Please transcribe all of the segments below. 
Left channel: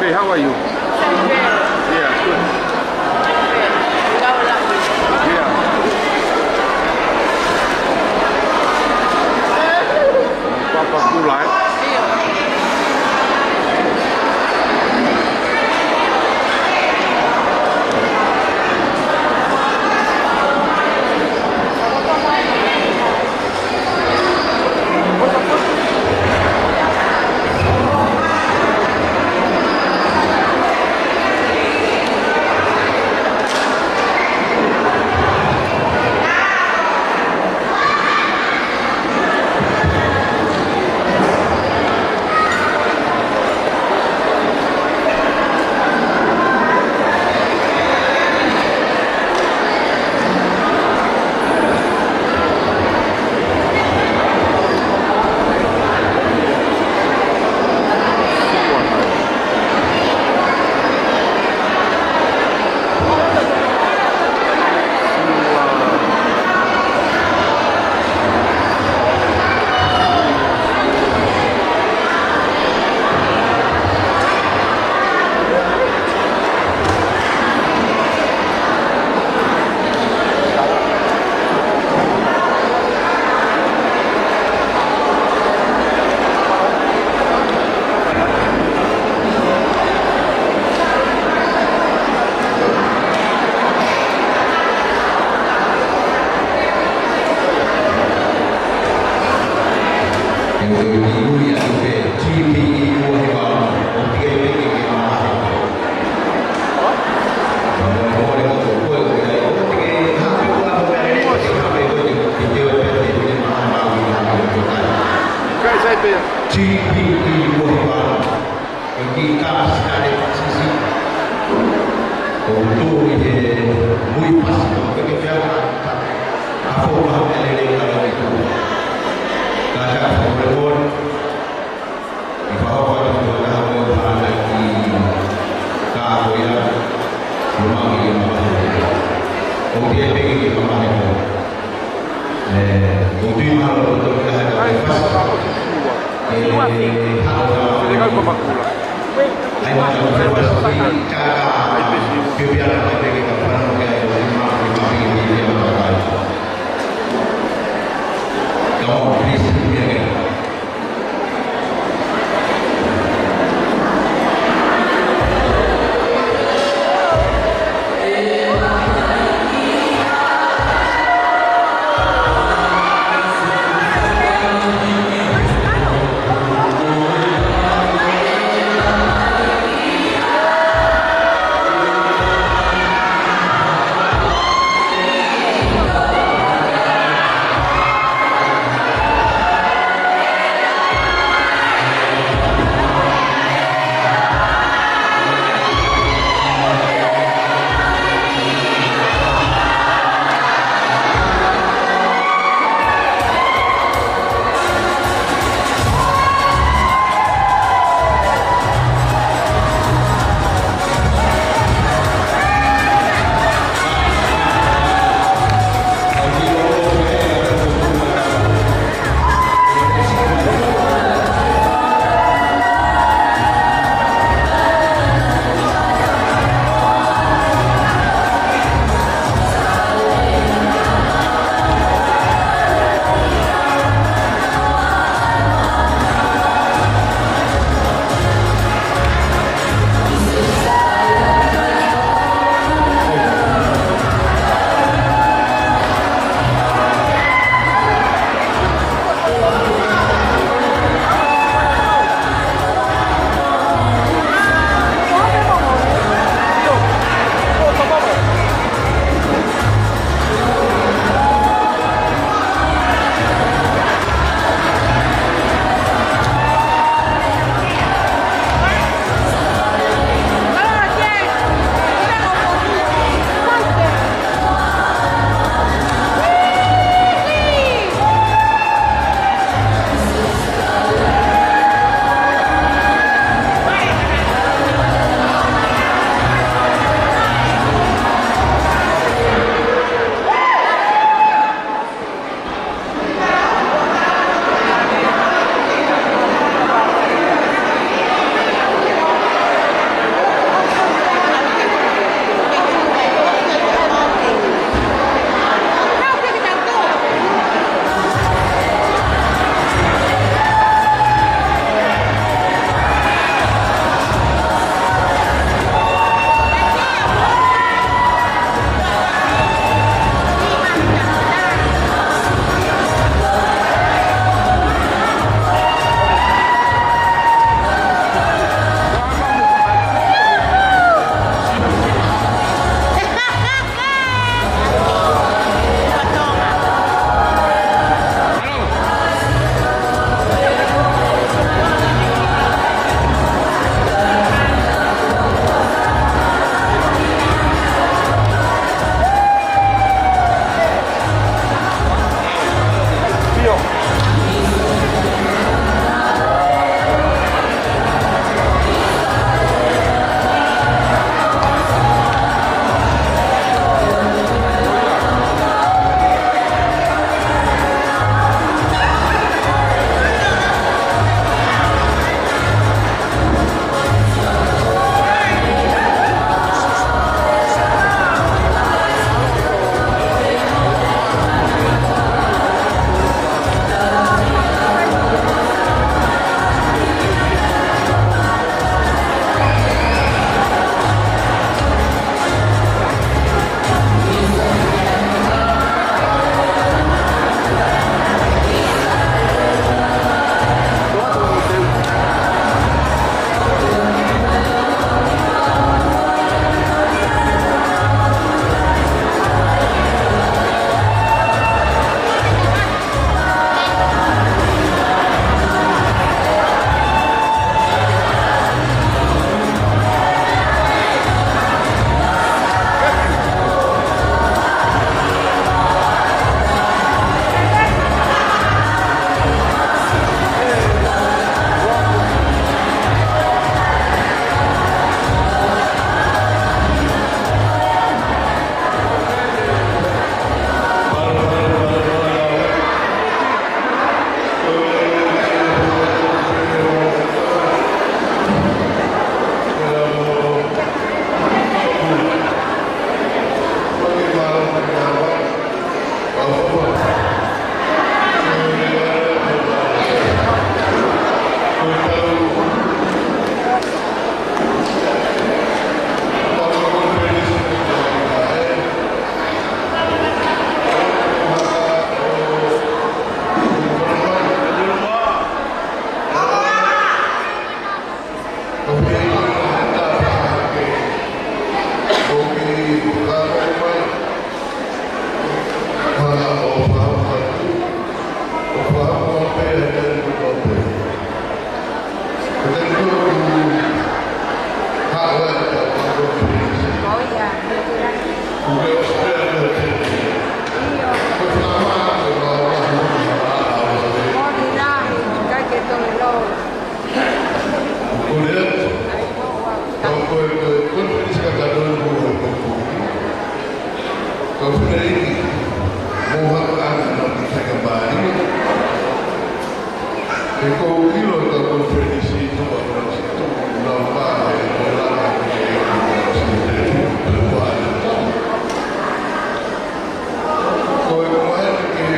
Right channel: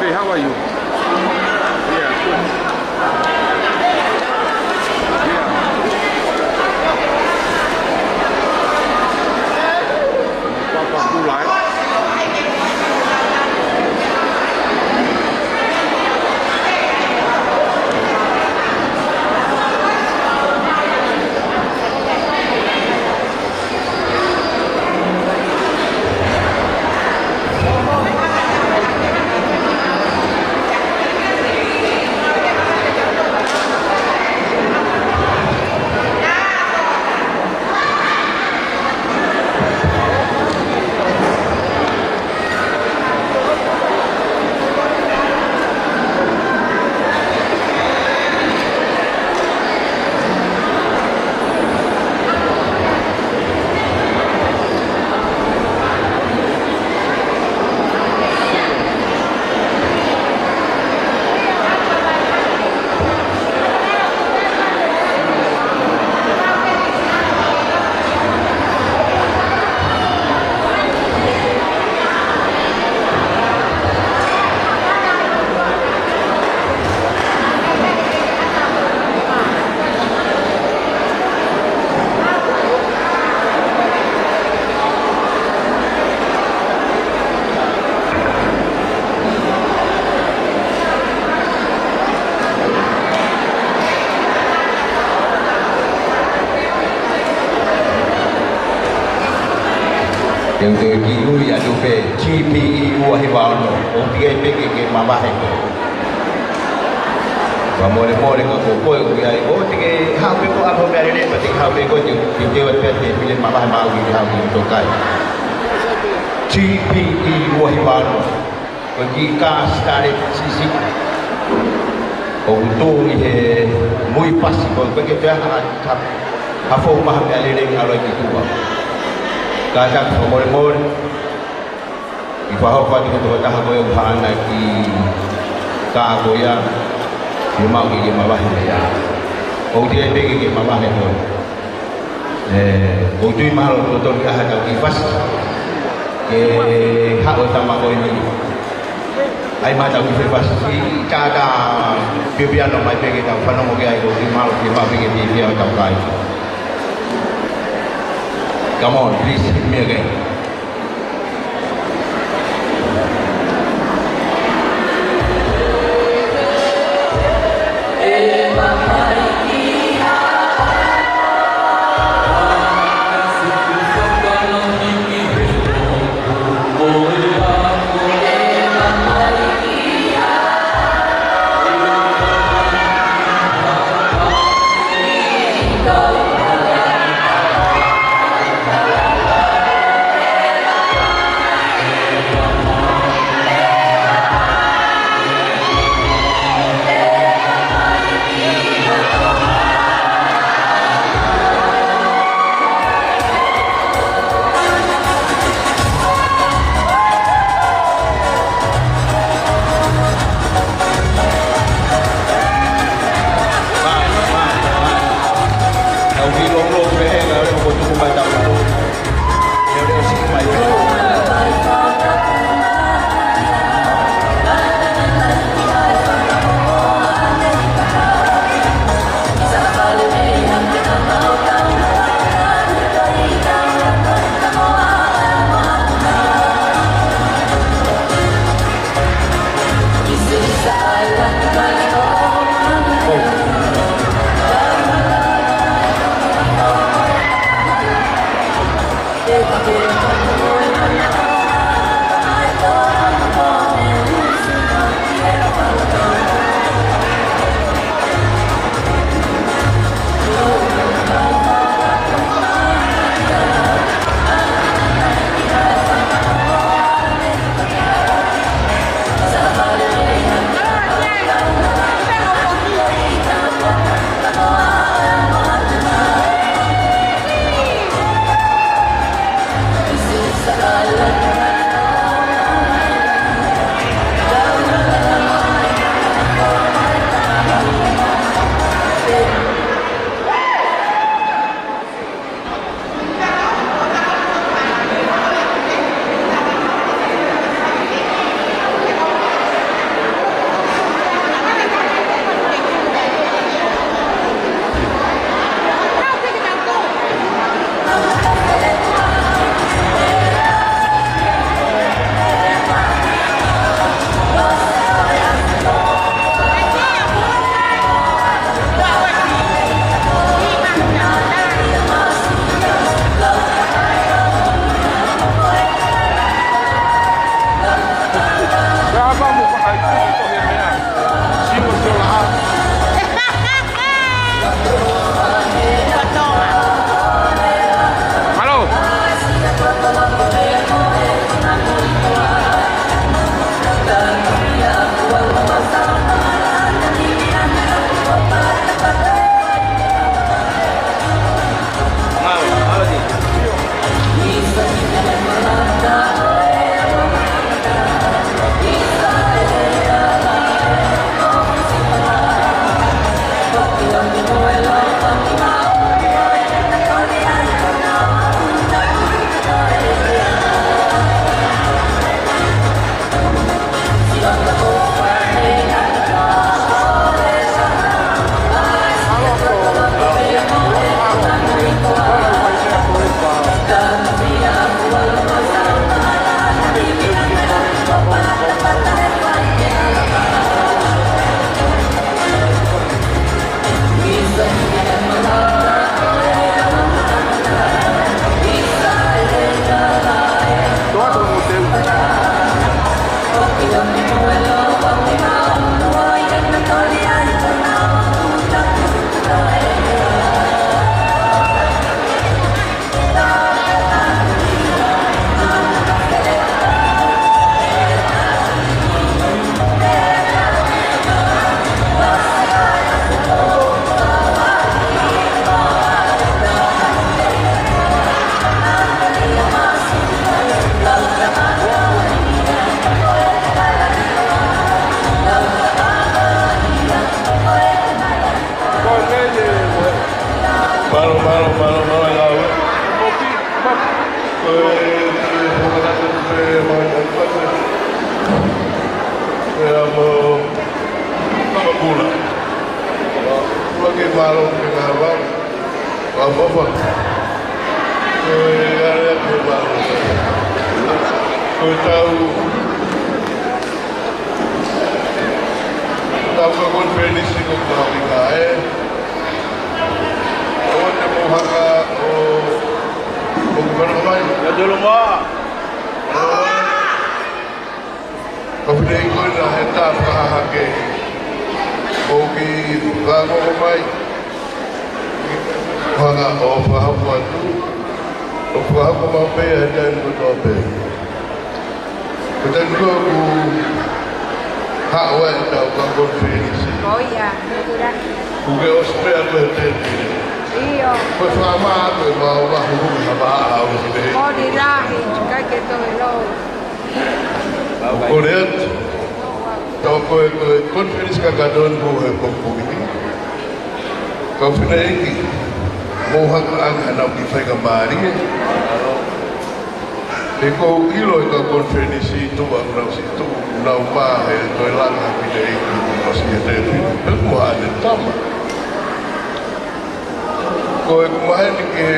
Hey, how are you? Yeah, good. Yeah. Papa Gulai. Yang tu ibu yang tu pe GPE wahibal OTI ke mama he. Kamu ni mau dengan kopo yang ibu tiga hak pe buat apa hari ni pasti hak pe kau tiga pe punya mama mau dia tu kan. GPE wahibal bagi kas dari sisi untuk ini muy pas kalau bekerja apa bahan hari ni kalau itu. Kadang pemulun ibahawa itu dah berbahan lagi keagoyan rumah gigi mama dia. Kemudian gigi mama itu. Kemudian mahal untuk dah ada bebas. Hak utama dari ini. Ayo macam bebas. Cara biar orang bagi kita pernah mungkin itu mahal kita bagi biar orang lain. Come on, please hit me again. Oki kamu mai Hanga ofa hapa Ofa hapa mape dan mape Dan ku Hawa tau kamu feliz Oh iya, betulan. Kuge ospea berten Iya. Pues lama aku mau sama harus be Oh dirahi, juga gitu lo. Kulihat Kau konferensi kagadon buhay pagpuwi Kau finali Mohak ang hanap di fay kembali Ikaw ilo ikaw konferensi itu Ako lang situ Naumah Ito lang ang pinay Kasi ito Buha ada tama Kau kumahan ke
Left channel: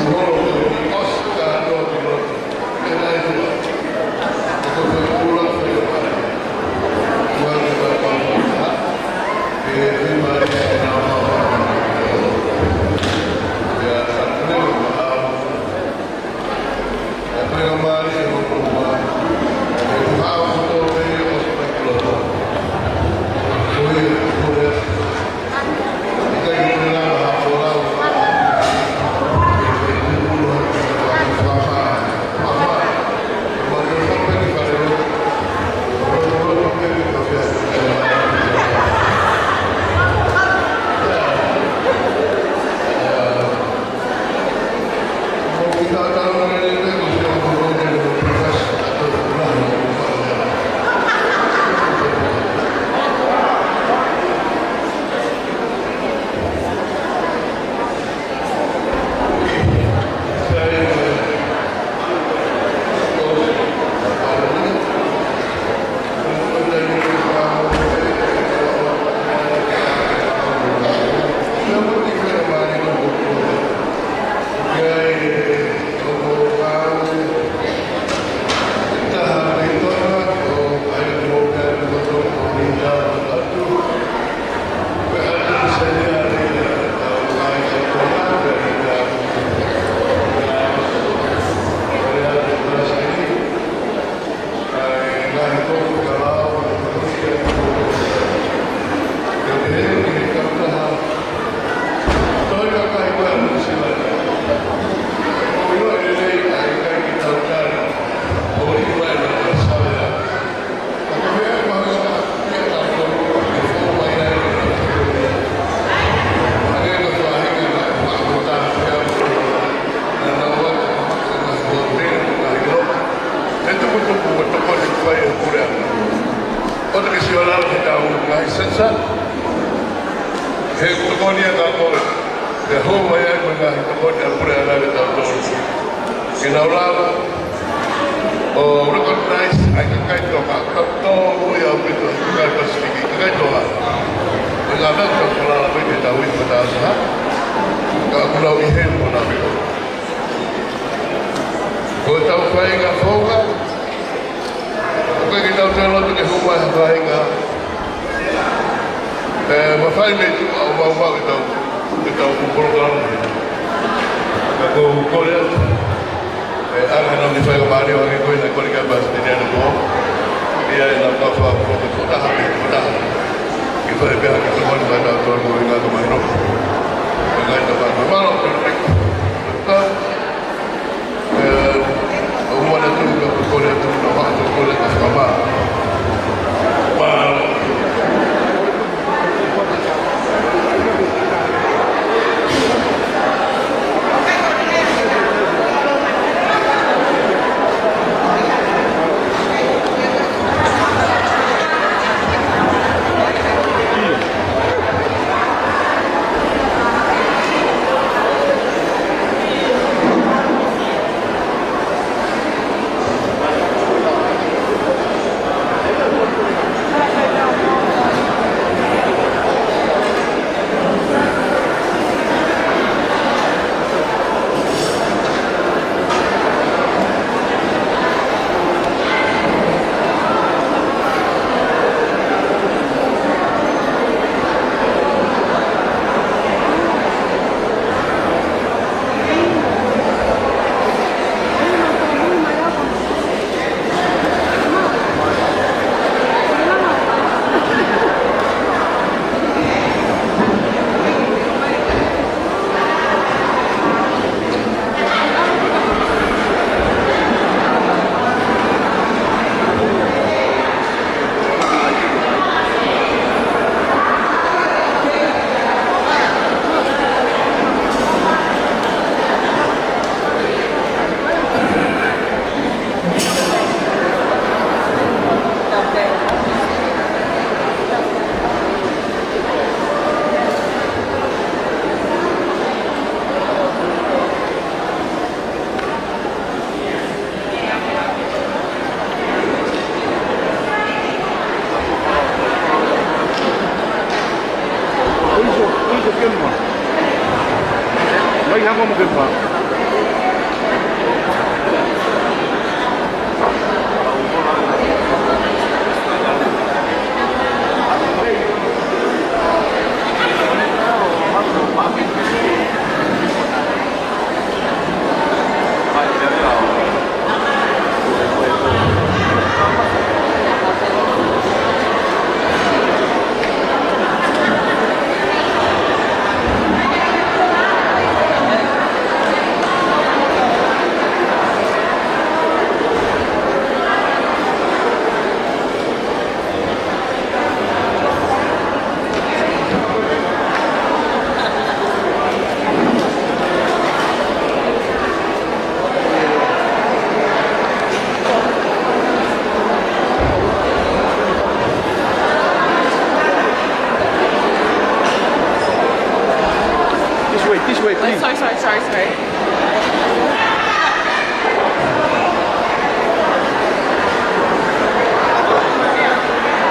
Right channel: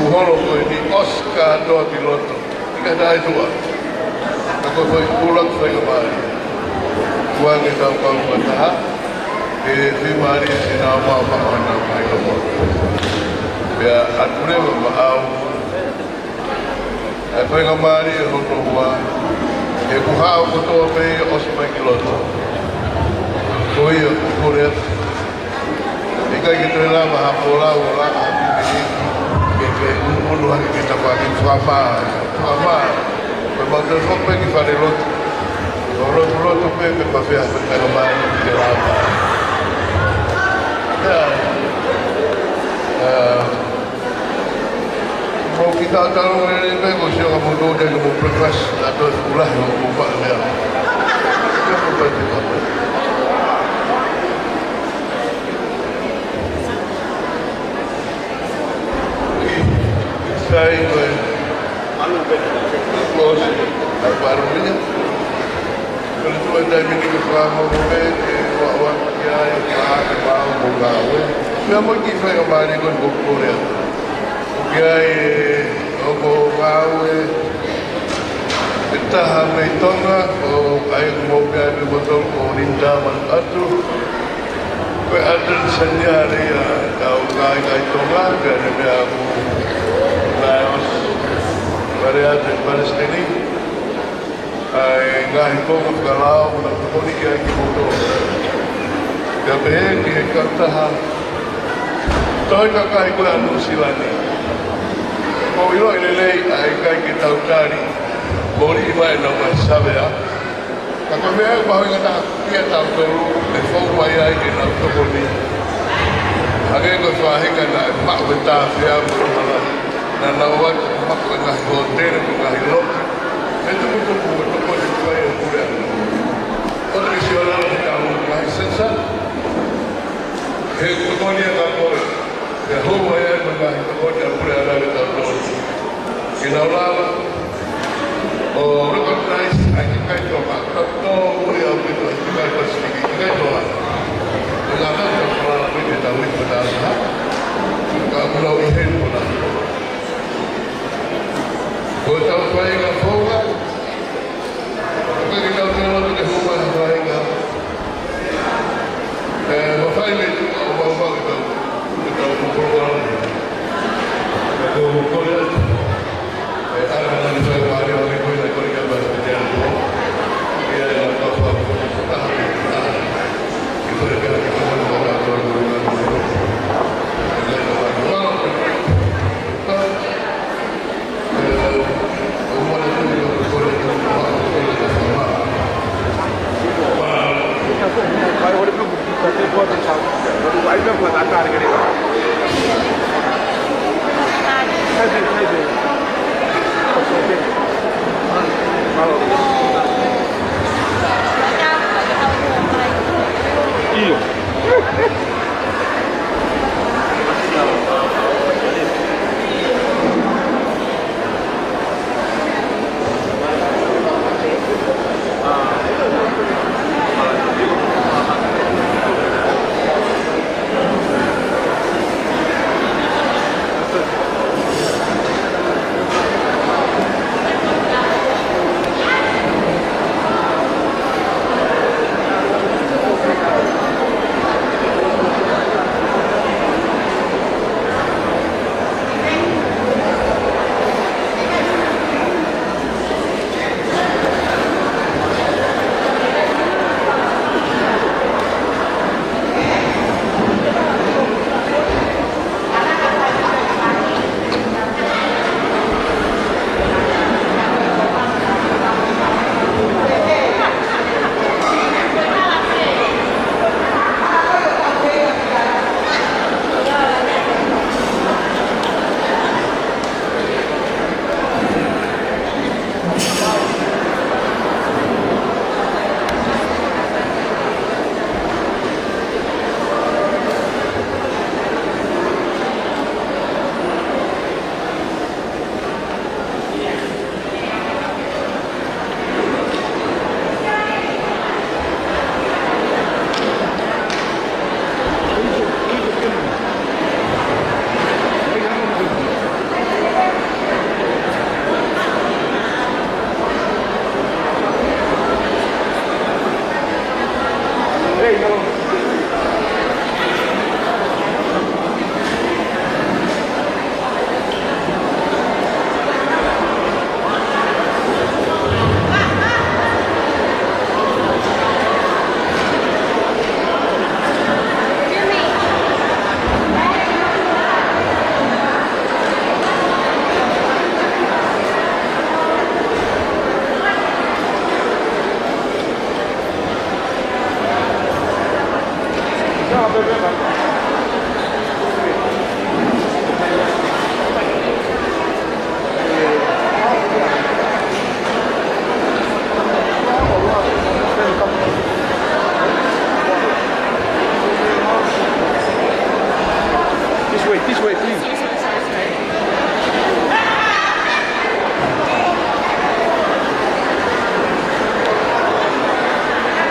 Kuholo ko di Oscar do piloto Ika na ito ba Ako ko pulang sa kembali Kuha kita pang-patahat di mari sinama apa ya akhirnya maaf aku yang kembali aku keluar aku harus untuk pergi ospek loto koi aku lihat jika kita lama hapola ulah puluhan kita pakai sama berbagai sampai di pada loto loto pergi tapi aku kembali Kalau kita kalau ini negosi orang bodoh dan berproses atau ulah yang membuat dia. Saya bos baru ini kalau dari kamu awak dia mau kita kembali ke buku dia. Gaya obo bawe kita hamil tonga o ayo moga di botol korinda atu pe ada senyari kau kaya tonga dari aku dari ada beras ini ay ngai kau kalau kau ni kaya botol kabeh di kata toh kakak ibu anu silanya Kau ilo ini aikai kita utari, bori iwa ilo bersabe ya. Aku biar bahawa kita dia tahu dulu, before waya ini nak terjadi. Ada yang kesuahin kan nak mak betah dia dan lawat mak tengah hotel tengah ilo. Itu betul di kuai kurang. Orang kesialan kita mengai sensat. Hei kau ni tak boleh. Ya huwa ya mengahi kemudian pura ada betul Kinaulama recognize aking kahit pa to ya betul kahit pa sige kahit pa Nagala ka pala namin ditawid mataas na Kaagulaw ihel mo na Kung tao pahay nga fonga Kung ginaw sa lang na huwa pahay nga Mafay medyo umawa ito Kita program Aku kuliah Anak di saya kemarin orang itu yang kuliah bahasa Indonesia itu dia yang tahu apa itu tahan kita dia kita mau baca Al-Quran dengan baik dengan teman malam kita umur itu juga kuliah itu nama kuliah sama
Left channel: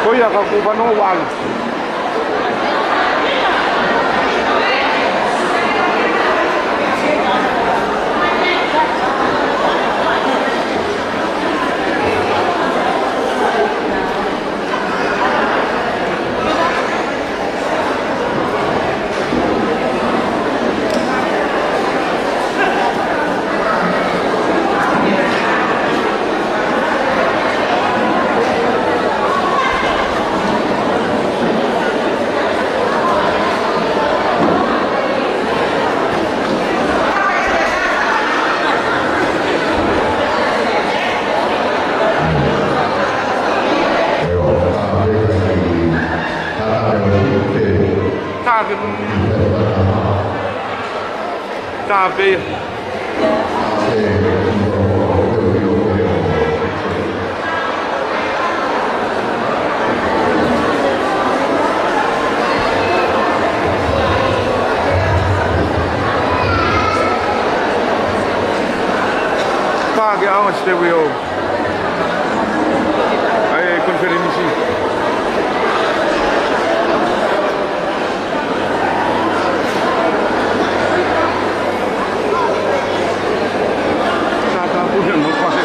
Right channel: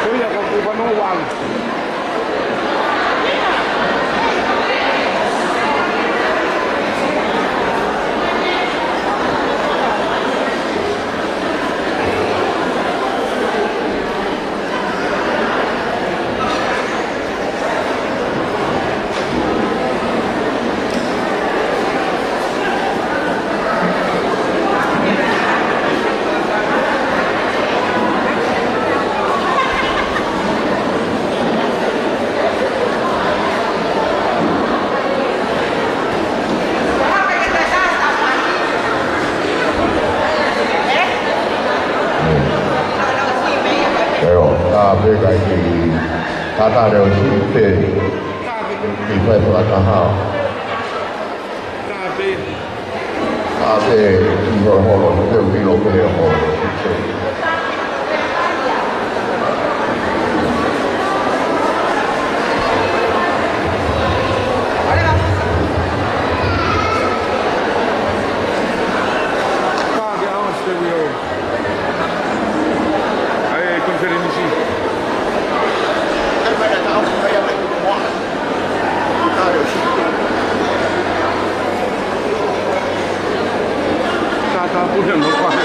Kuya ka kubanuan.咖啡。Pague aonde teve o a conferência. Tá, tá, por não pode.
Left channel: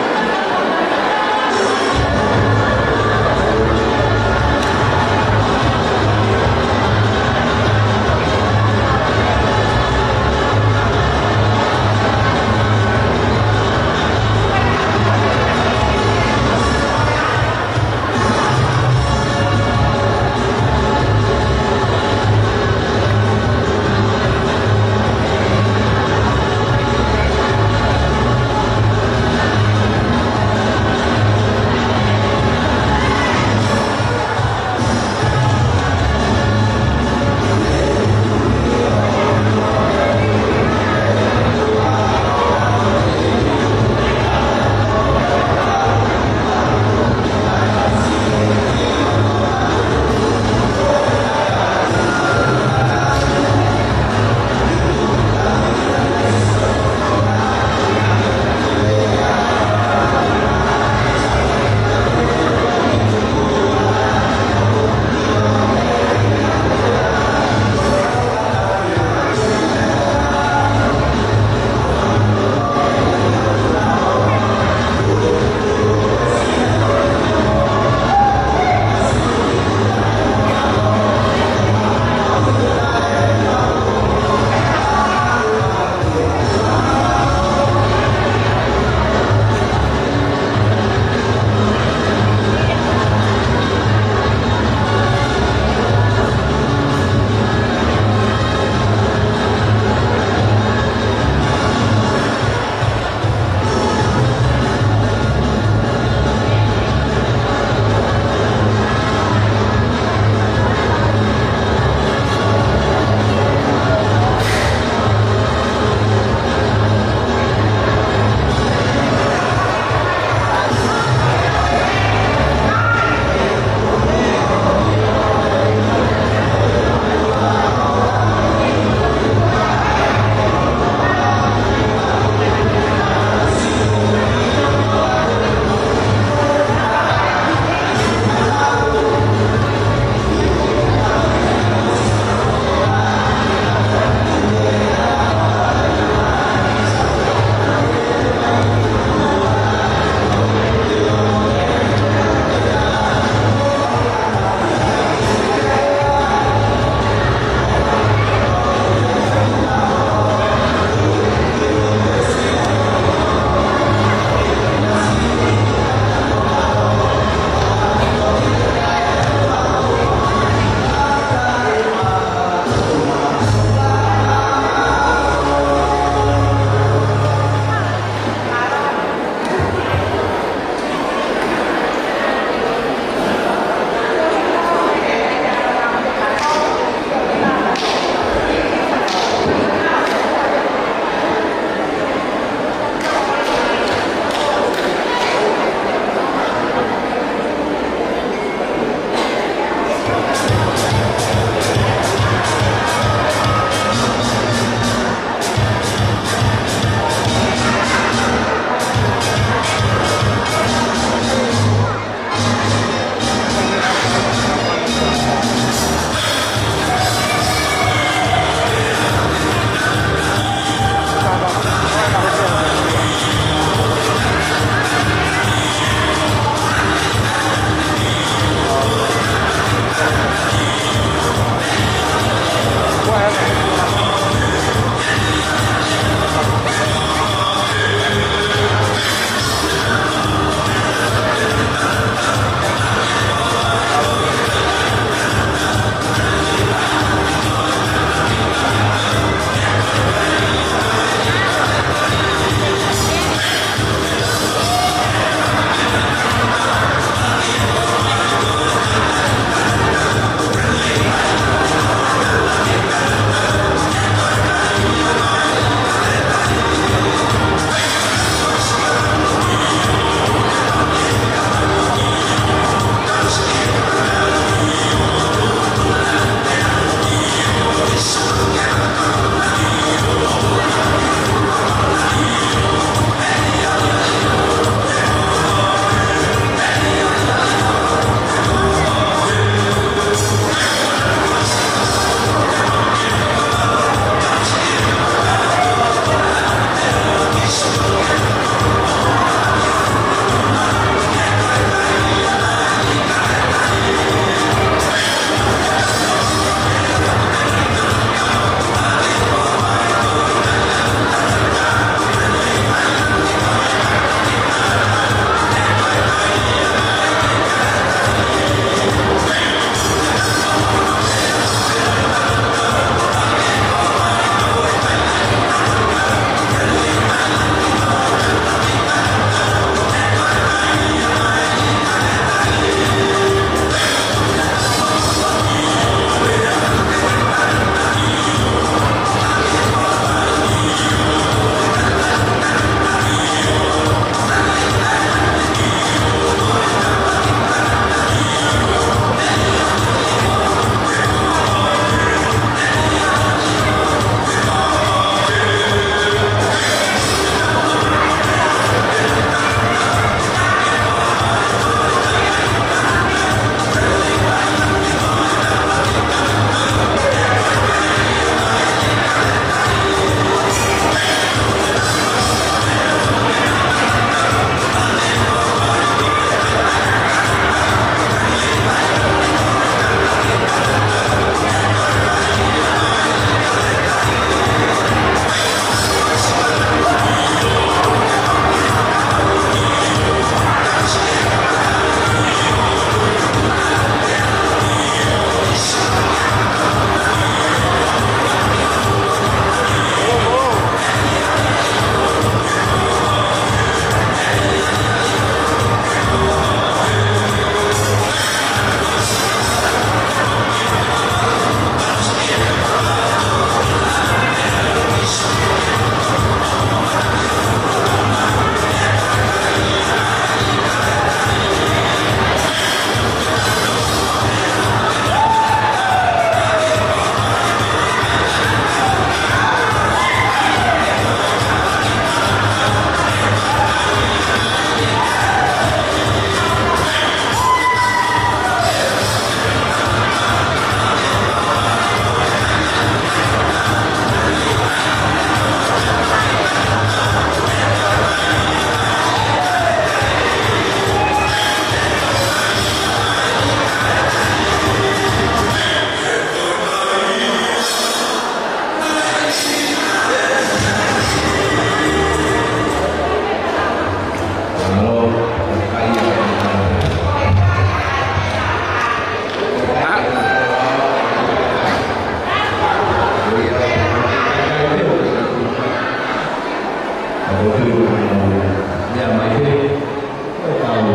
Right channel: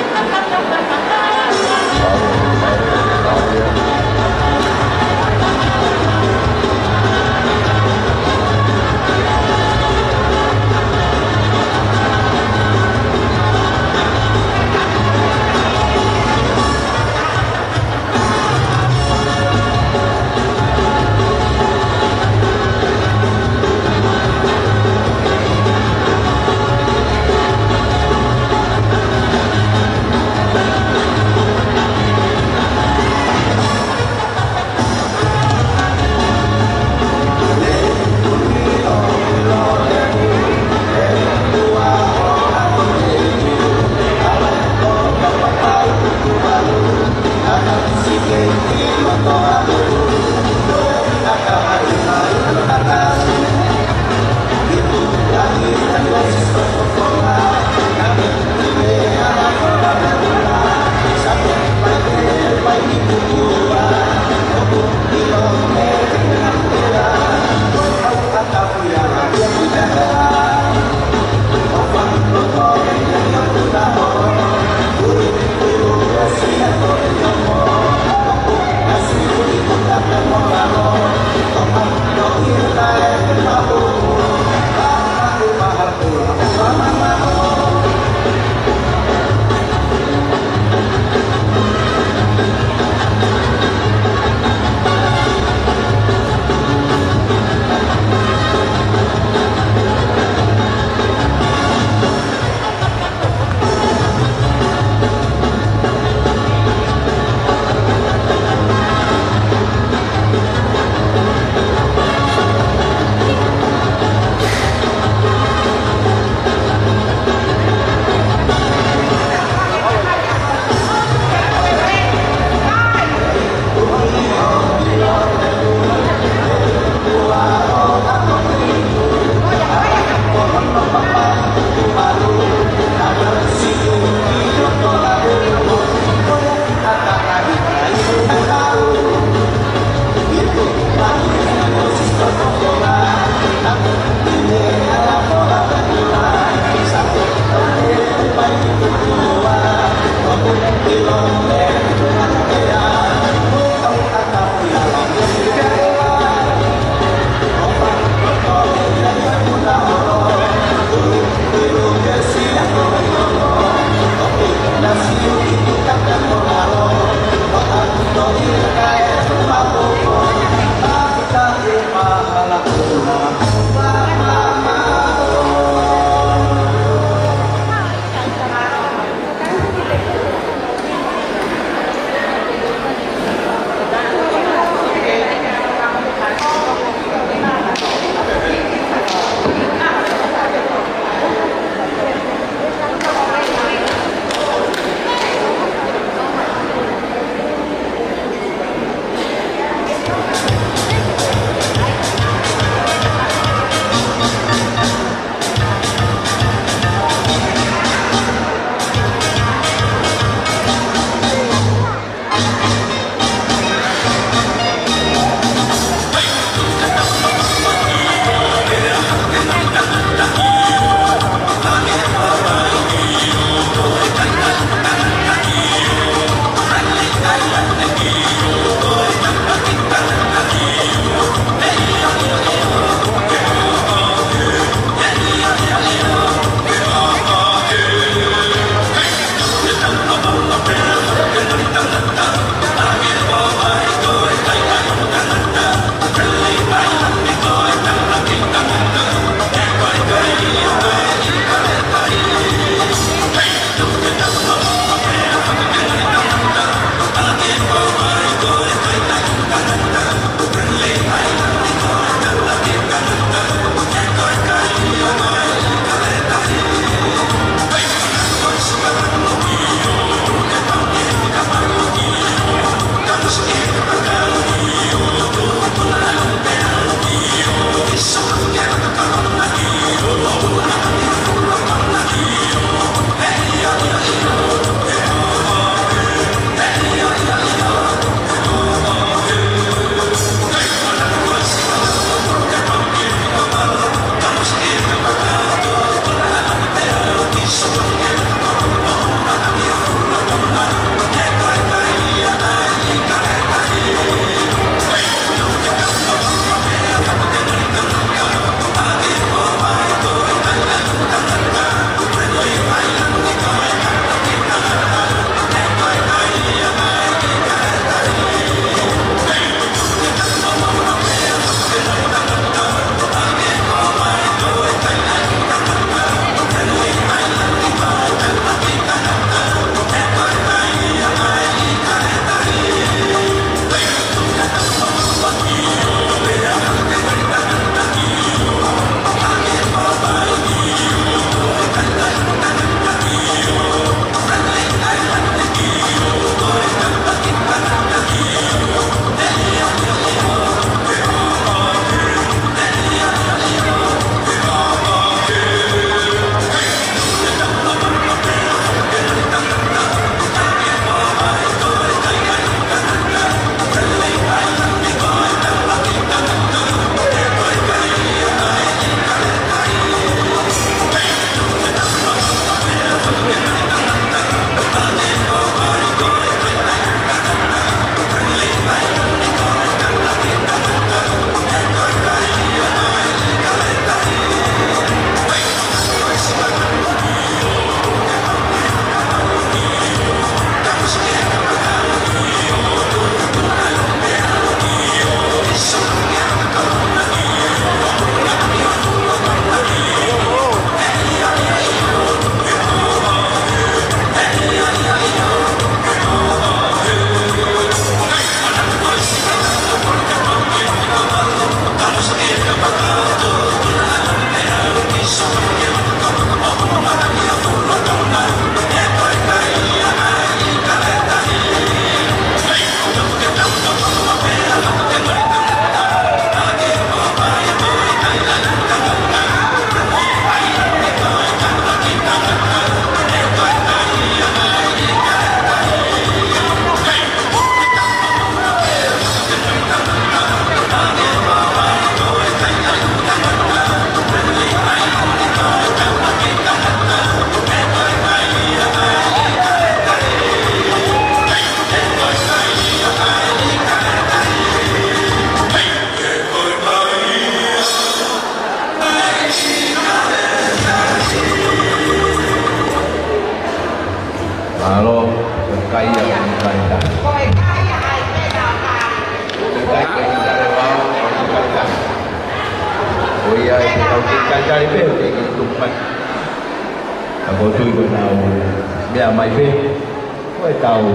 tahu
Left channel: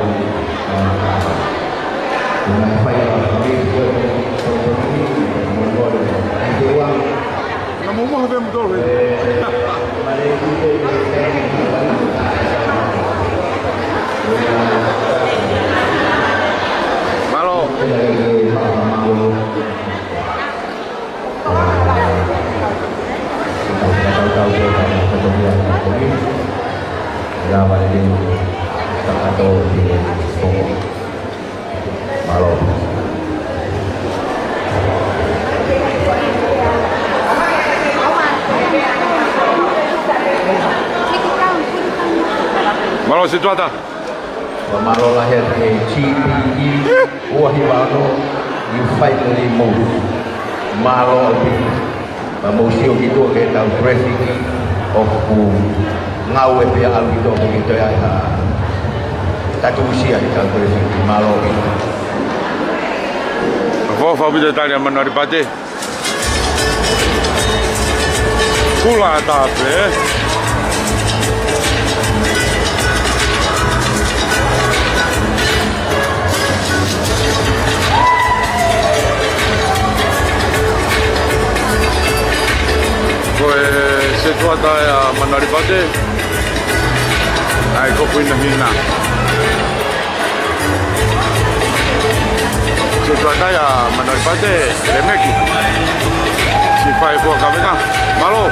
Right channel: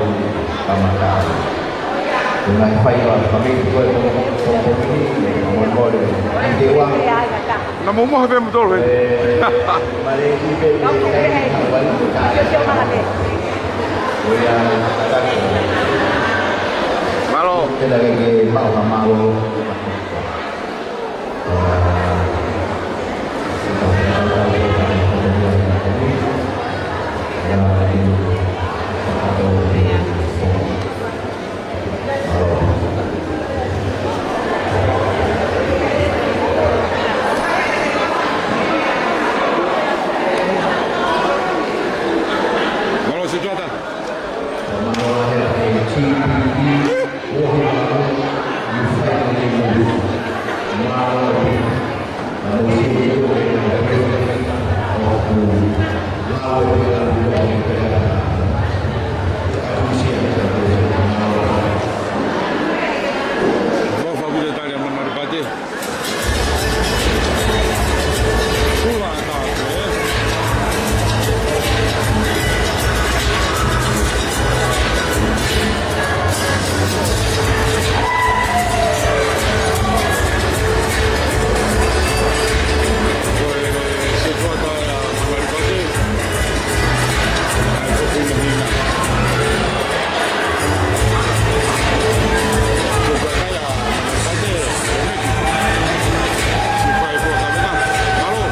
dengan file kami buat ini membuat dewan Nama rumah apa betul kan? mari kita Malo. kita lagi malu Malo situata. Malo lahir di CPE Wahiwaru you finally move Malo di museum itu kita president of ngawe dia alito itu ya satu usia kita president Malo Vou vida Itália menor pate. Pula tape. Situata ya menor pate. Ai ko hina. Situata ya menor pate. Lemeki. Si fai po kamera. Malo.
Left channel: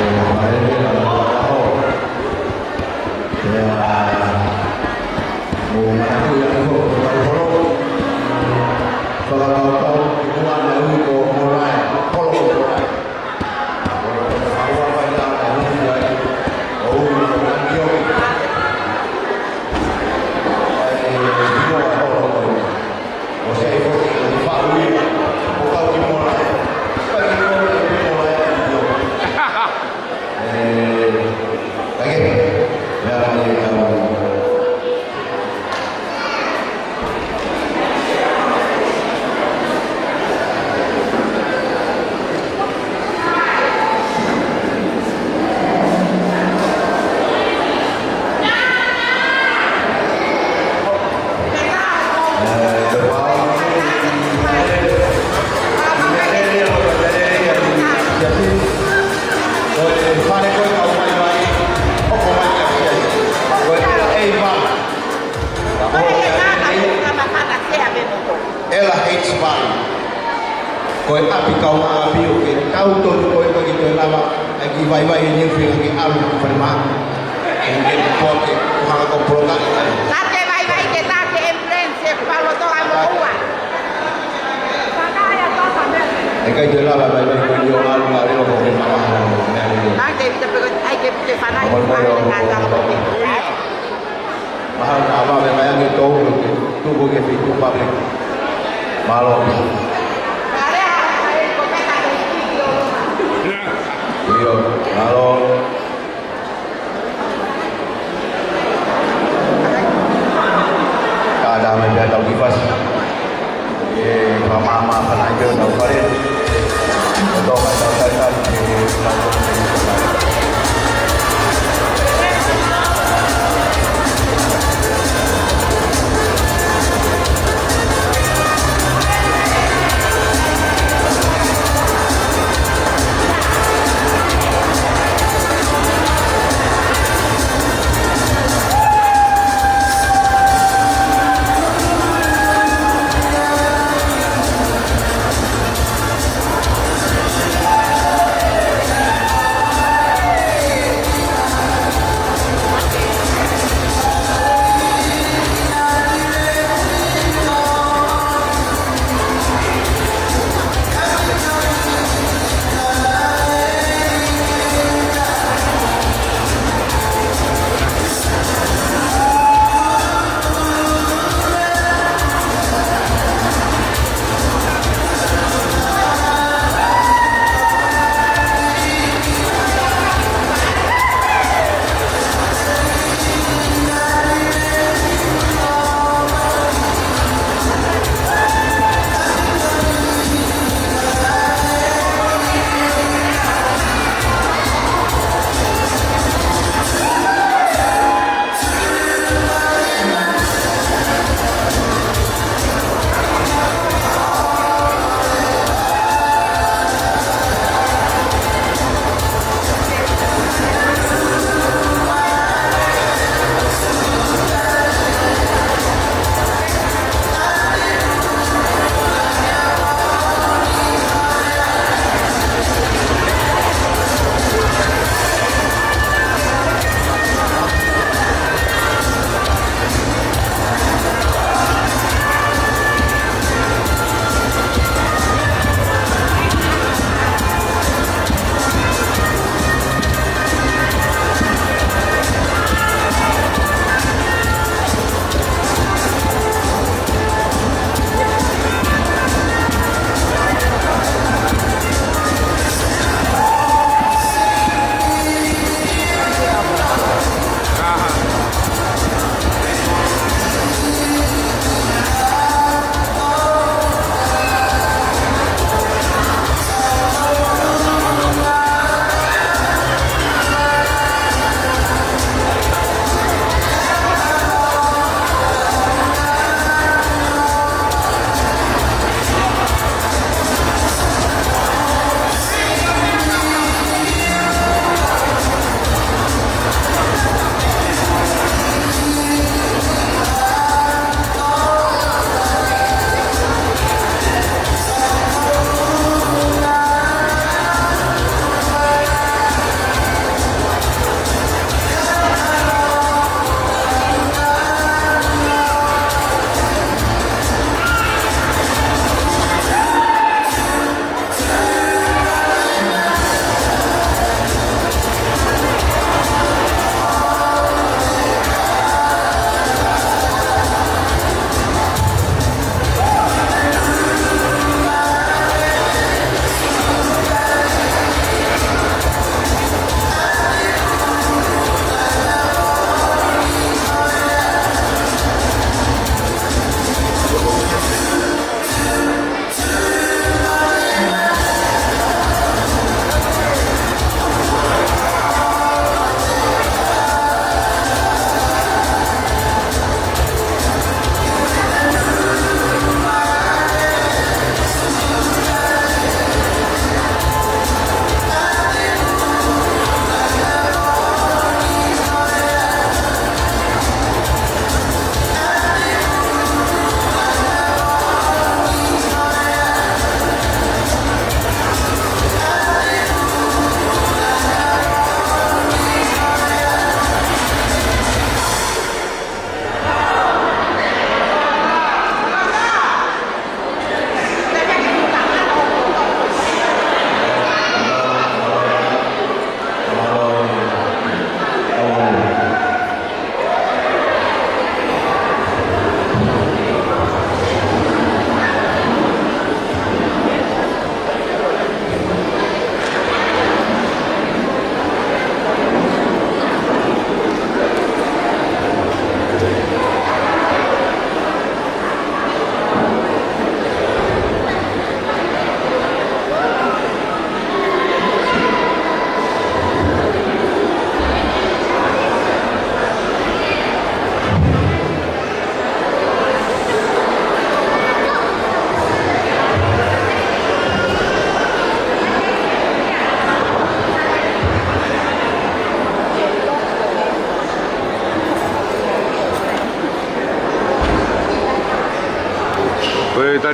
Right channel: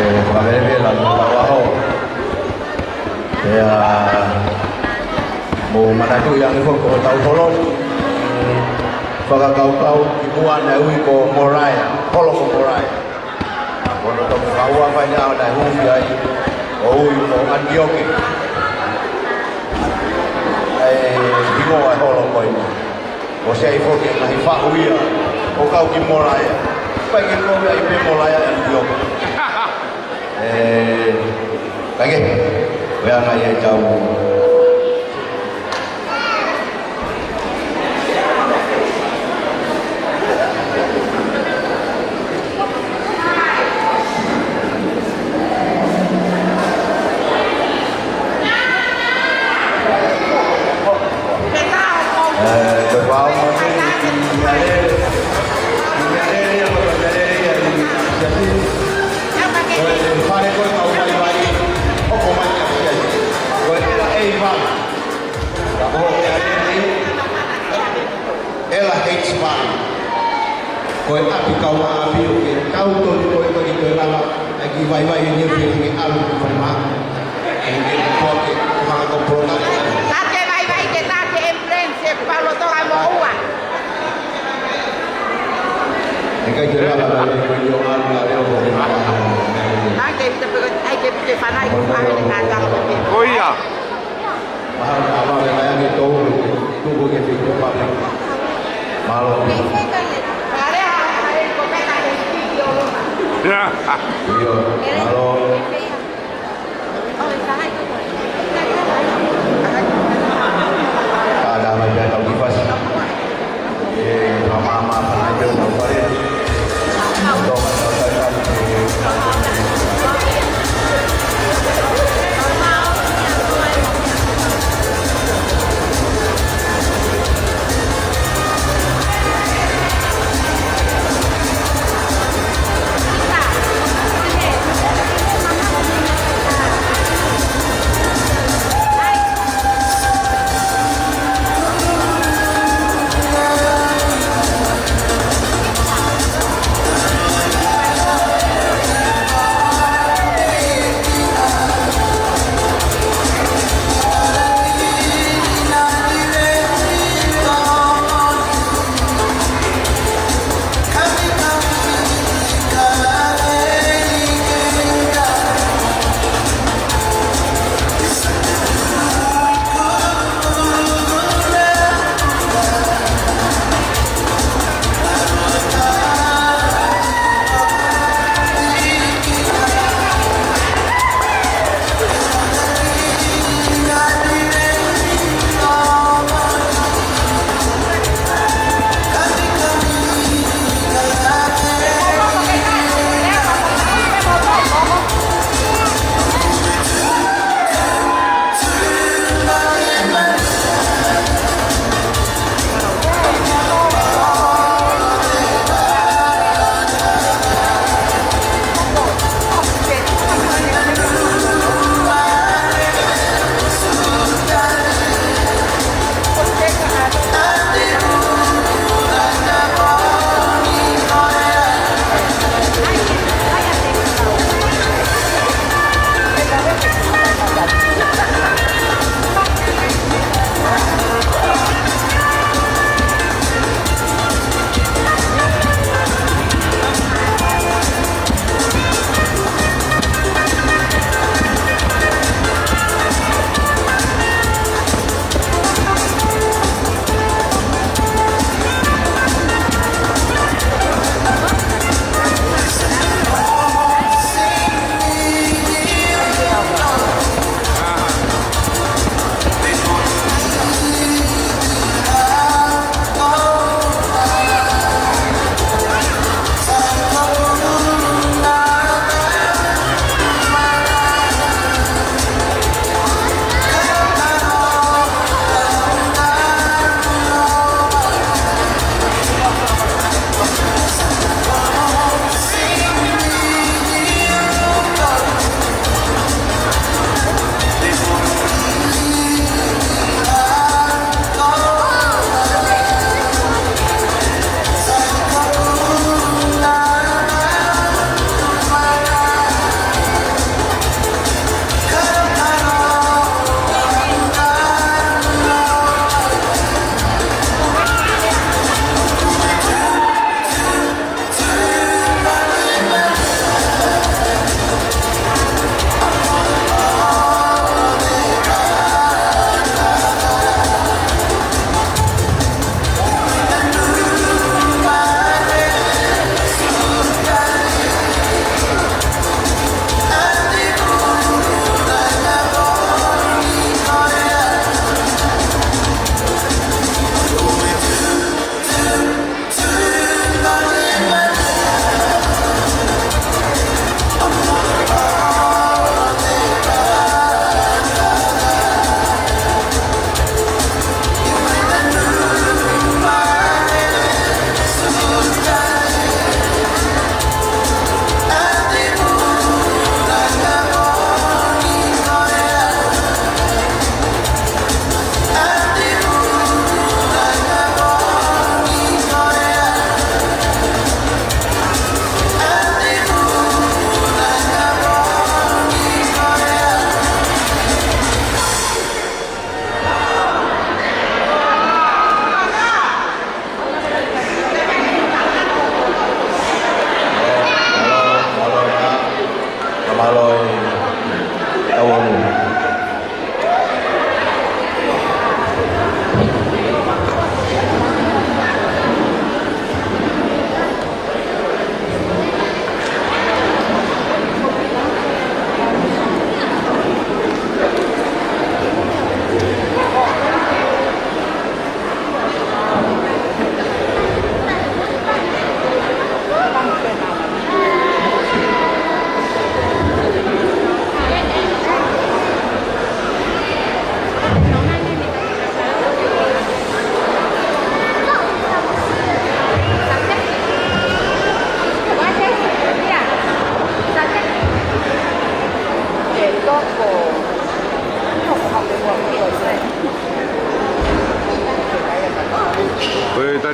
Vale, la trabajo. Ya, mau mana tu yang ikut tahu kolom. Kalau tahu semua dari ko morai, kolom morai. Kalau tahu apa yang ada di sini, oh, orang dia ni. Bingung apa orang kau ini. Saya ikut lagi fahui, kau di morai. Bagi kau lagi morai yang dia. Lagi, biar saya tahu. Ela H-Bar. Kau api kau api okey. Kau tu kau itu lama lagi vai ini film alu perma. Mungkin kau ke kau program. Tate vai que tate en prensa Paulo to ai moa. Eka jela la kau yo alu la leo kau mama. Hay que te fanai de casa lo que. Oh iya. Mahal apa memang itu tu boleh fikir public. Malo. Pare a cometa del studio. Ya. Yo, malo. Ada macam tahu kipas. Mama penaja tahu kare. Untuk tahu kan.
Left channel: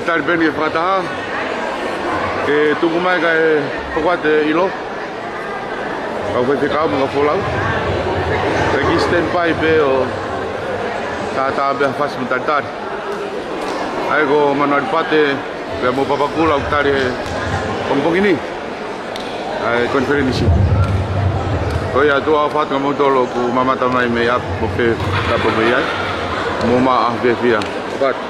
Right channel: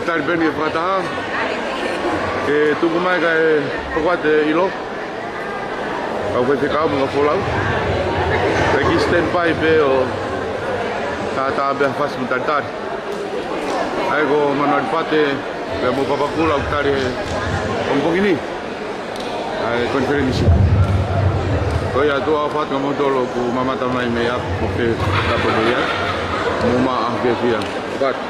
tari beni e whakataha. E tuku mai ka e whakwate ilo. Kau whai whikau mga wholau. Ka ki stand by pe o tātā bea whasi mo tari. Ai ko manuari pate bea mo papakula o tari e kompongini. Ai konferenisi. Oi atua o whatu ka mautolo ku mamata mai me ap mo pe tapa me iai. Mo maa ke fia. Whatu.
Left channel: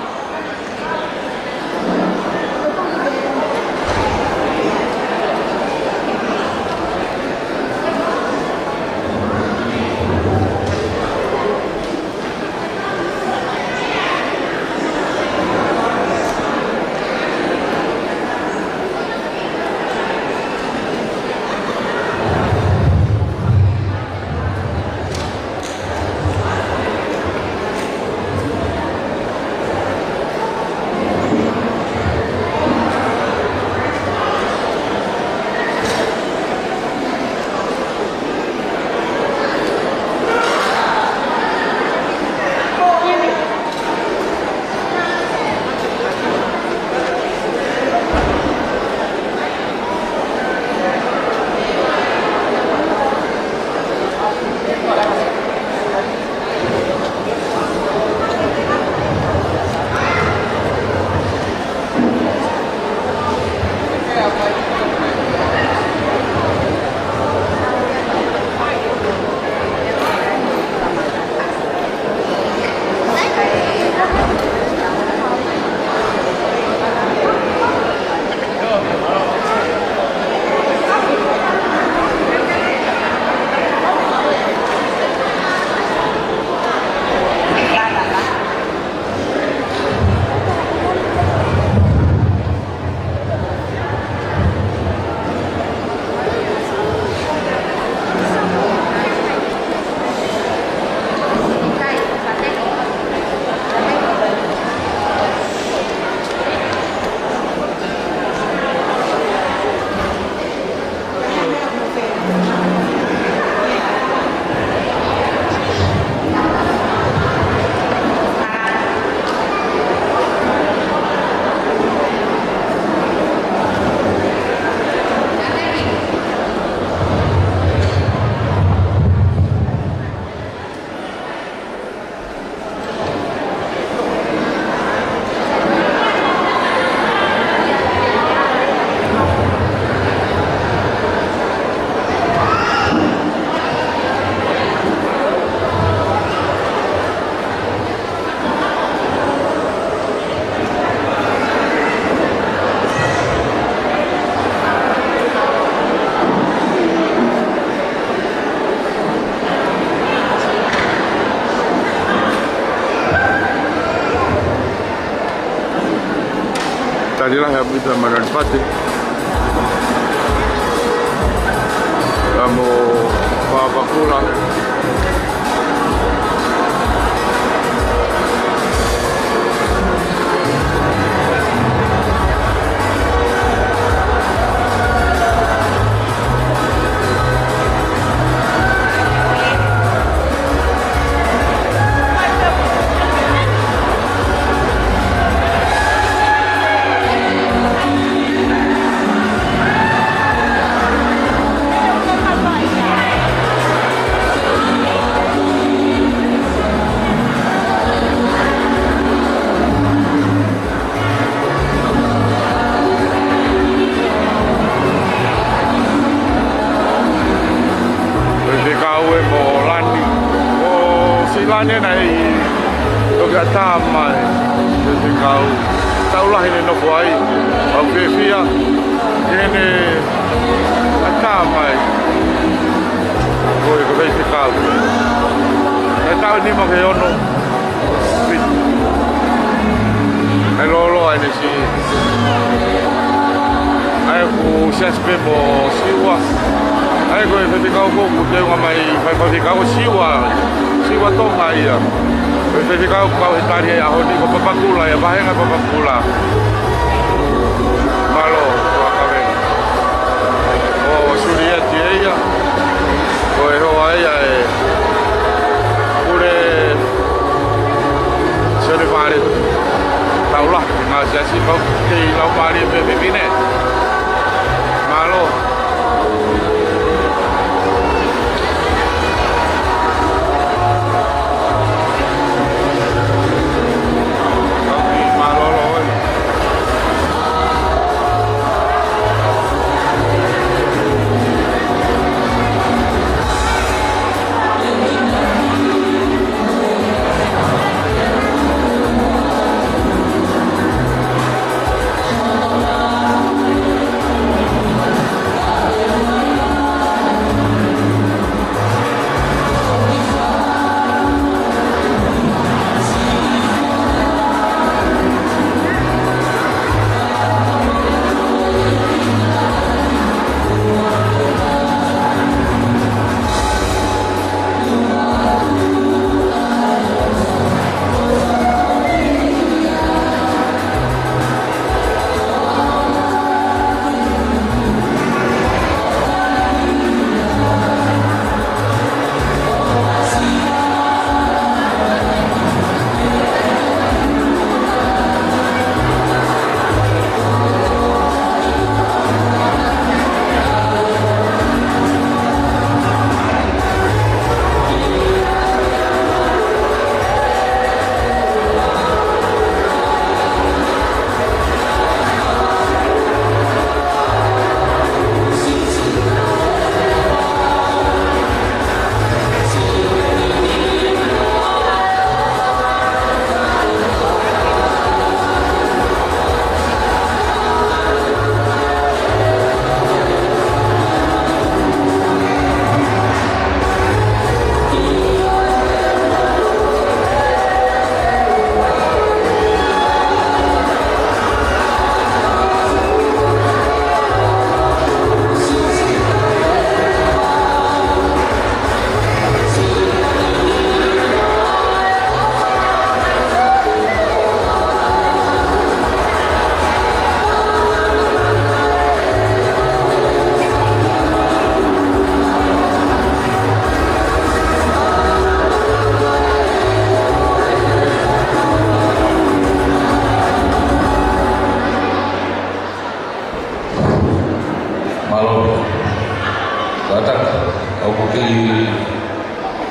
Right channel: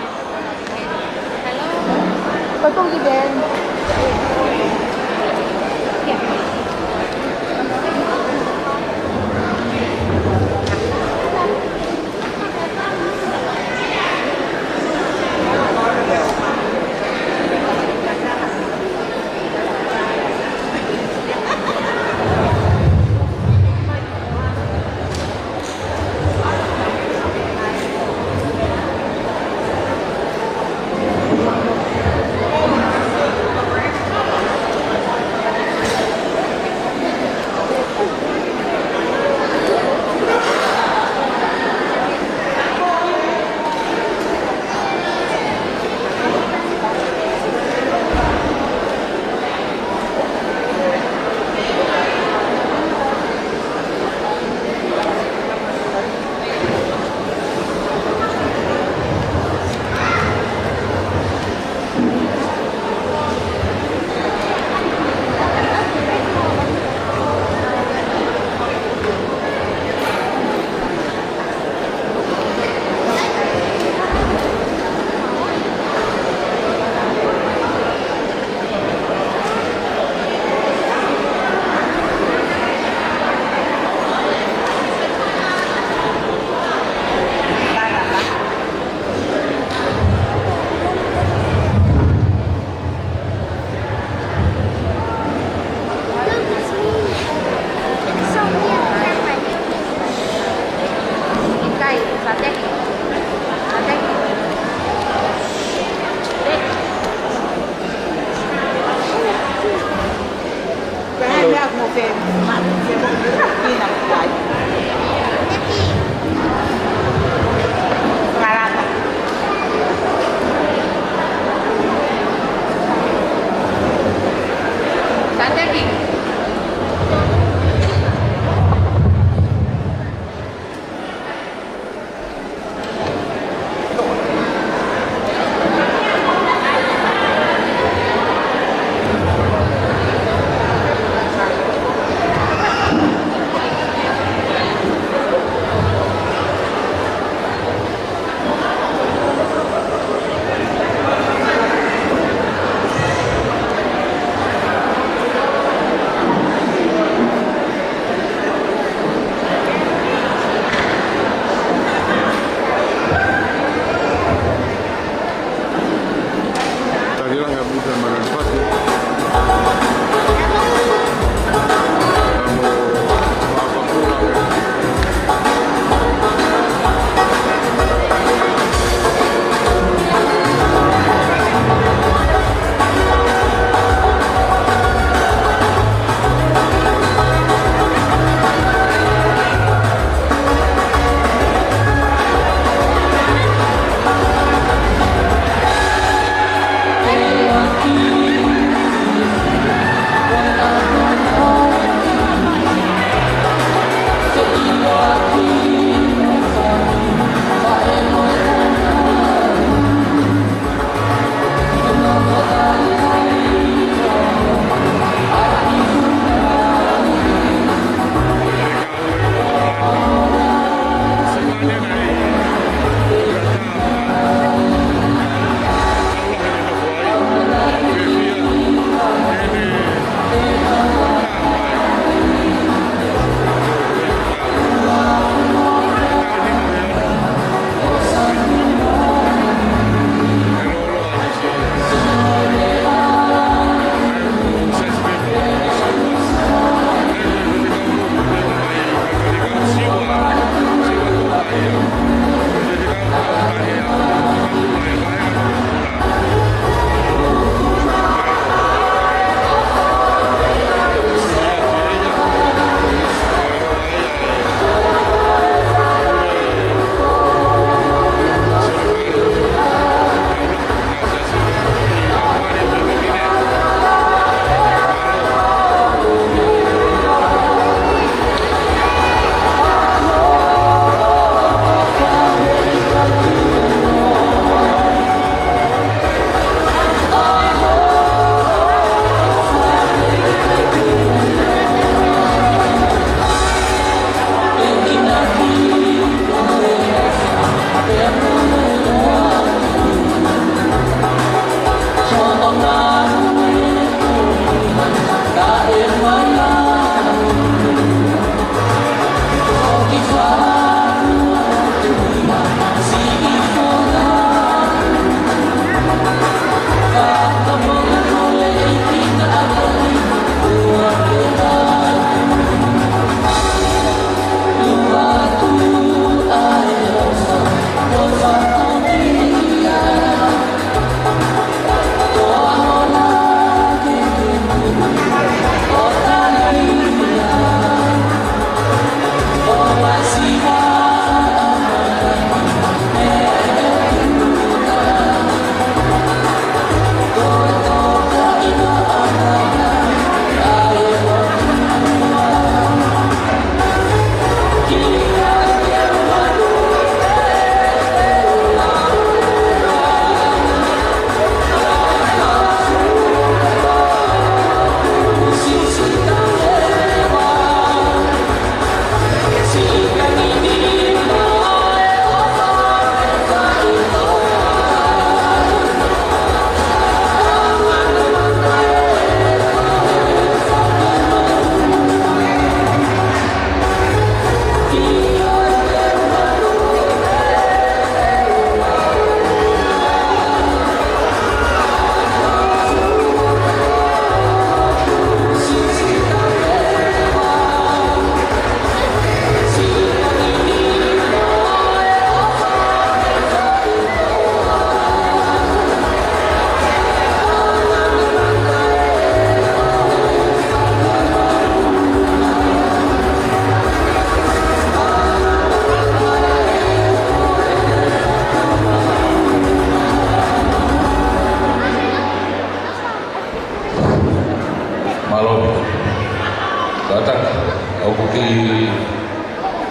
Potong di Ben. Tadi lah yang bisa manfaati. Kamu apa pulang?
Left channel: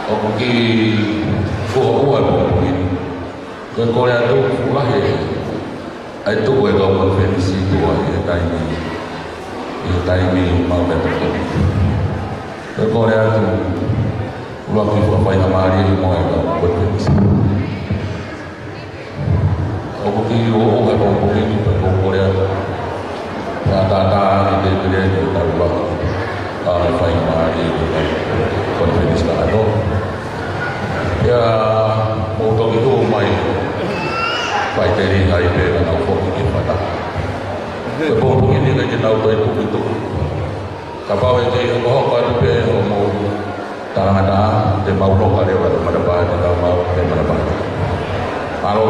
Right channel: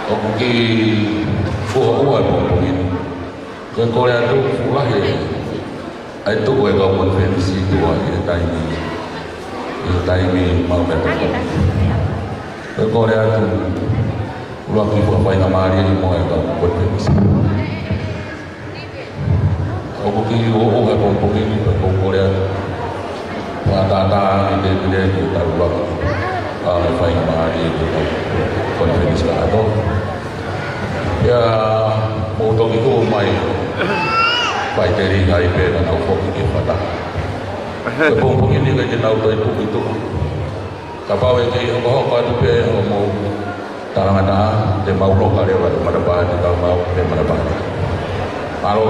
aku ki fuwa pun ke Korea tu fuwa ai tu ai kau konferensi tu ai tai ni mau betul ke Korea tu luar ki fuwa pai namari mau ai kau konferensi aku ki ai pun ni ke Korea tata ni dia tak luar pai namari konferensi atau ya mau tahu itu mai pai dari IP dan aku ini pada kebun ini kan jenau tahu itu kapal itu bawa pada pe mau tangan ada dia mau lokal dia pada bahan dia mau dia pada bahan kalau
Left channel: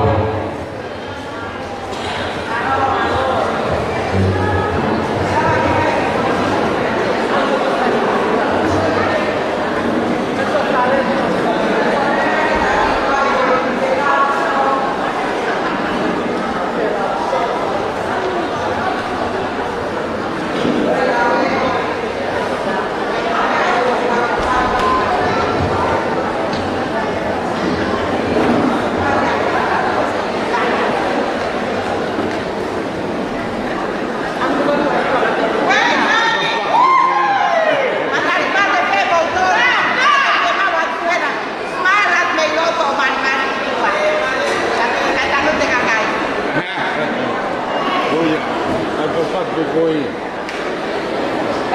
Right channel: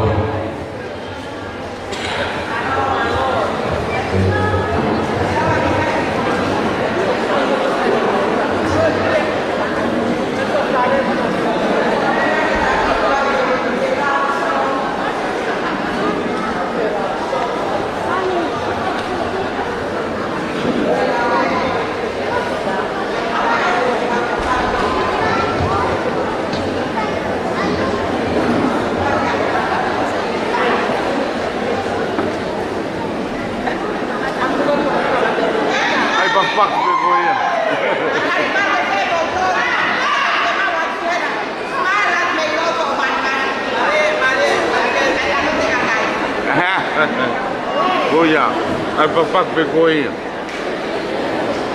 Goya, ai papak be Goya.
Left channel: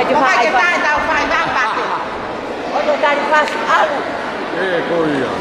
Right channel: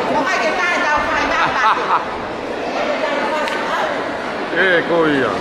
Pokoknya kita tahu fai apa. Untuk dari pas Goya.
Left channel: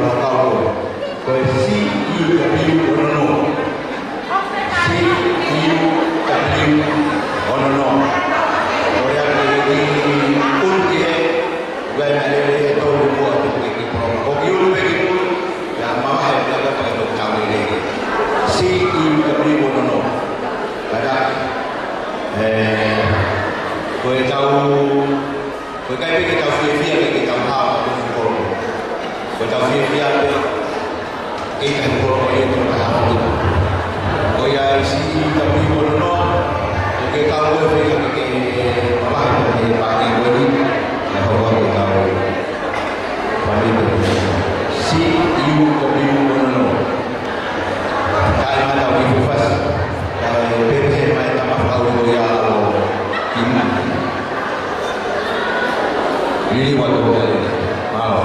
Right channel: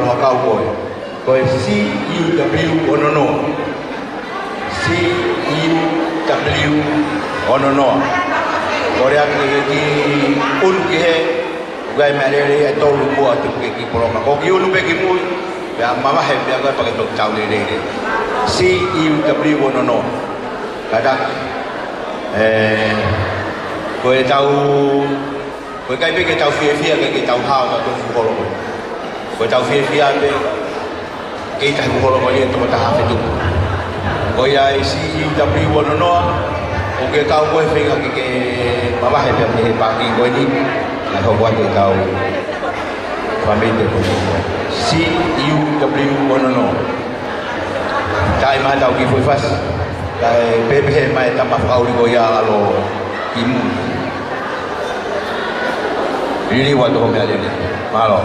lo kau ko CUW onono CUW onono ora ki un ki gai malere e tolu ko tu ki programa ko ki un be ki pun ya mama he dia ga pakai tok chau le CUW onono kada ko e tau ko kai be ki tau fia ki tau ha ko ko ko tau fia be ke ta ko lo ni to ta ha tu ko ya CUW onono o ke tau ko fe ke mama he dia pa ki ko ni la ho wa ke tau family CUW onono kai ma tau ki foi fas kai bebe mai ta ma fa uri go ya lo imu really want to get it malo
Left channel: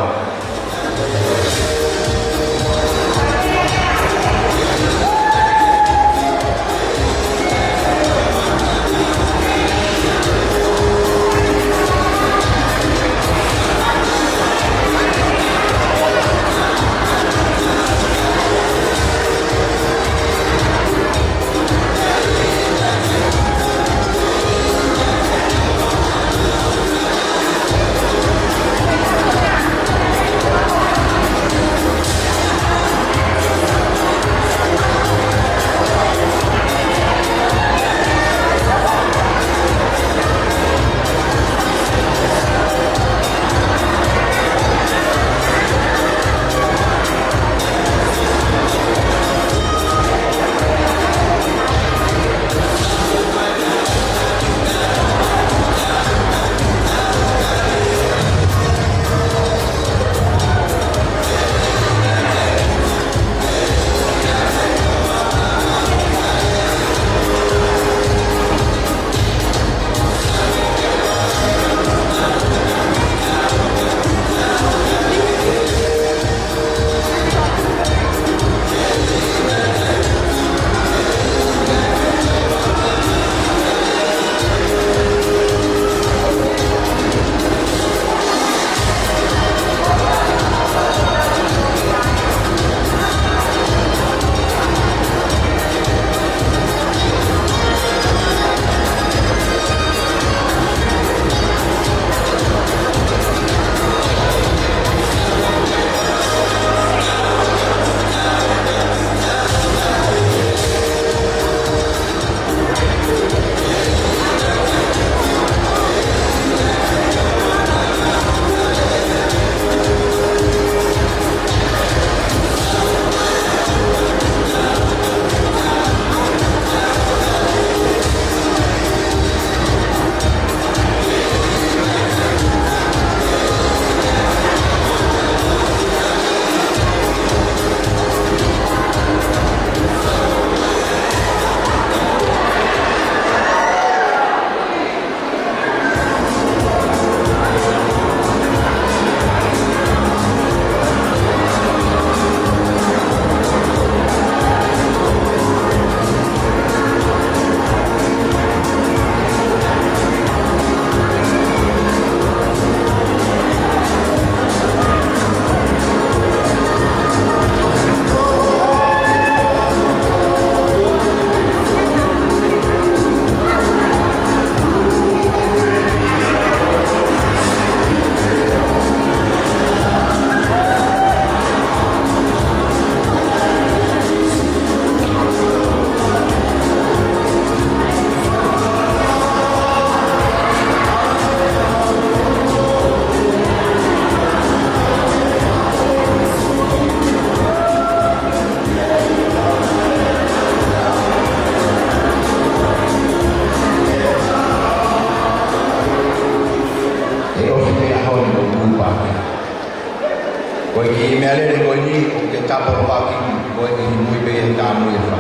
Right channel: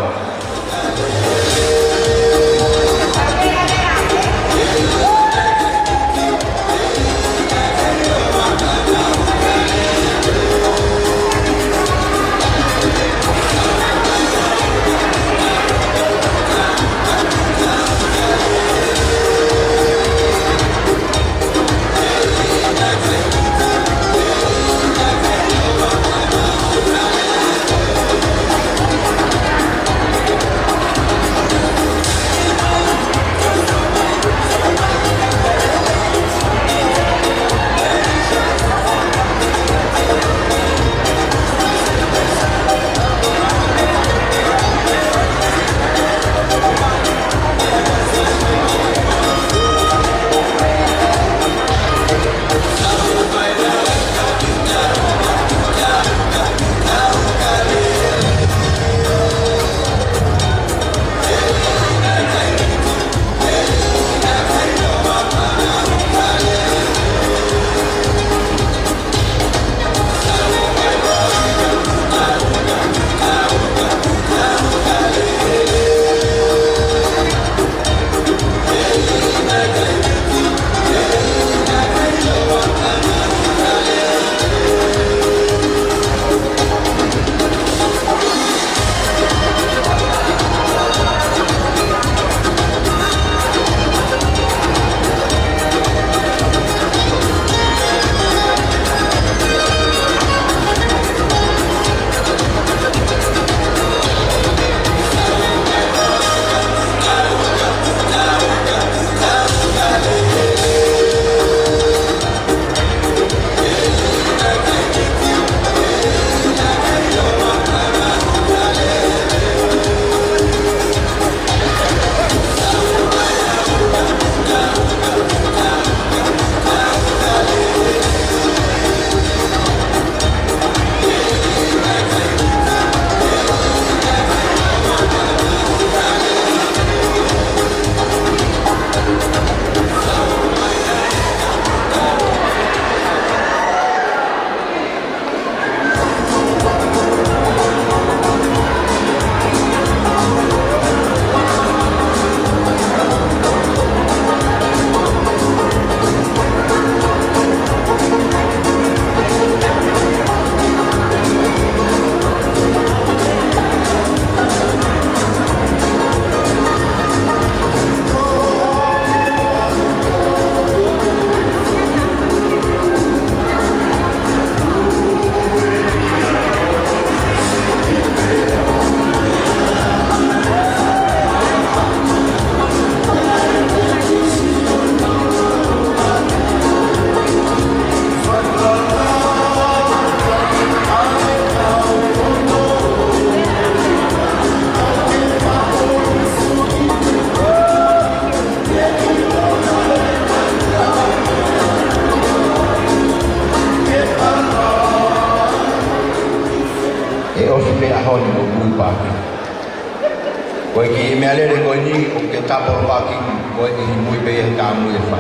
Koi ki me ale koi ni o ke tapo paki koi ni mui be ta mui fa.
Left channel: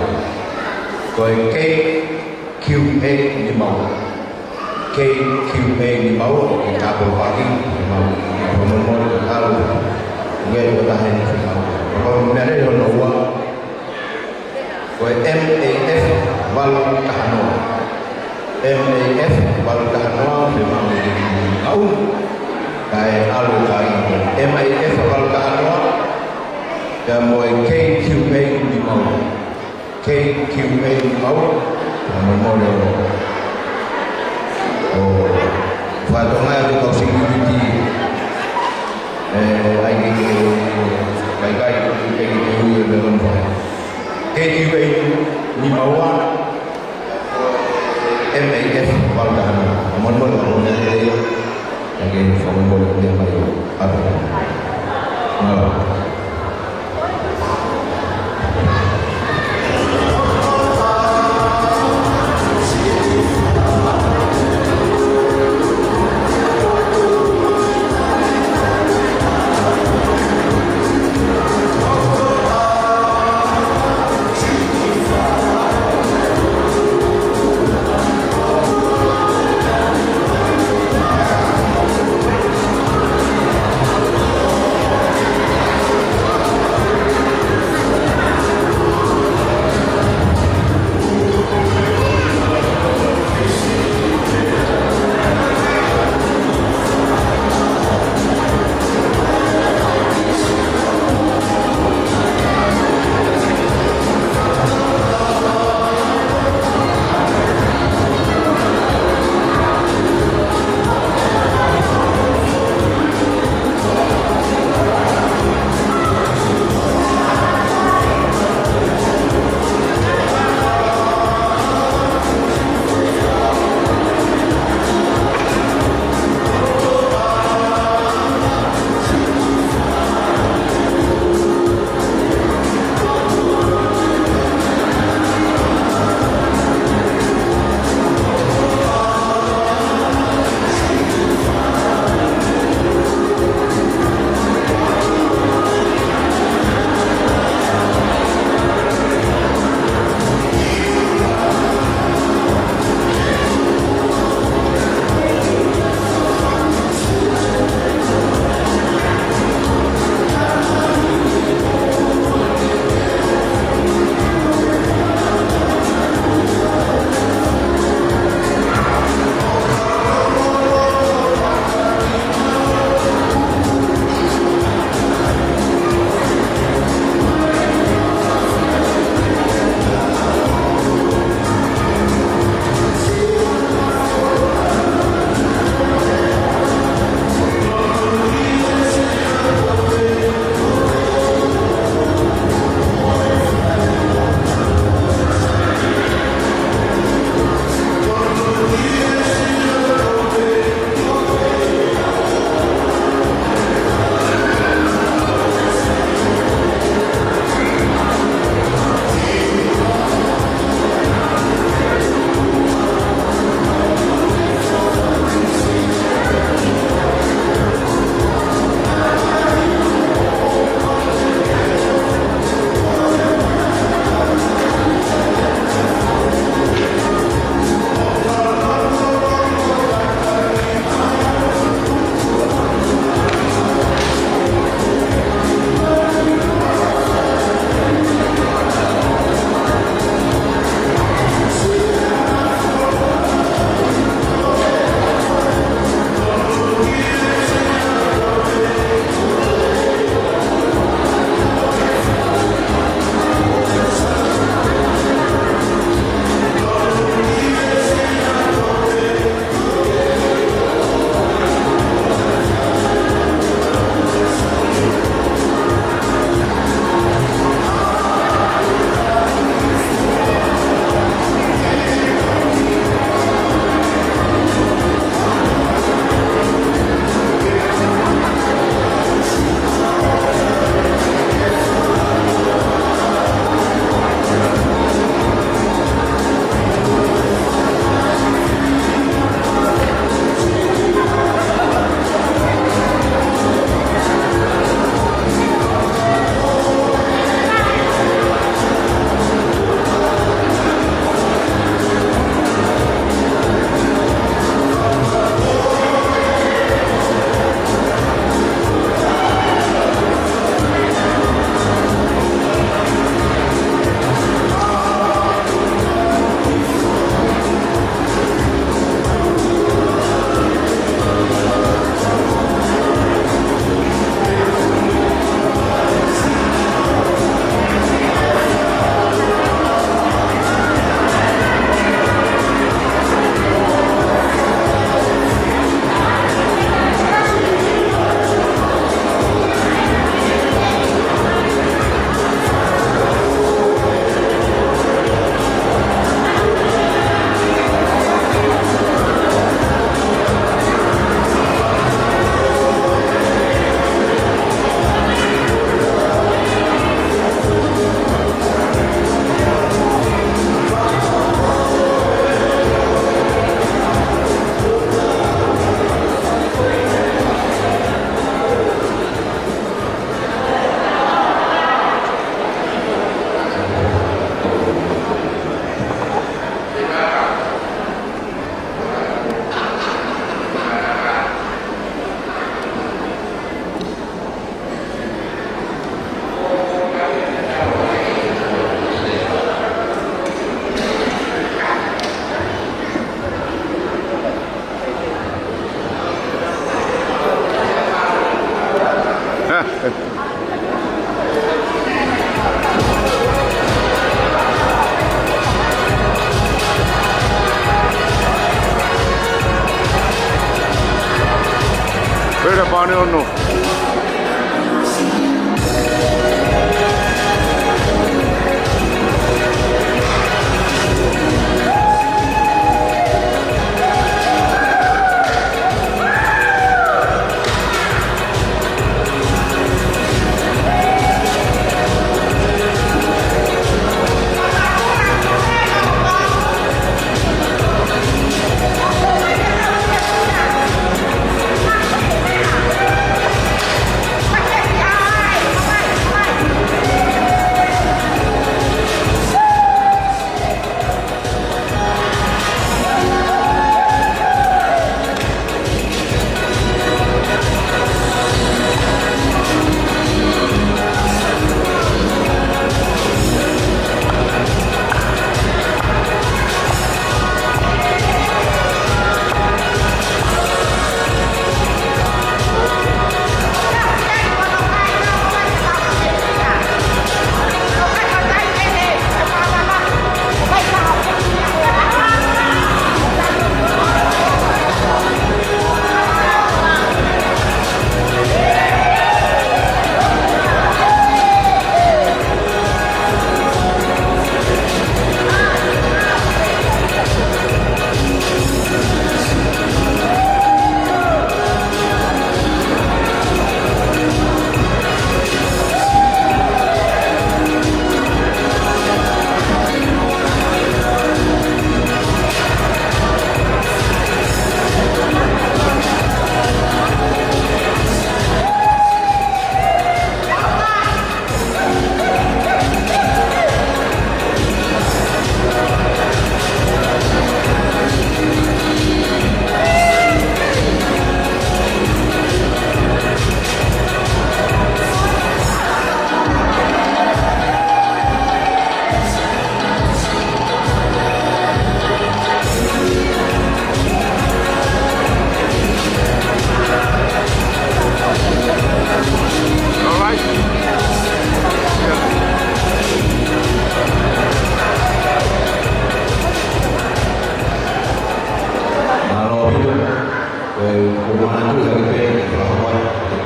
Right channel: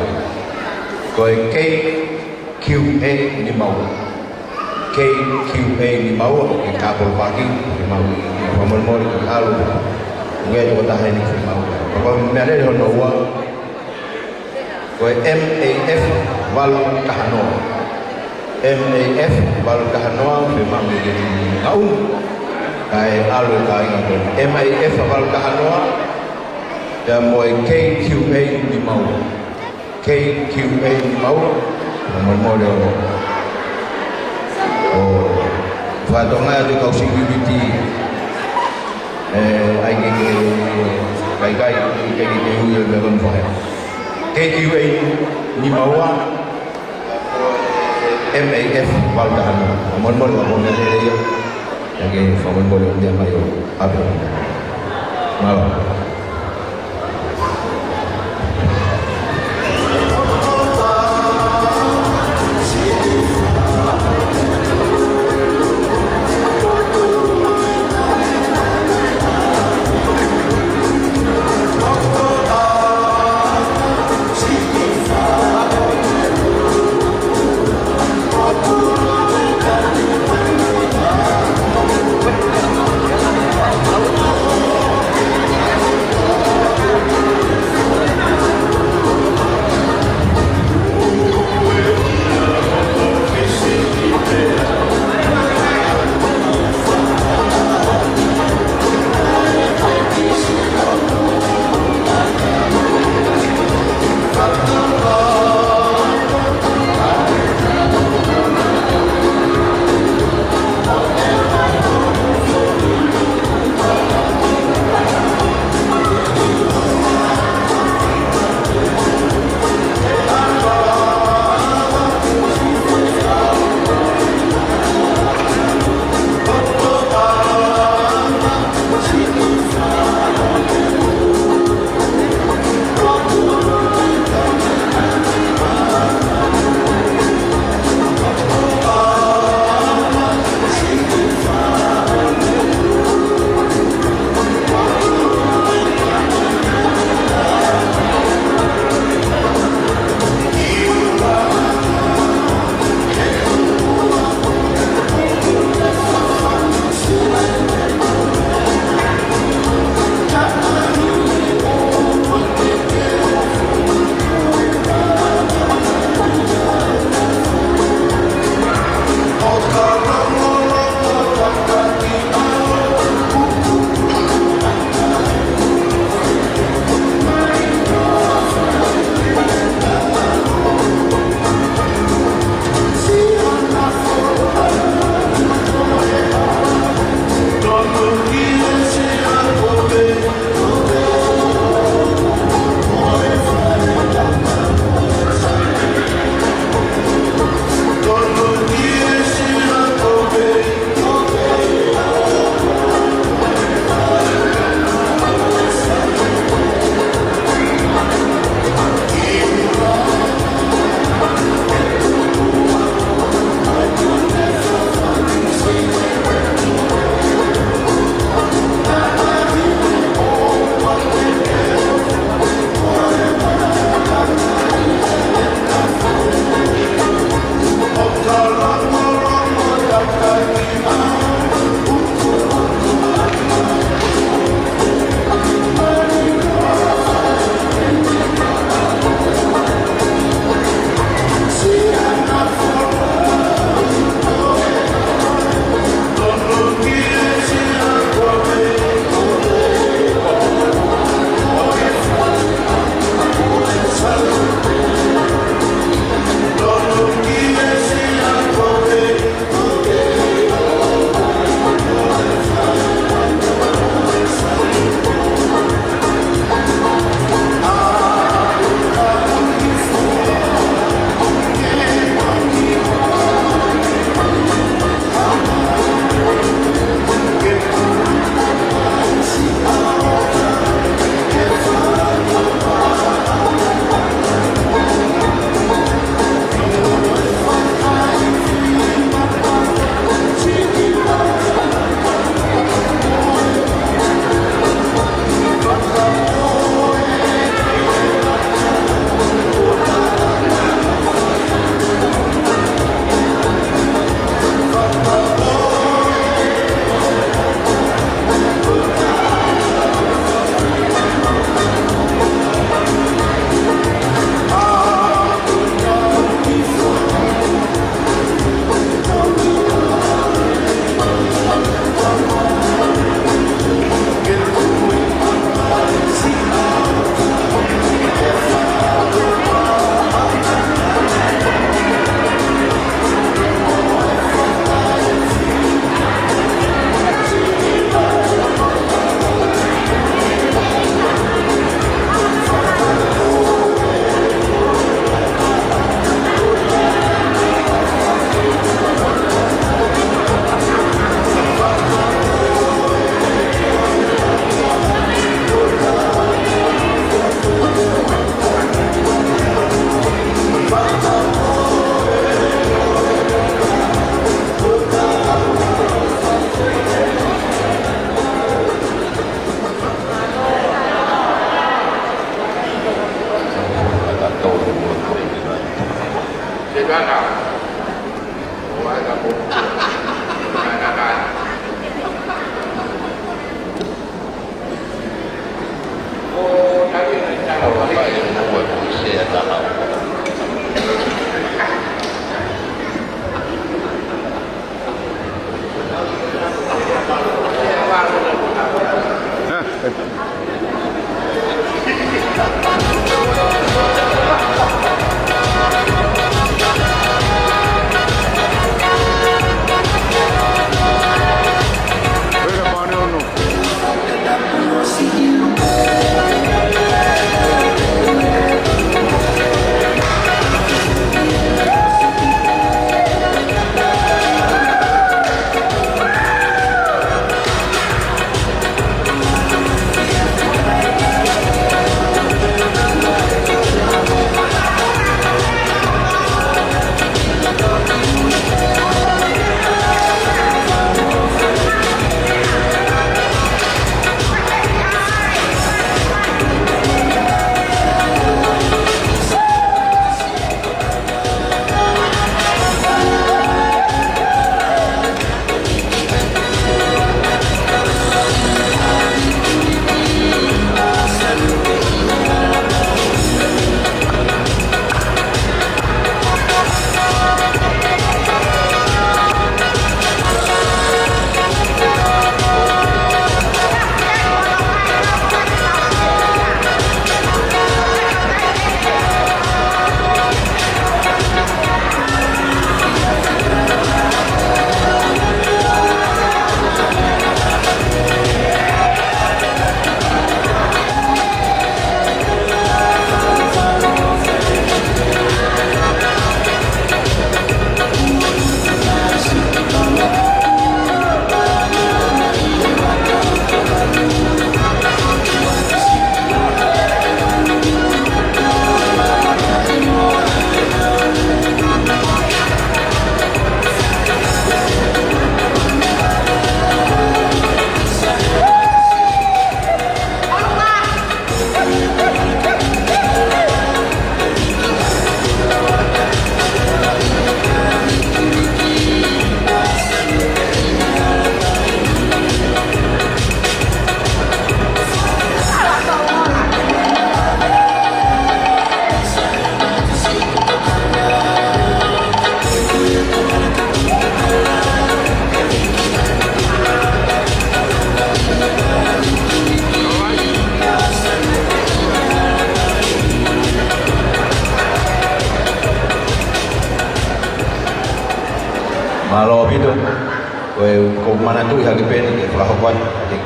Koi KQA ni mau. KQA ni mau o ke tapo paki ni mau. Pamon mo ni alu. Nge o ta ni fi mau. Ko me ale ho no wa. Koi MAF wal kahano. MAF wal kahano fi mau ni au. Kai alu kai MAF wal kahano ya moi KQA di mau KQA di mau nomor model oh fatonga di kau security ai cái điều về bên phải KQA di mau MAF vào đàn món món vào món này đây cái phòng món món yang bayu apa malah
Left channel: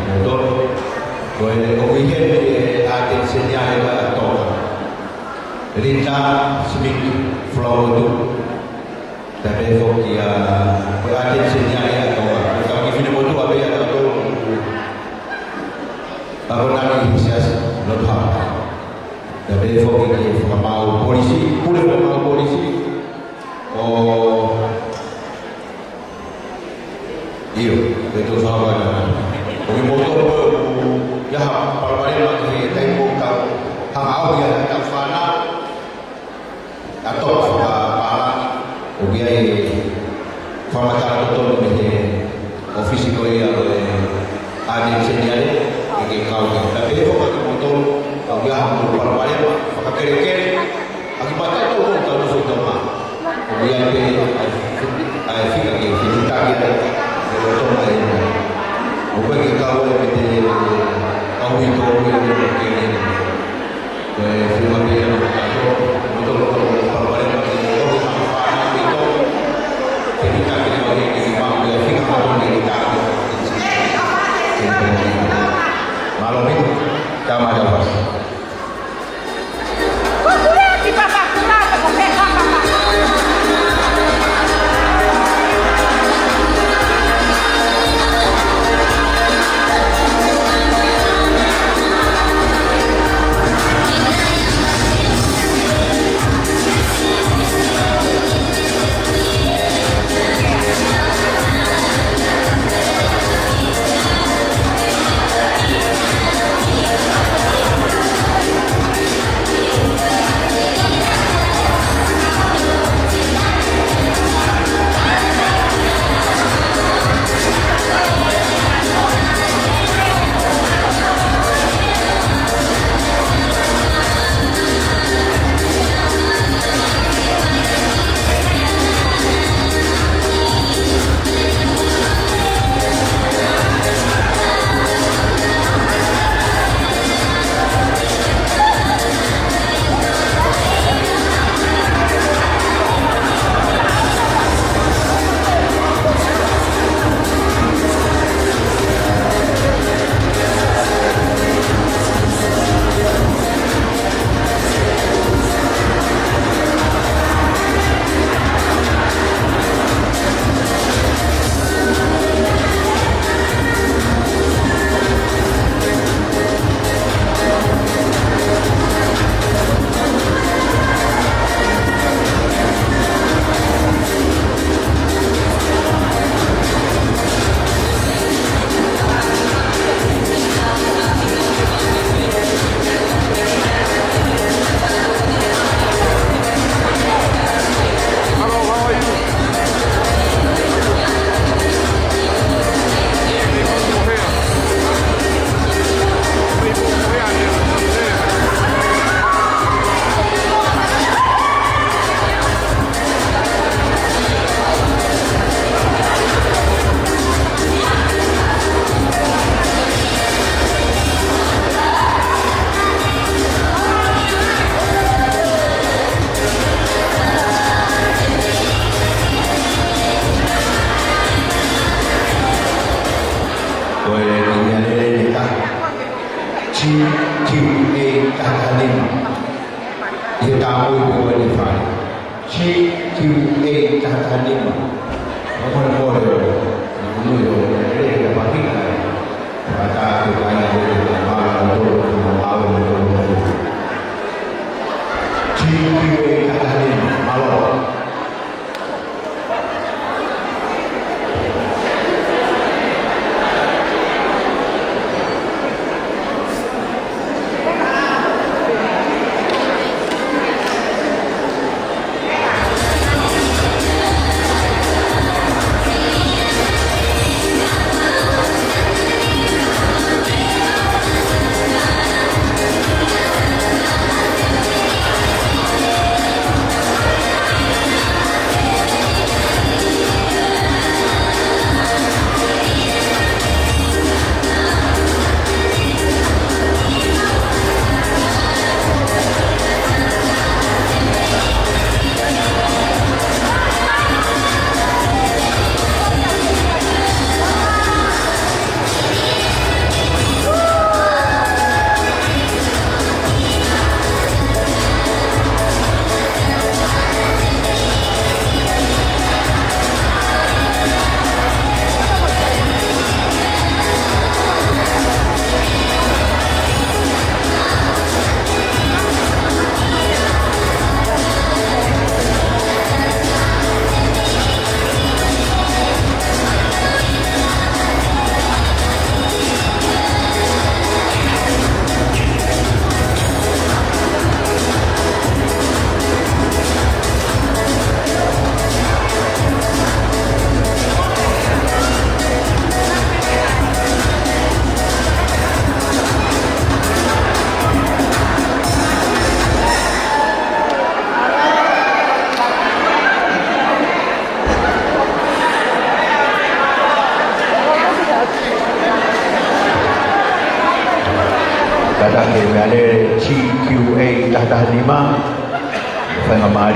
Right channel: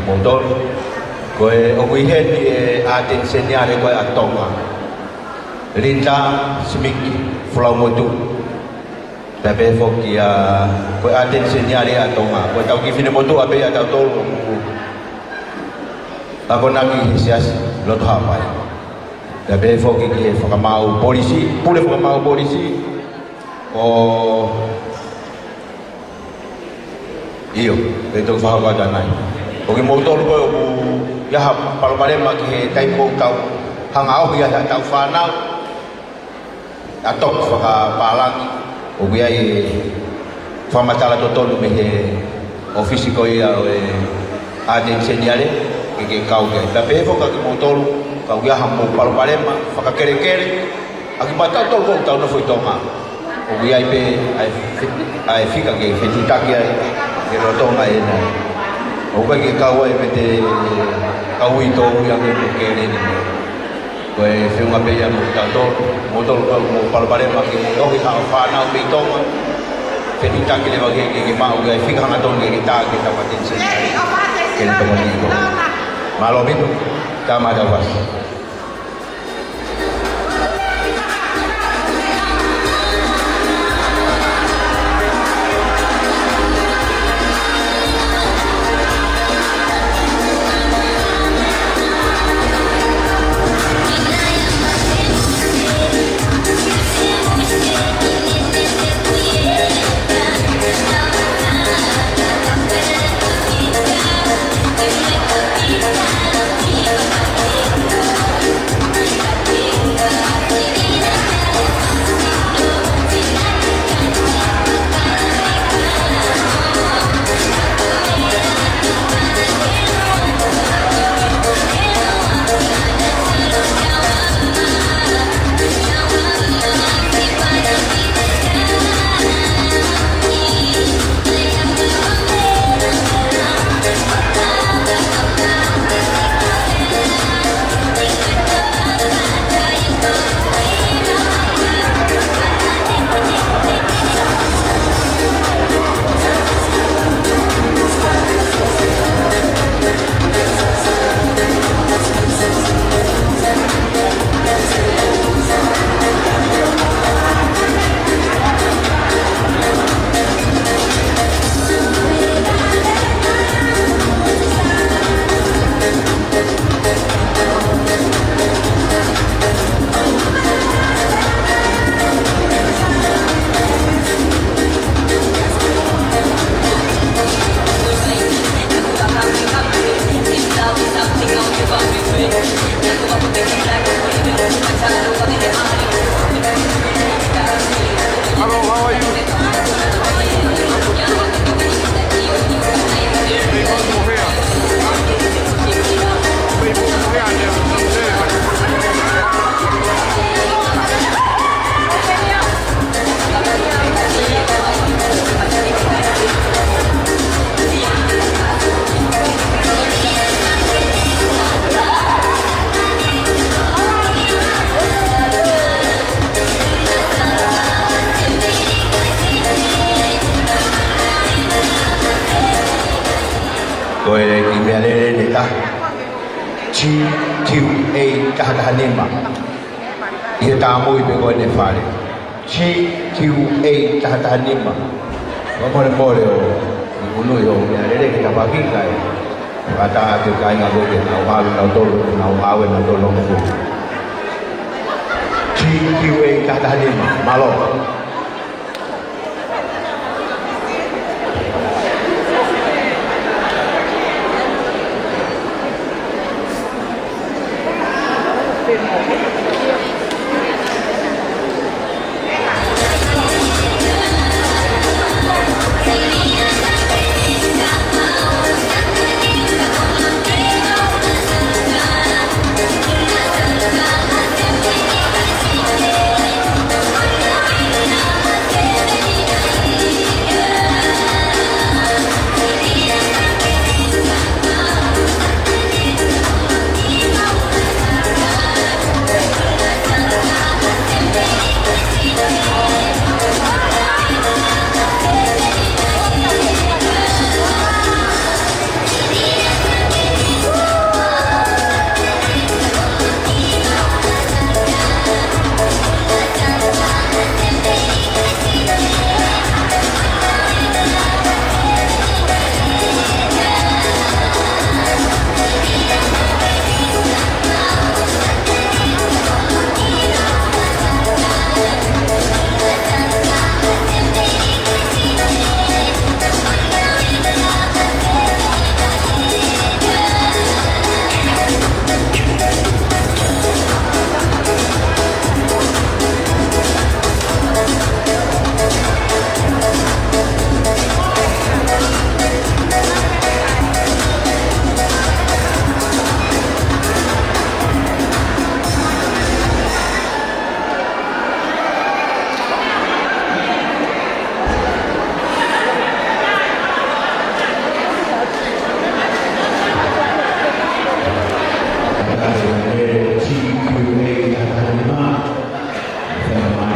motor. Koe o kui he a te senyale koe a tonga. Rita simiki fulau motu. Tapi foki a koe a te senyale a tonga. Koe tau ki fine motu abe a tau tau. Ako nami hisias lot hapai. Tapi foki ki whakamau polisi, pule whakamau polisi. O iyo, itu whakawada nai. Koki motor koe o yaha palmarema ki taimo tau hangau ya tau whanau. Atok whakapalangi. O biai whamatala totonu me he ofisi koe ia o ade senyale ke kau ke. Tapi foka ki motor kau yaha mo palmarema whakakere-kere. Aki matau tau kong tau no foi toma. O biai pe ai fika ke fitutaki ai ke lo toma e na. O koe ke kau ai pete kau ito yang ni kere ni. Koe whiunga pe yang tato motor ko palmarema ki tohi hang whanau pe toma. Fitutaki le wake ke mau ke fika ngaton ke taki hapatensi. Kene pengen ni. Malo min tama dawas. GQA Kahanima. Ia tamu itu ada file. GQA Kahanima. Boleh. Ibu yo, ada kita bagi kan. Kata kita ingat kita malu malu GQA Kahanima. Malu.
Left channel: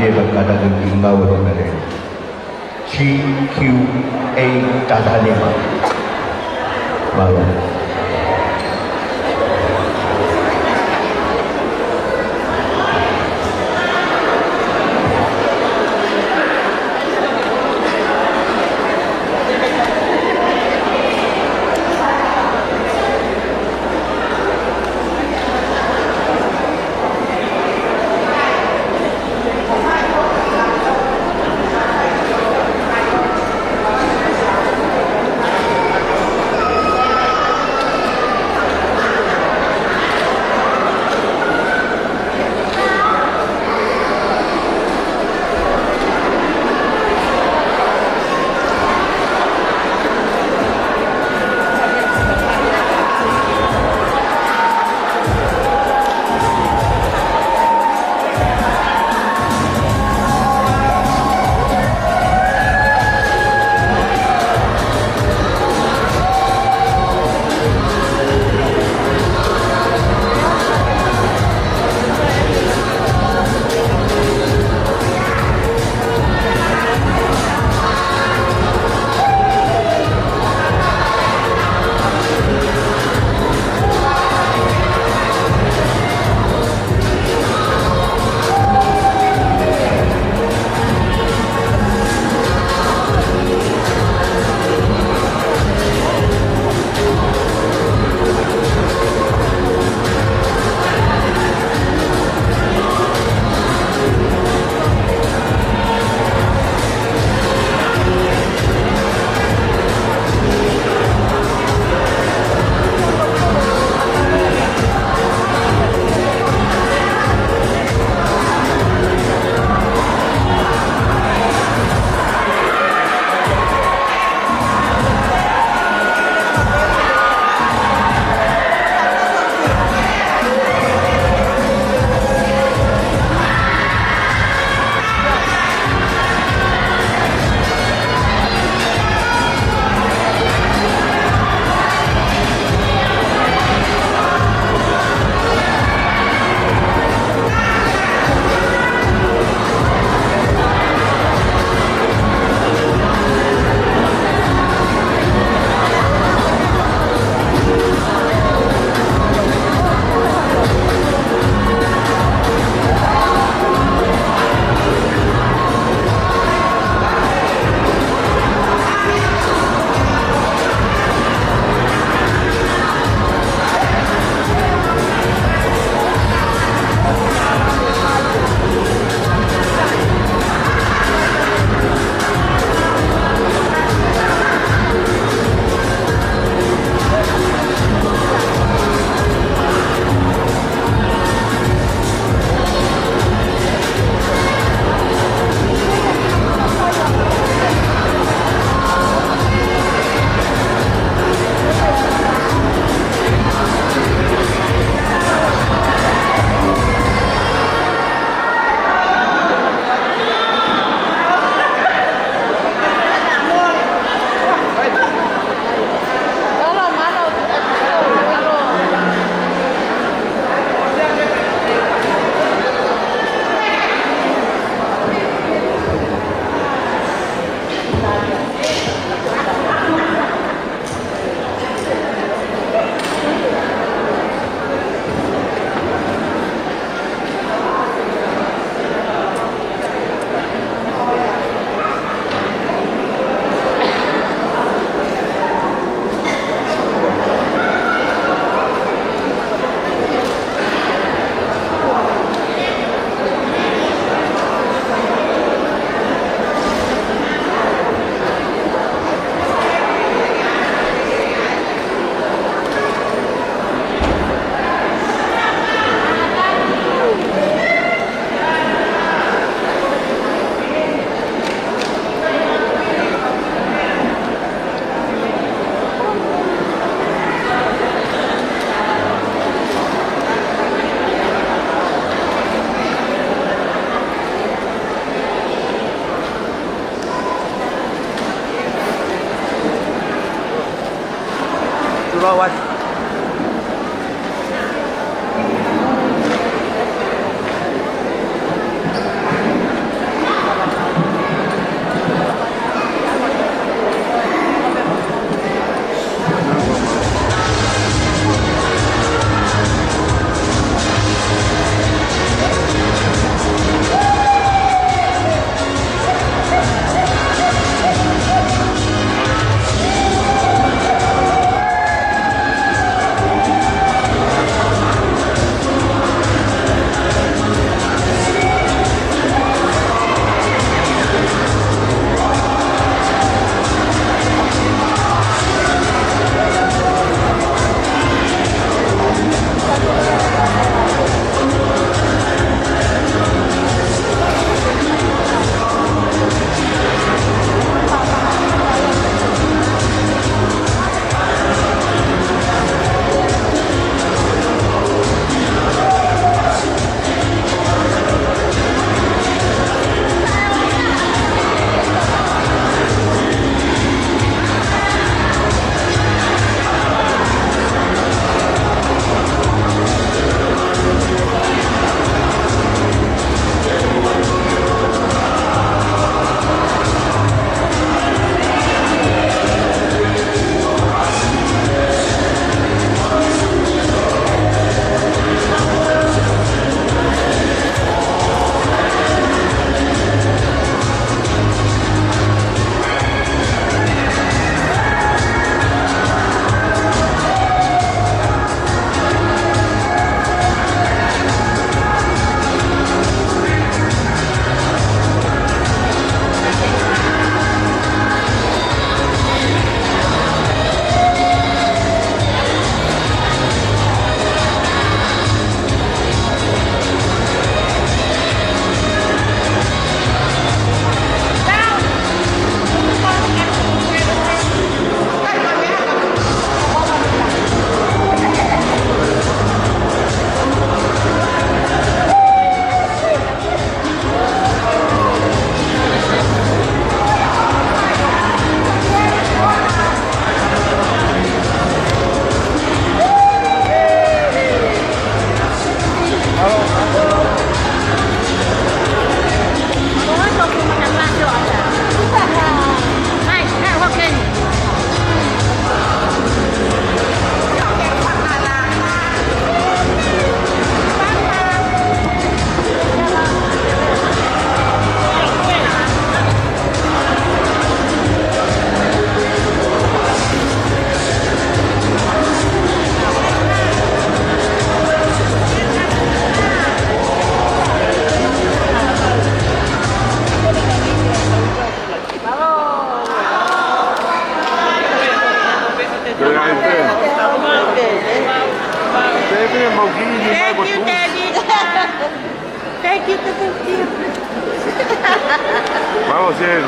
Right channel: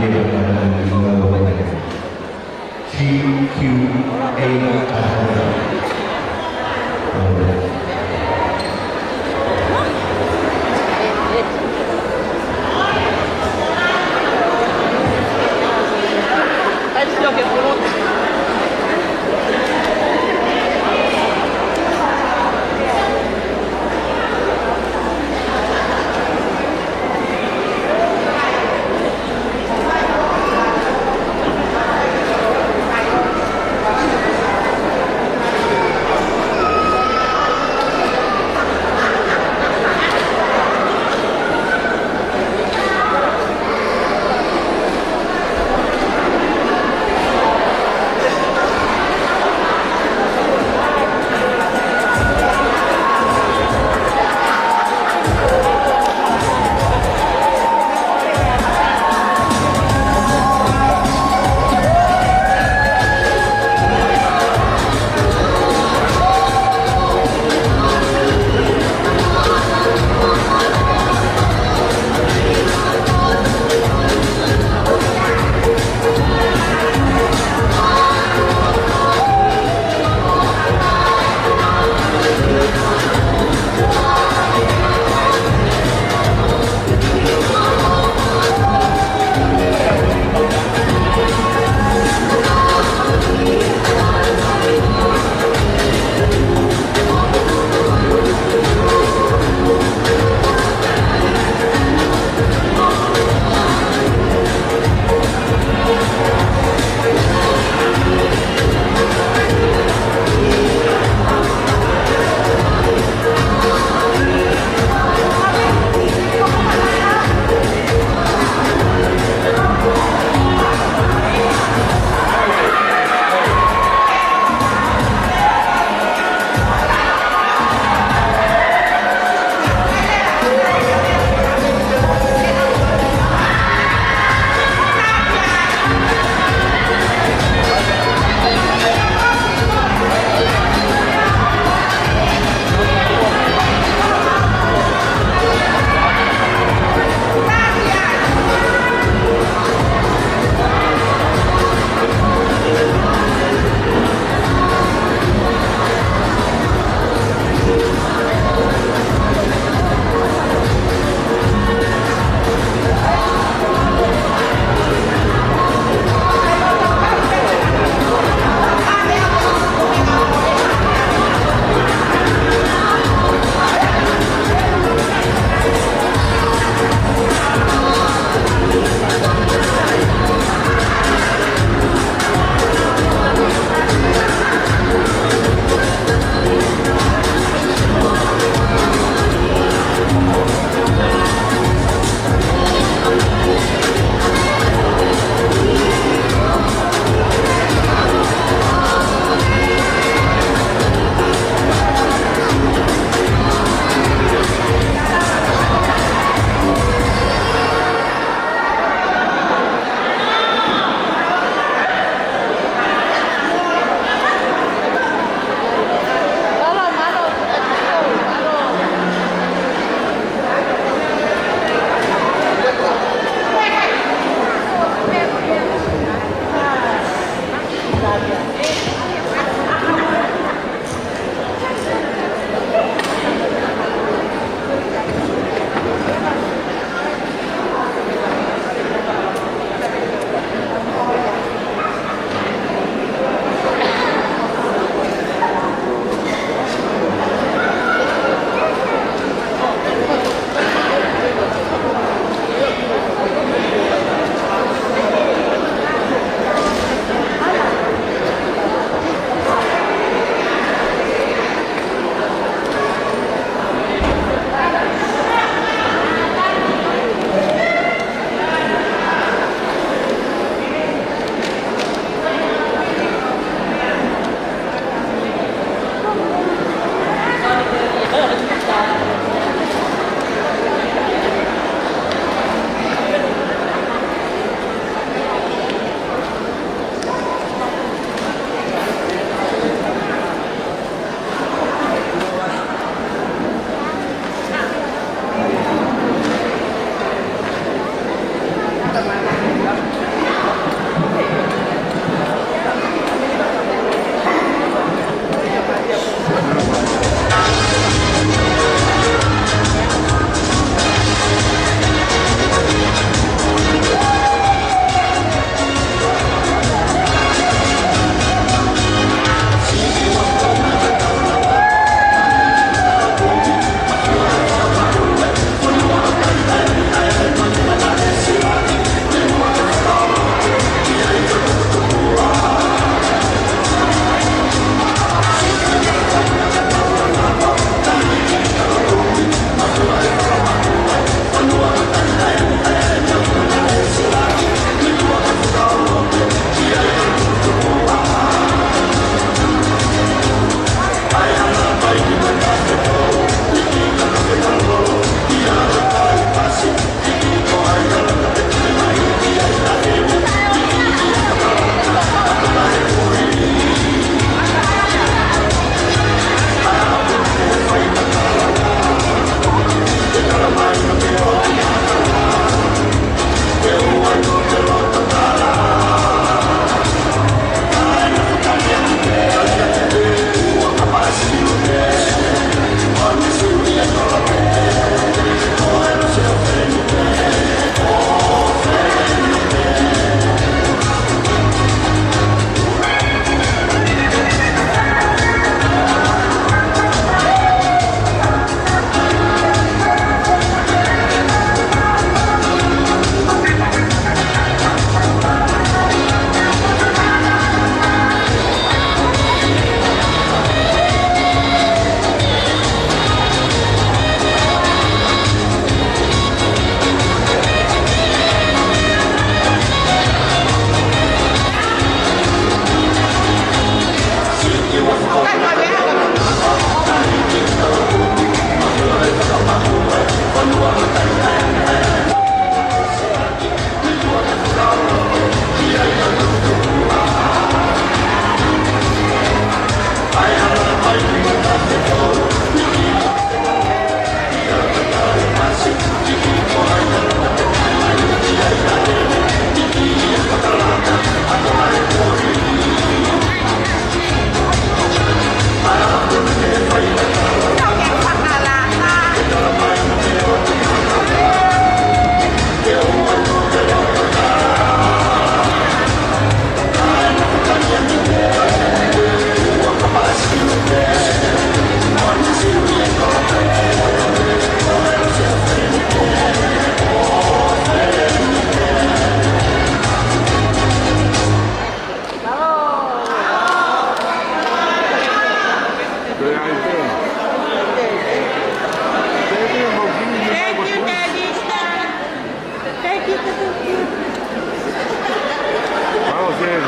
dia berkata dengan bawa dengan dia CQA Tanzania. kita tu. Vamos bien.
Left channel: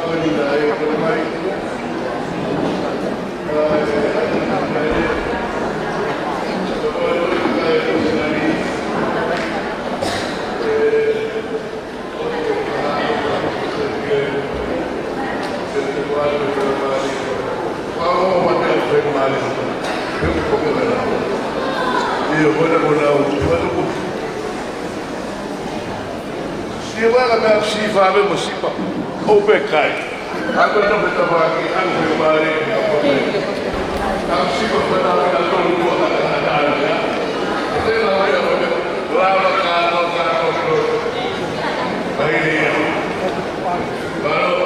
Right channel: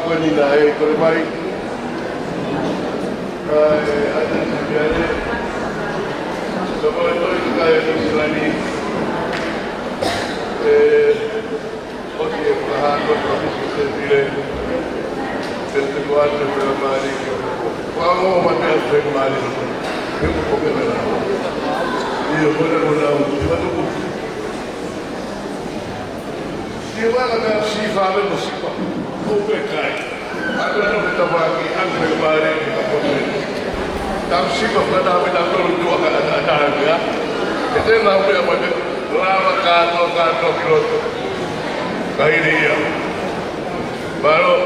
ko ni dai ko mai ai Dopo kai ko sani oddio parlando con il quadro per mali quando mandare per mali io come verrà io volevo si va a si fa per musica o per kai anche non per tabacchi anche per mali am si va a fare la tua tua itu namanya apa? Lama kano ini ya baru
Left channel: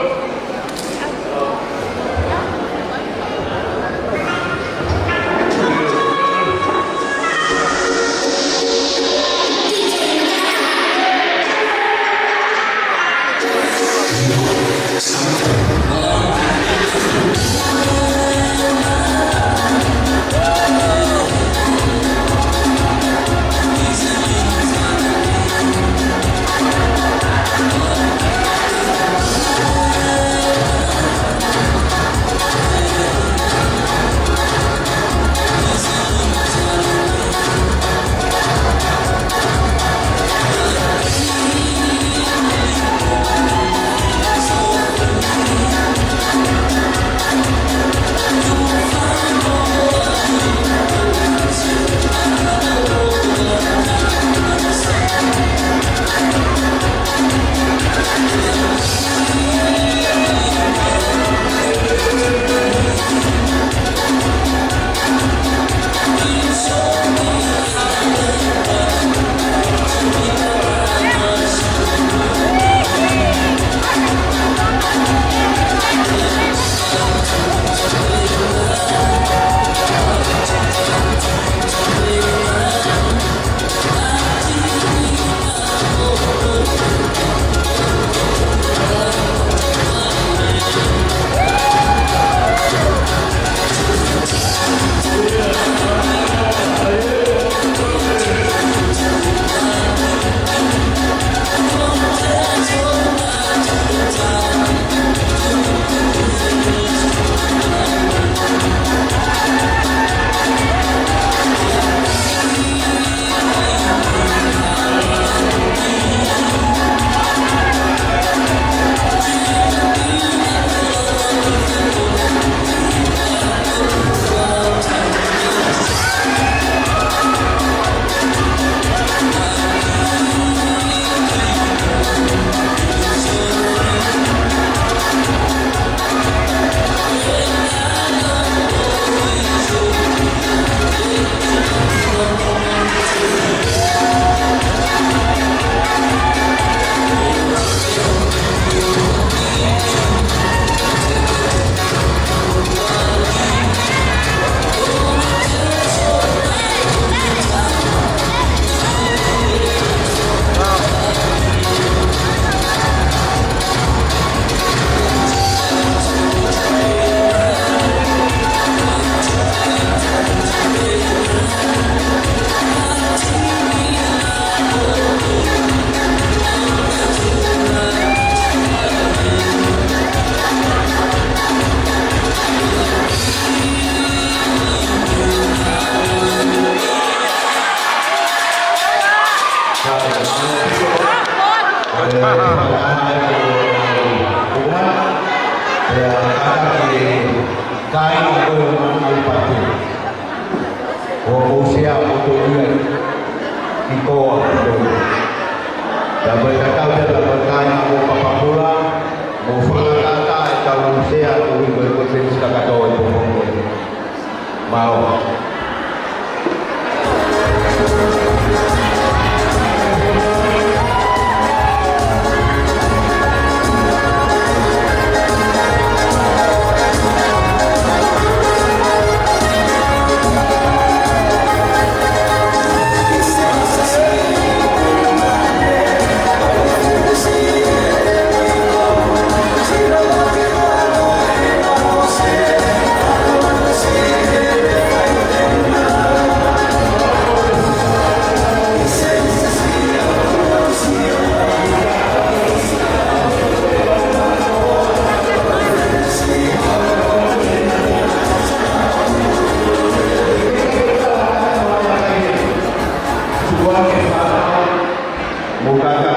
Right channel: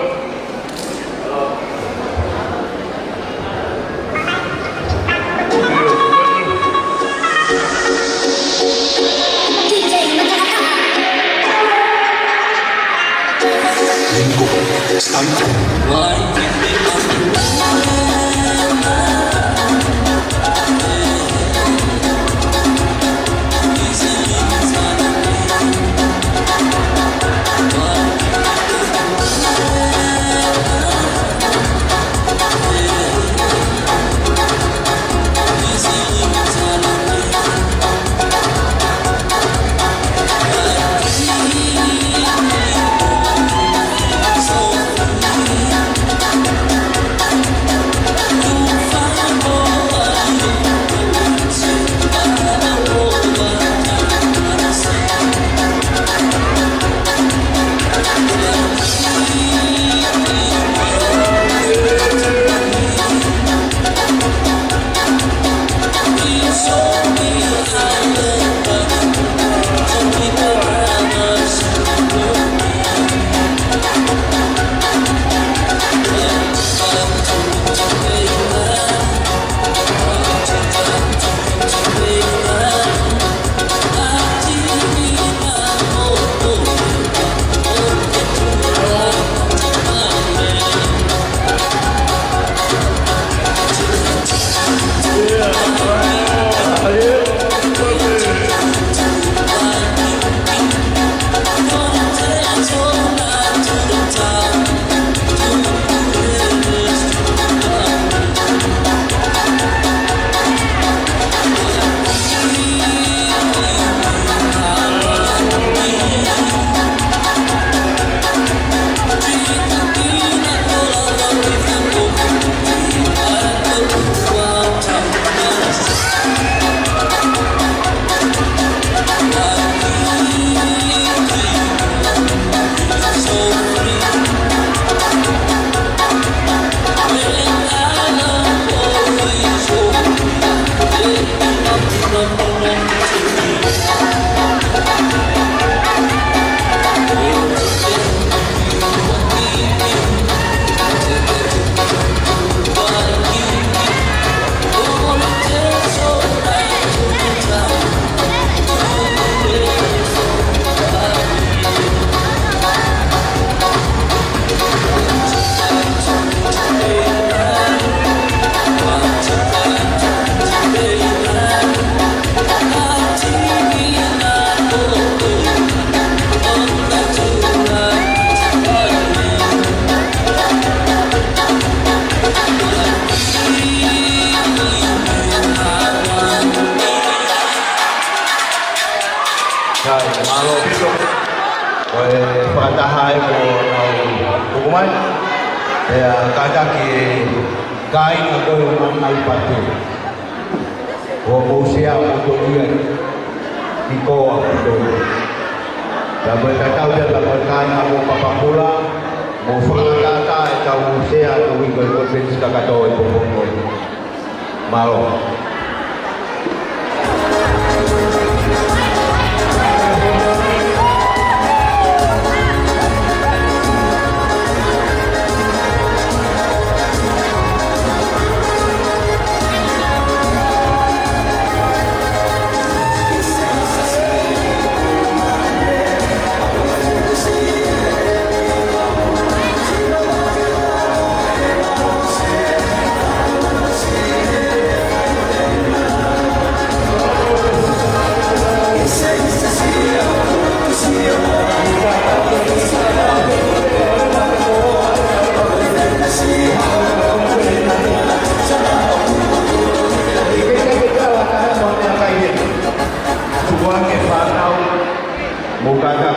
Mukanya.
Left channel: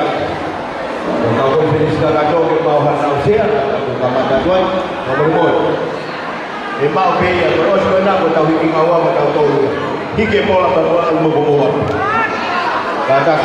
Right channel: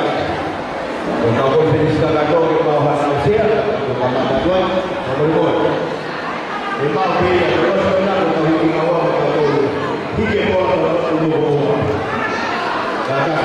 Kau pun finish kagak ke bawah Nausia, kamu tuan, kamu boleh. Emang dia terus menang atau hingga awam atau tahu. Hingga bola terus membawa. Kata.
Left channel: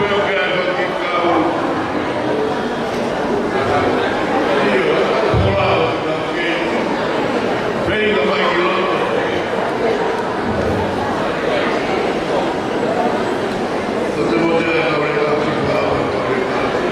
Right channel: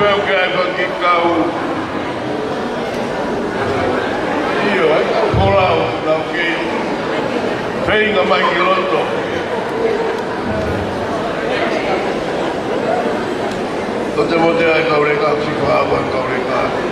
veo que hago aquí cao. Io, volavo, perché vengo mai che lotto. Non devo dire che avrei fatto si fa, quanto avrei fatto.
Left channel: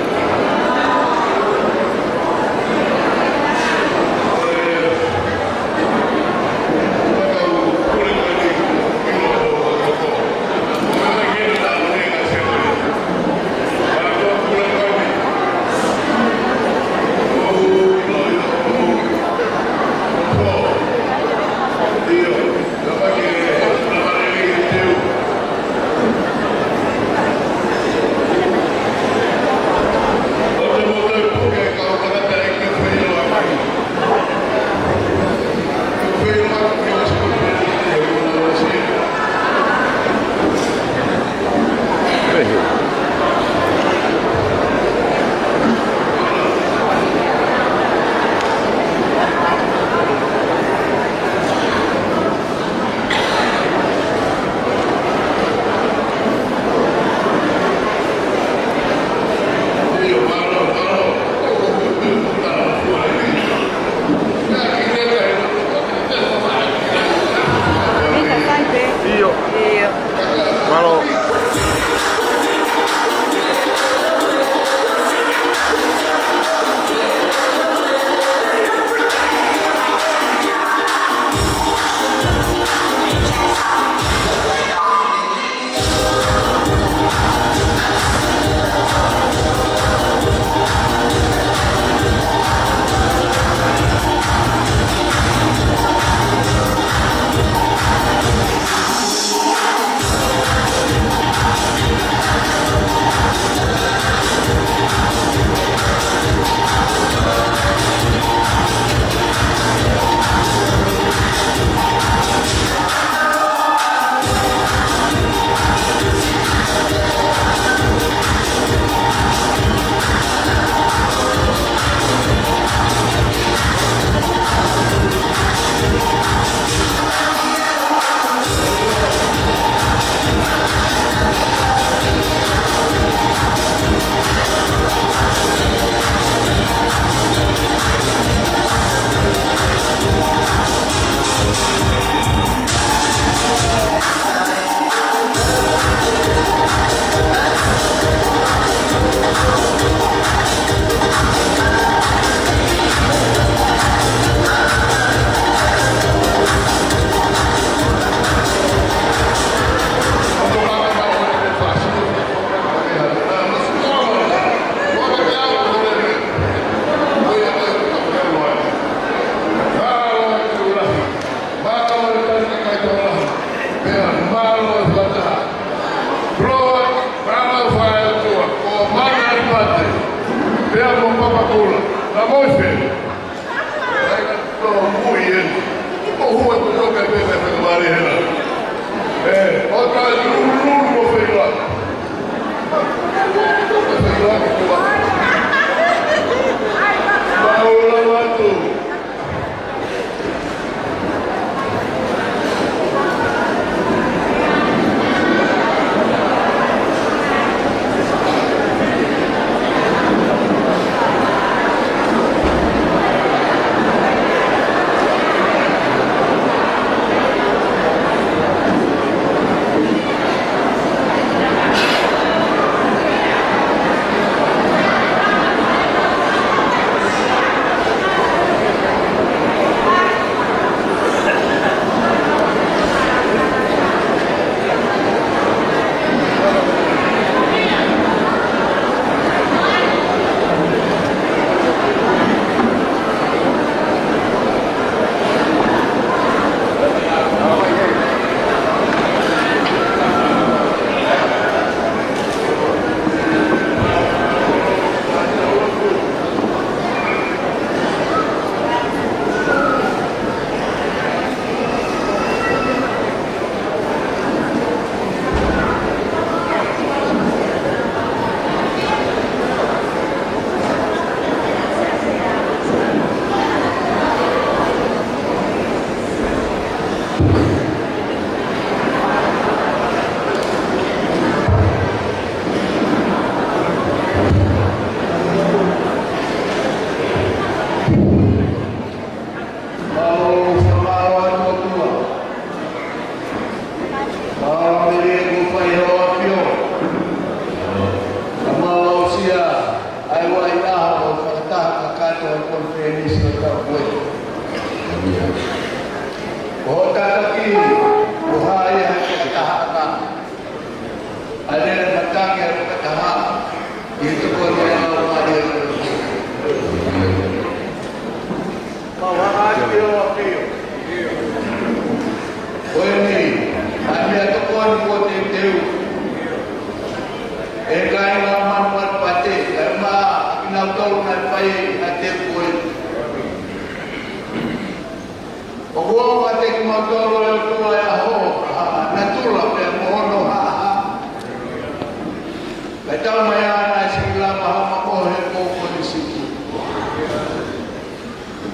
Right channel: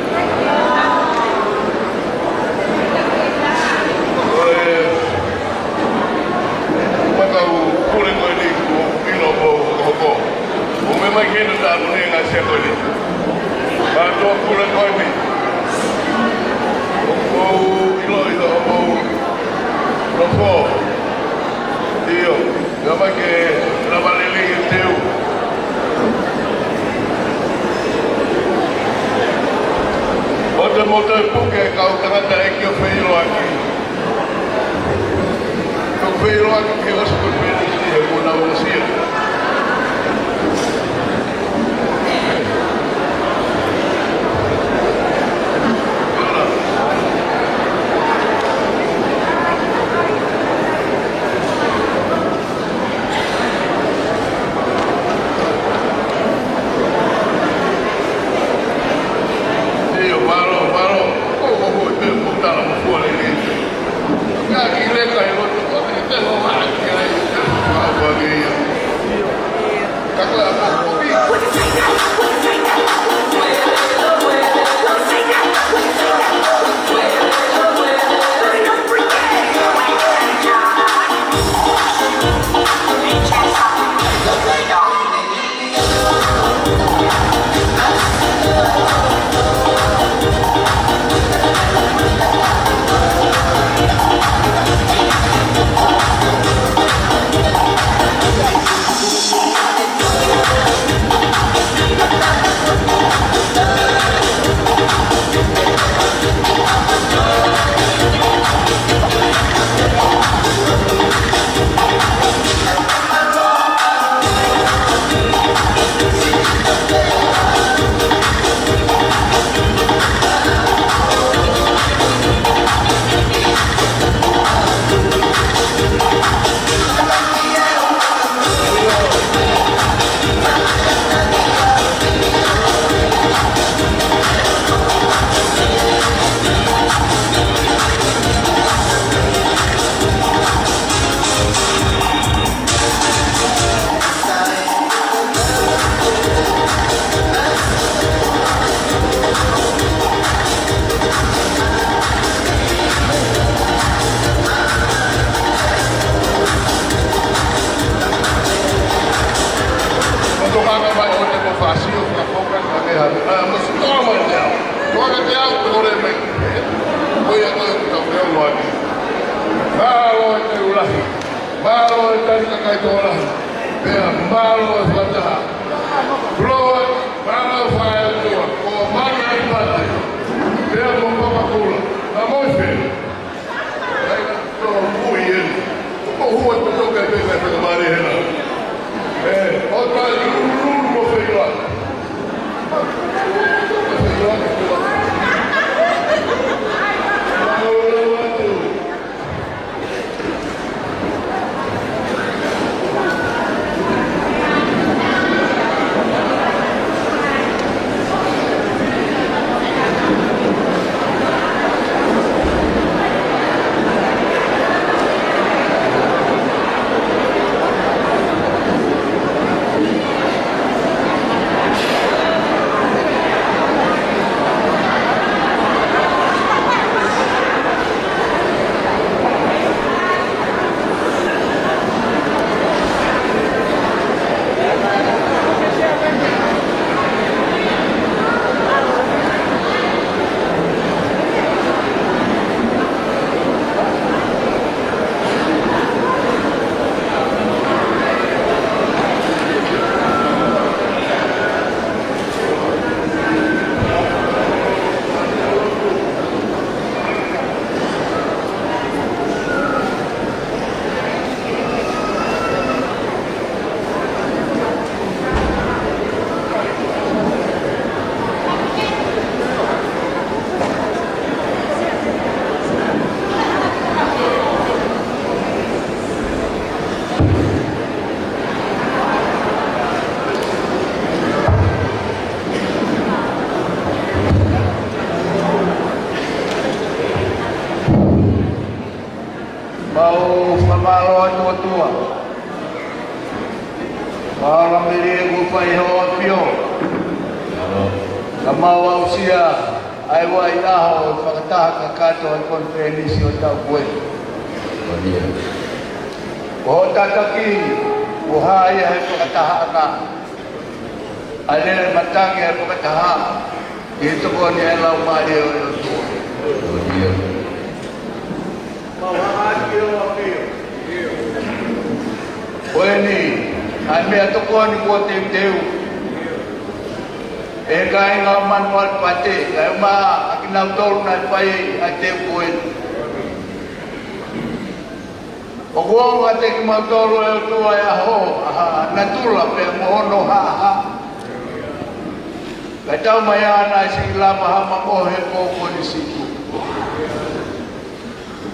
mai hoa pio. Ka mau sia ai wa ila o whakataha ka kato ai konferenisi o tau koe. Ko tataki o hae hai whakataha ka. Alena matangi ai whakataha. Ito ko niya lau maari o Mawakati o apio. Oeni, ai mea toko ani kua te teu. E kai ngā manuat pate, kai ma akinau tolu nai pai a te koe. O kua mga te ki mau tolu e o tua e aho, na tula pe mohono ha. Kai tau mai ana e sikilama hama mohe koko ni siku.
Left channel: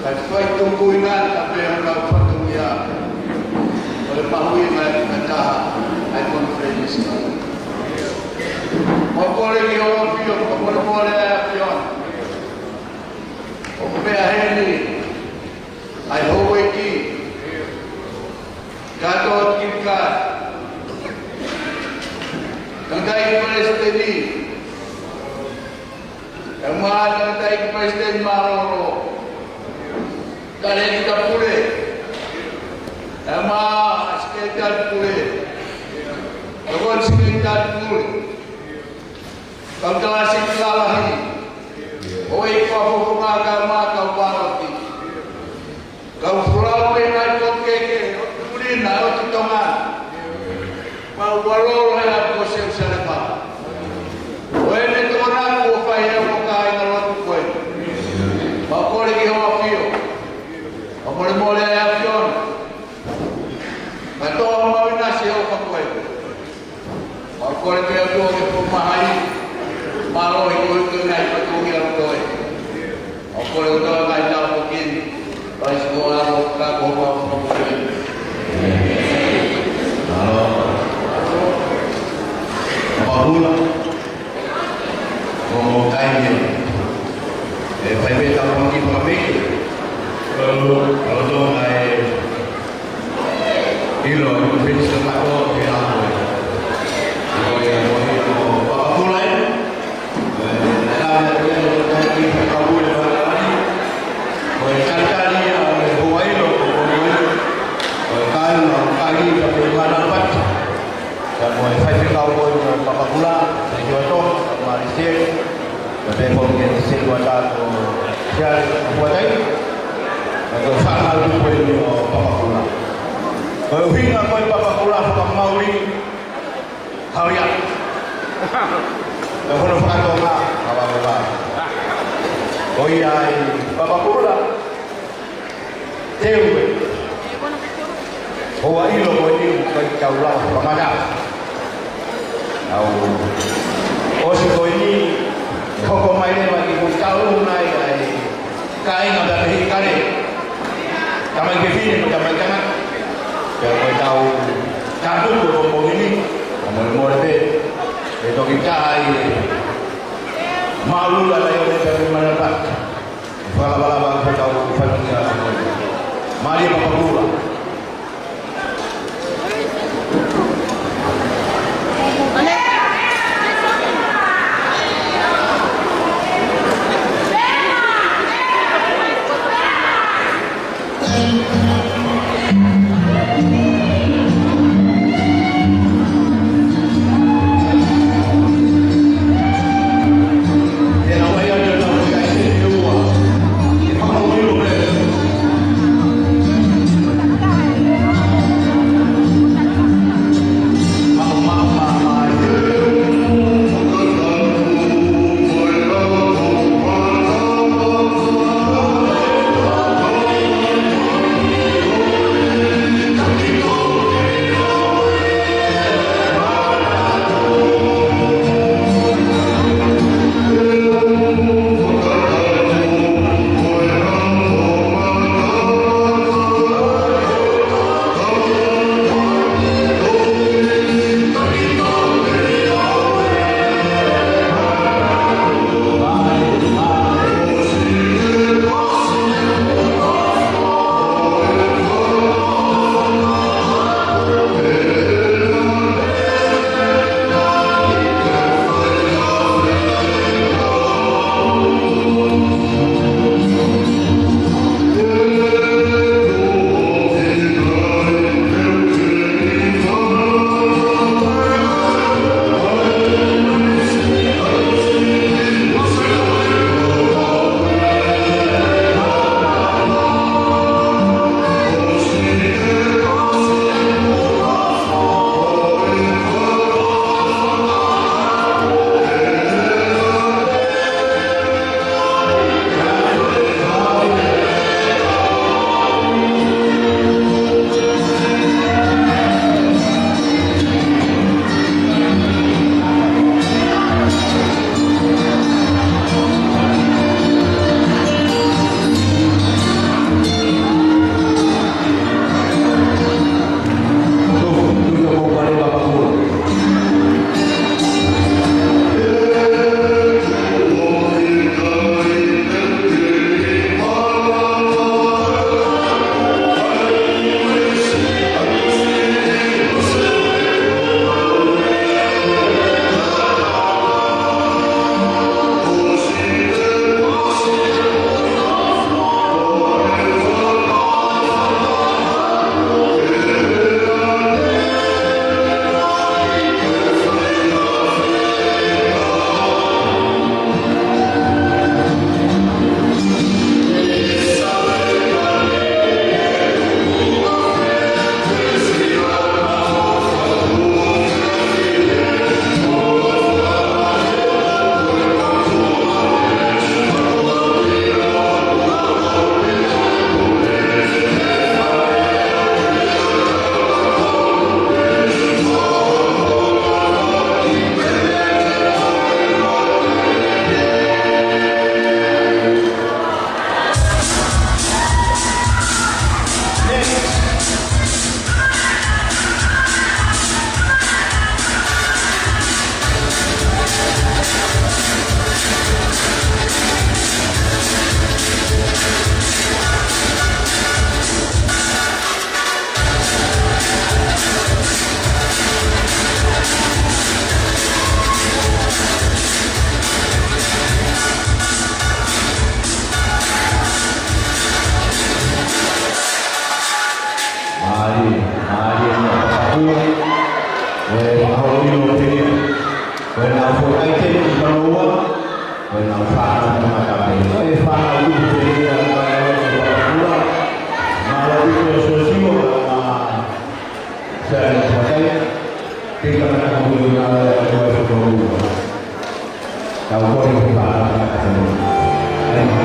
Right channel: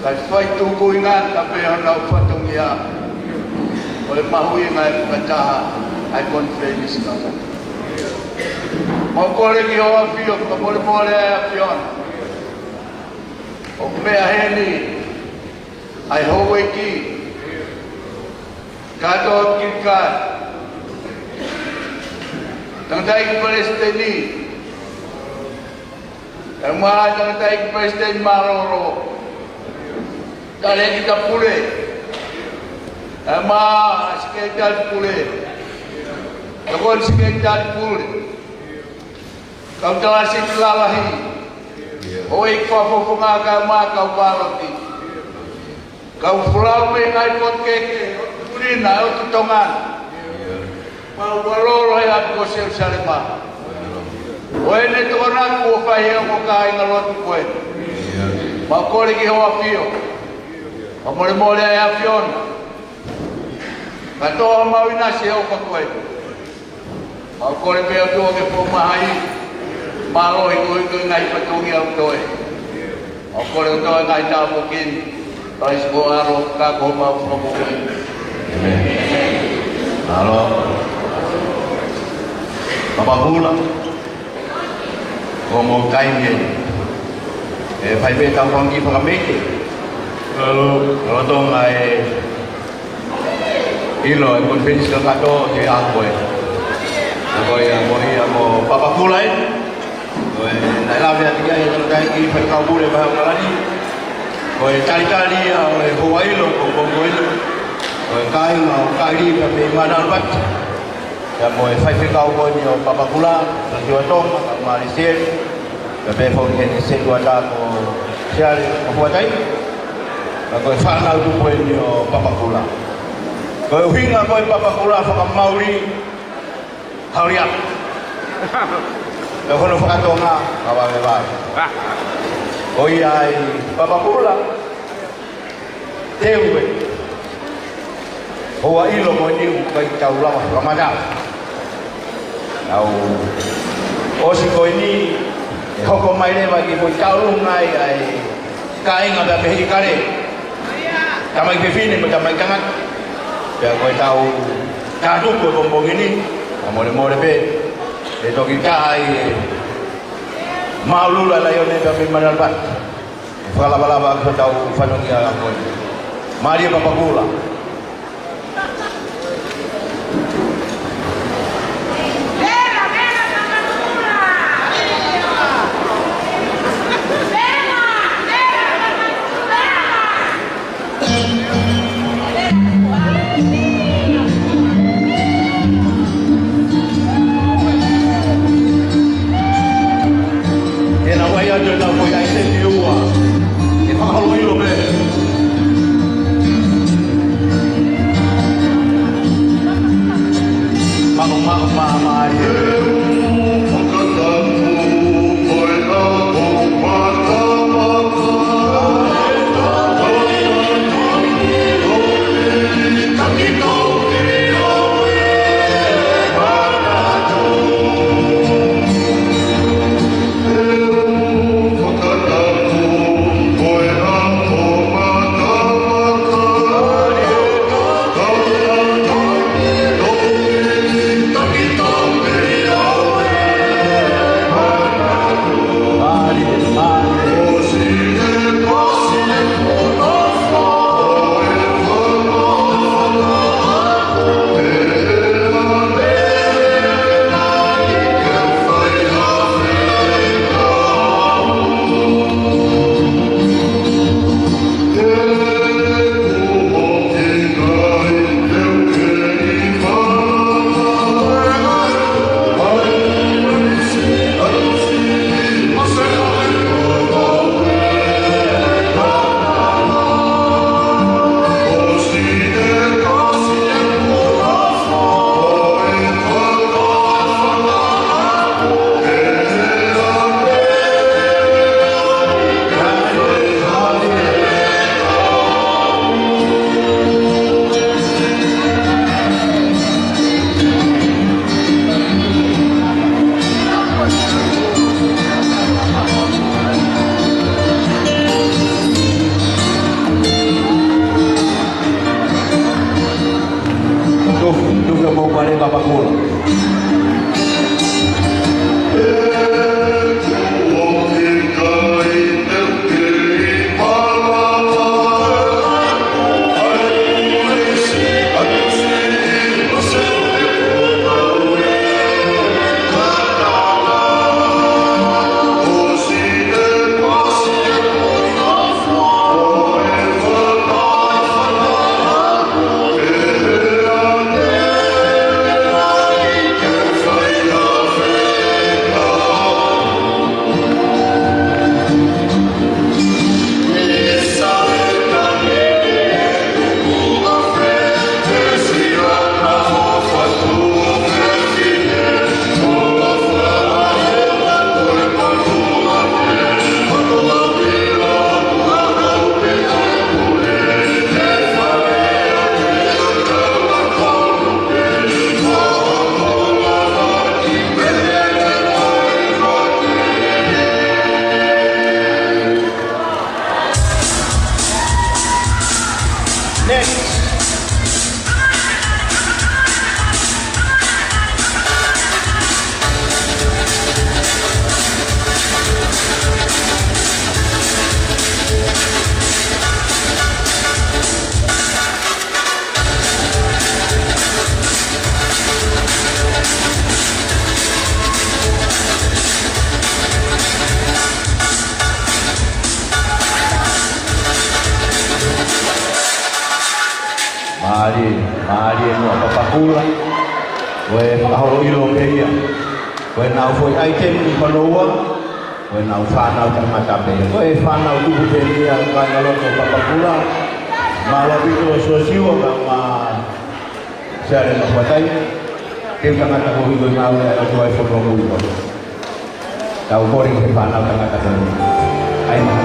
Kai whai tungku ingat ka pe hana u whatungi a. O le mahui ngai kataha ai konferenisi ka. O kore ki hoa pio, ka mole ai a piona. O mea heni, ai houwe ki. Kato ki ka. Tangkai ki Palestini. Yang maha tangkai ki Palestini maroro. Kare kita pule. Yang maha sekitar pule. Takon sekitar pule. Kau telah siklalahi. Oi kau agama kau barati. Kau pulau mengai pot keke. Kurina o tutongan. Mau walolo ya ko se salepa. Oi ne tona ko fai mo kai ngalot ko. Mau ko le ki ho apio. Amore mole ya pion. Kato mau ina se o ko ko. Mau ko le pe o ke po mai. Malo itu ngai patungi au toe. Ako le toe ngai tau pokin. Pai sekolah ro ka ko mau no mo. Halo. Apa pula? Ngomong kain pai be ka kongi pengamik. Kalau tu ngai ilo konferensi ka to ke aku. Ko yang mo papa pula Nailah dia yang terkait perkaulan bahagia ini. Kau cari-cari oleh Hawaii lo, kau kain kali tapi mana dapat. Dan kau fight kau ni papa pula, jual tom, Malaysia. Tapi kau ni sejual dah kau cari buat apa? Kau final tu kau ni papa pula. Kau hingga kau papa pula kau mauri harian. Kalau nak kata orang, awak lepas. Oh iya, bapa pula. Tewe. Hawaii lo kau ni kau jauh lah, kemana? Oh si kau ni kau main ni bagi kau jauh naik kain ada behi kare. Kamai behi ni macam jangan. Ya kau tahu jatuh kau bombong ini, mole be. Itu kita malu lah yang ni tapi mana dapat. Kalau bala kita tahu faham dia apa. Mari bapa pula. Paulo ilo peia. When now for item in Paloa, when now found out the Matabe. I found out who the peia Kayalo Papakula. Malabito Sosio, Sharon Matai, take a matter of you now that I for Romulo. Now, what is the Panama? I know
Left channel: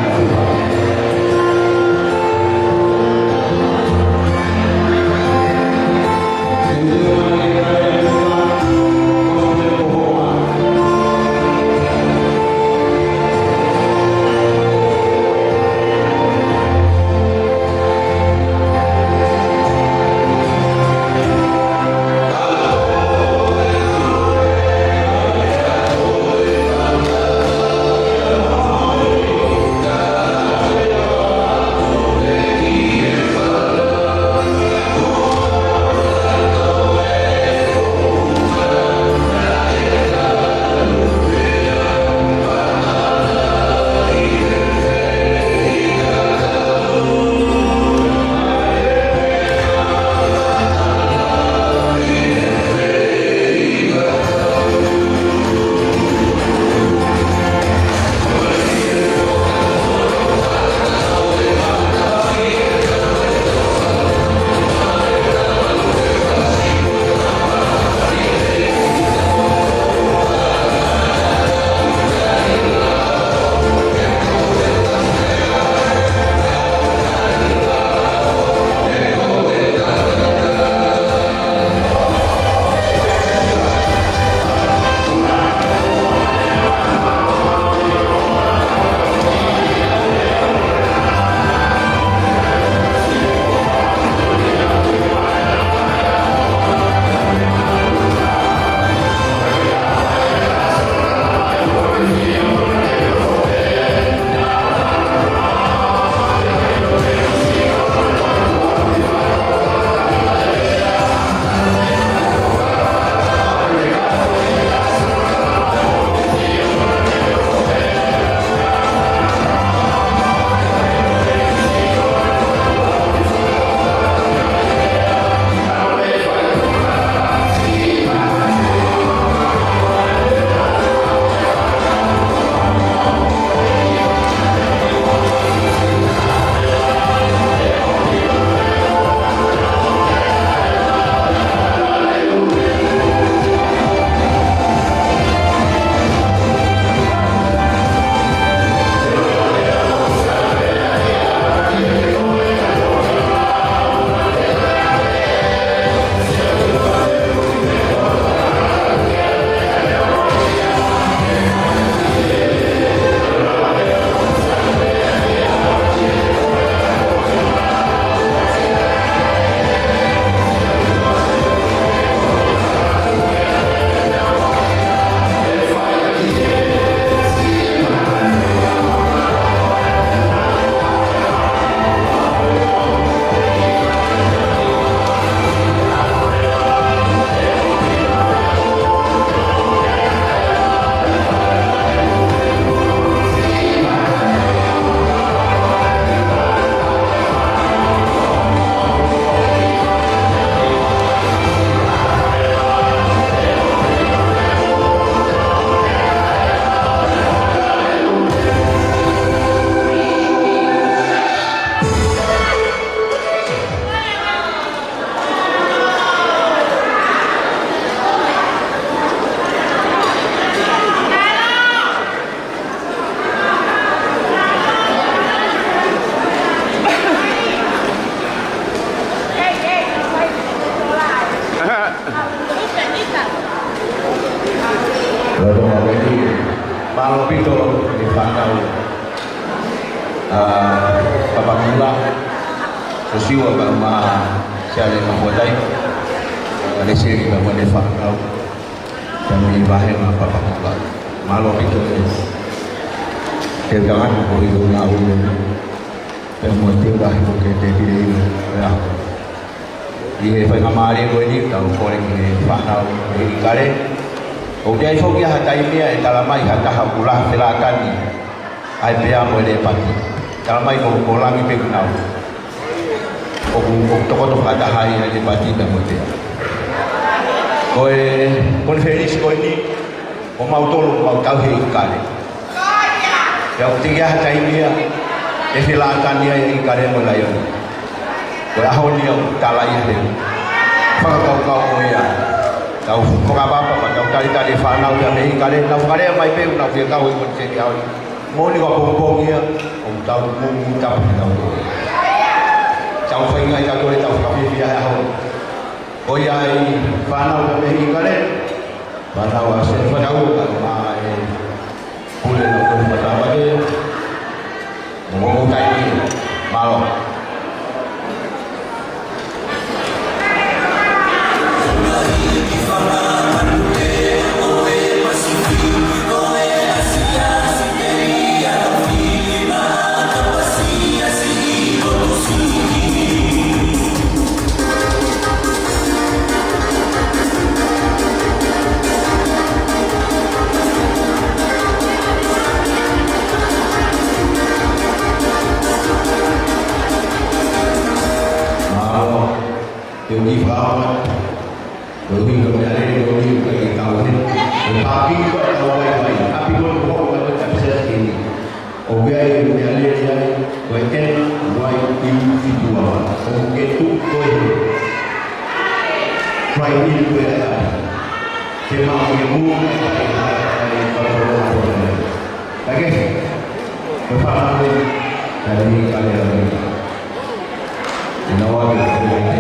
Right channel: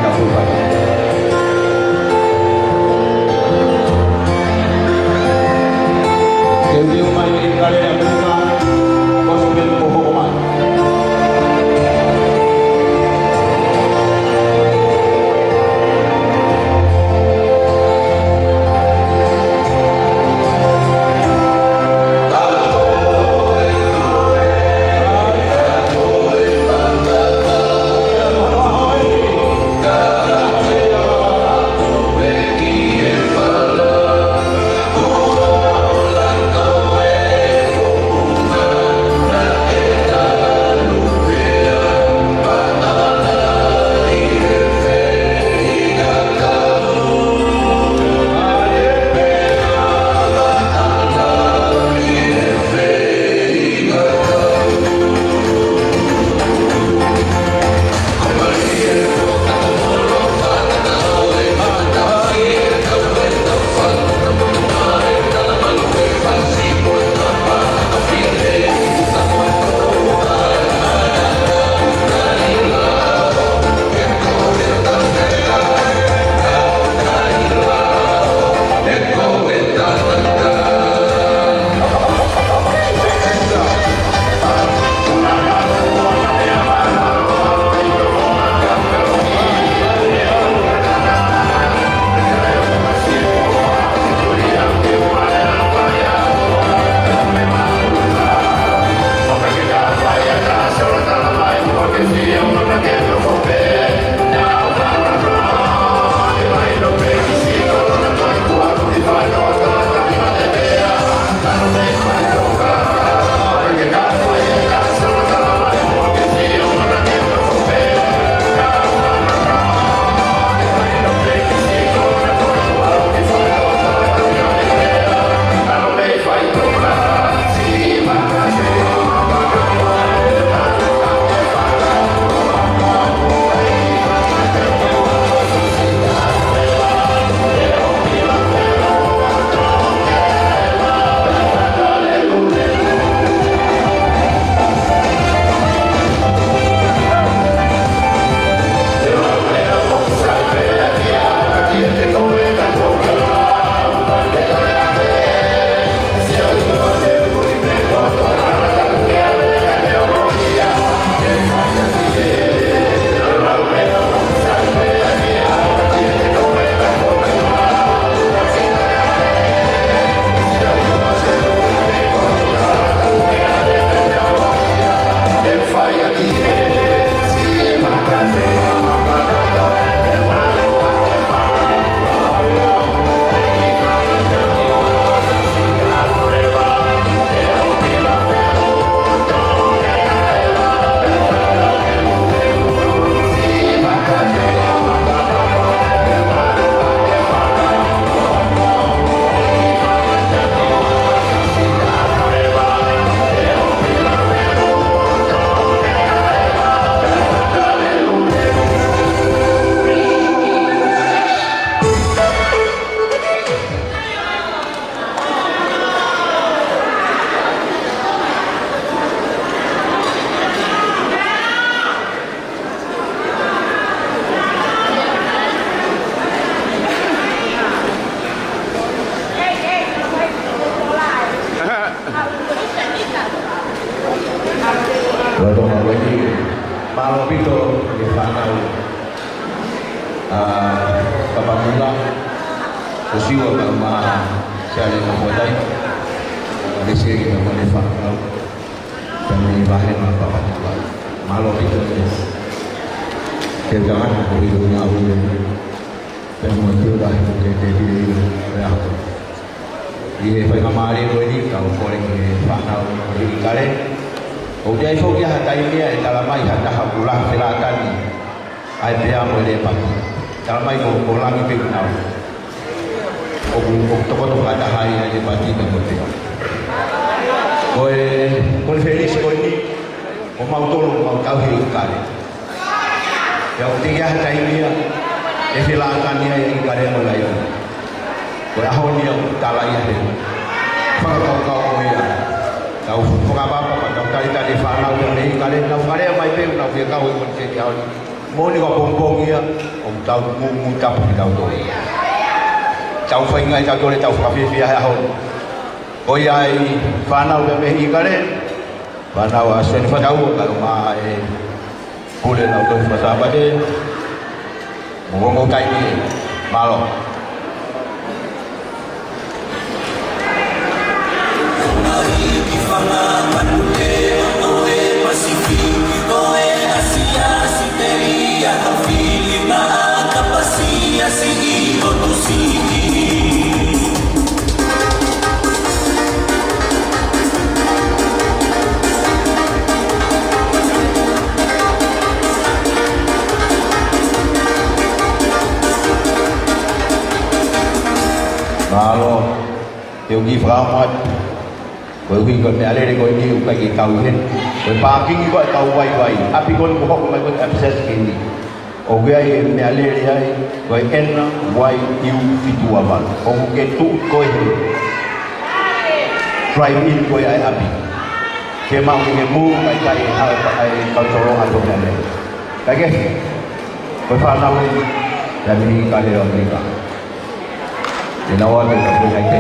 Malopito di Fanau Papakula Sosiwa Bama Siale Mabuday Alisi kita boleh Fanau dan di bahan Papakula Malopito Tergangan boleh ngawu dan motif dah bukan jadi ya dia phải ngamari ko ini kalau koreng ni Fanau di kare Ujai so dia hatai dia dalam mai hata hakulah silakan ni. Ai dia boleh pati. Dalam mai ko kolang ipe kunau. Toko-toko ada hari aja pati dan boleh. Kon feliz ko ni o mau tolu mau tau hi kare. Ya tiga hatai dia e filatan dia yang kare mo layo. Ko ahon dia talai dia. Pa kau ya. Tau ko apa pa tau tadi fa nau dia ni kare nau kare mai pe nau dia kau kon se dia. Mo ni ko pong dia om tau mu tau tau tu. Tau fa ngai tau tu tau ka fi ha ho. Oi ai fanau da mehi kare fanau asen fanau kalau mai boleh nak tu masa apa dia ngomong kai ni malo Điều gì phải không? Bởi vì còn nhà lên có nhiều cái tàu hết. Rồi parking gọi tàu quay quay. Api con có một cái access ini. Oke nhà lên đây gọi N Y U itu apa? Oke tu koi. Drive in koi ai api. Kemang memu ai kontrol apa mana? Lagi. Berfaham ni dari kalian ni. Dinawa kita ini.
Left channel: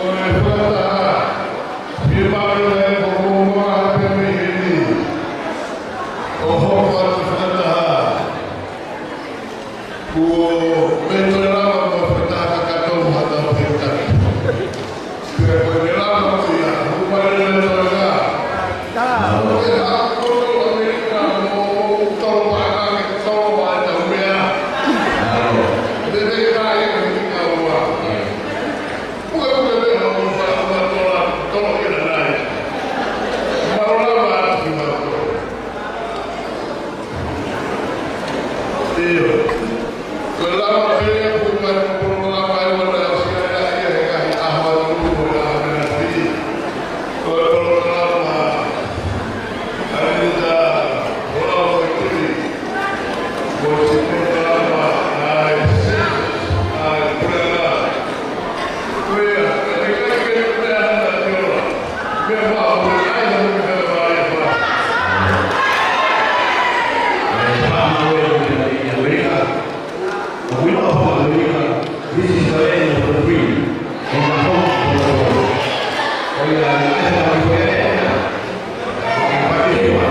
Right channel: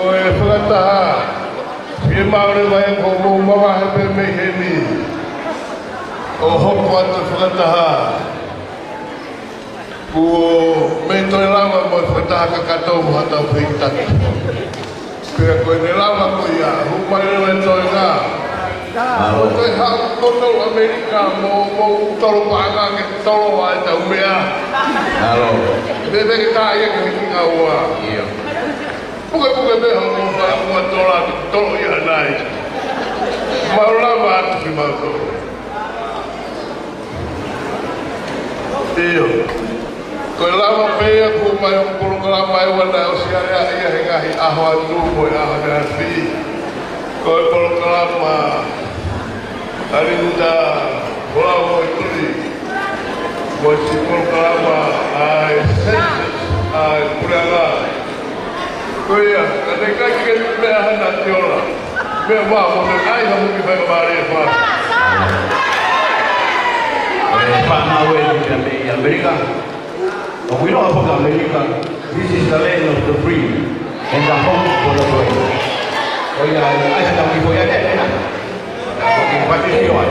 Oi, Fanta. Firma orang ngomong apa meheni. Oh, Fanta Fanta. Ku metro lama Fanta kakato hata Fanta. Kaya ko nilama ko ya, upaya nito nga. Kaya ako no Amerika mo tolo pa ka tolo wa ta umya. Debe kaya ko ikawa. Bukan behang tolong ya naik. Marulama tu mato. Iyo. Kelama paya kuman kelama wala usia ya kahi ahwal rumo ya nanti. Kelama hari kita bola ikut. Bos kelama ai kurang. Kuya, mereka kita berada di orang. Memang mereka yang lebih baik. Pak Nawel dari Amerika. We know about America. This is the land of the free and the home for the world. Oh yeah, I said we were there. Okay, what is your?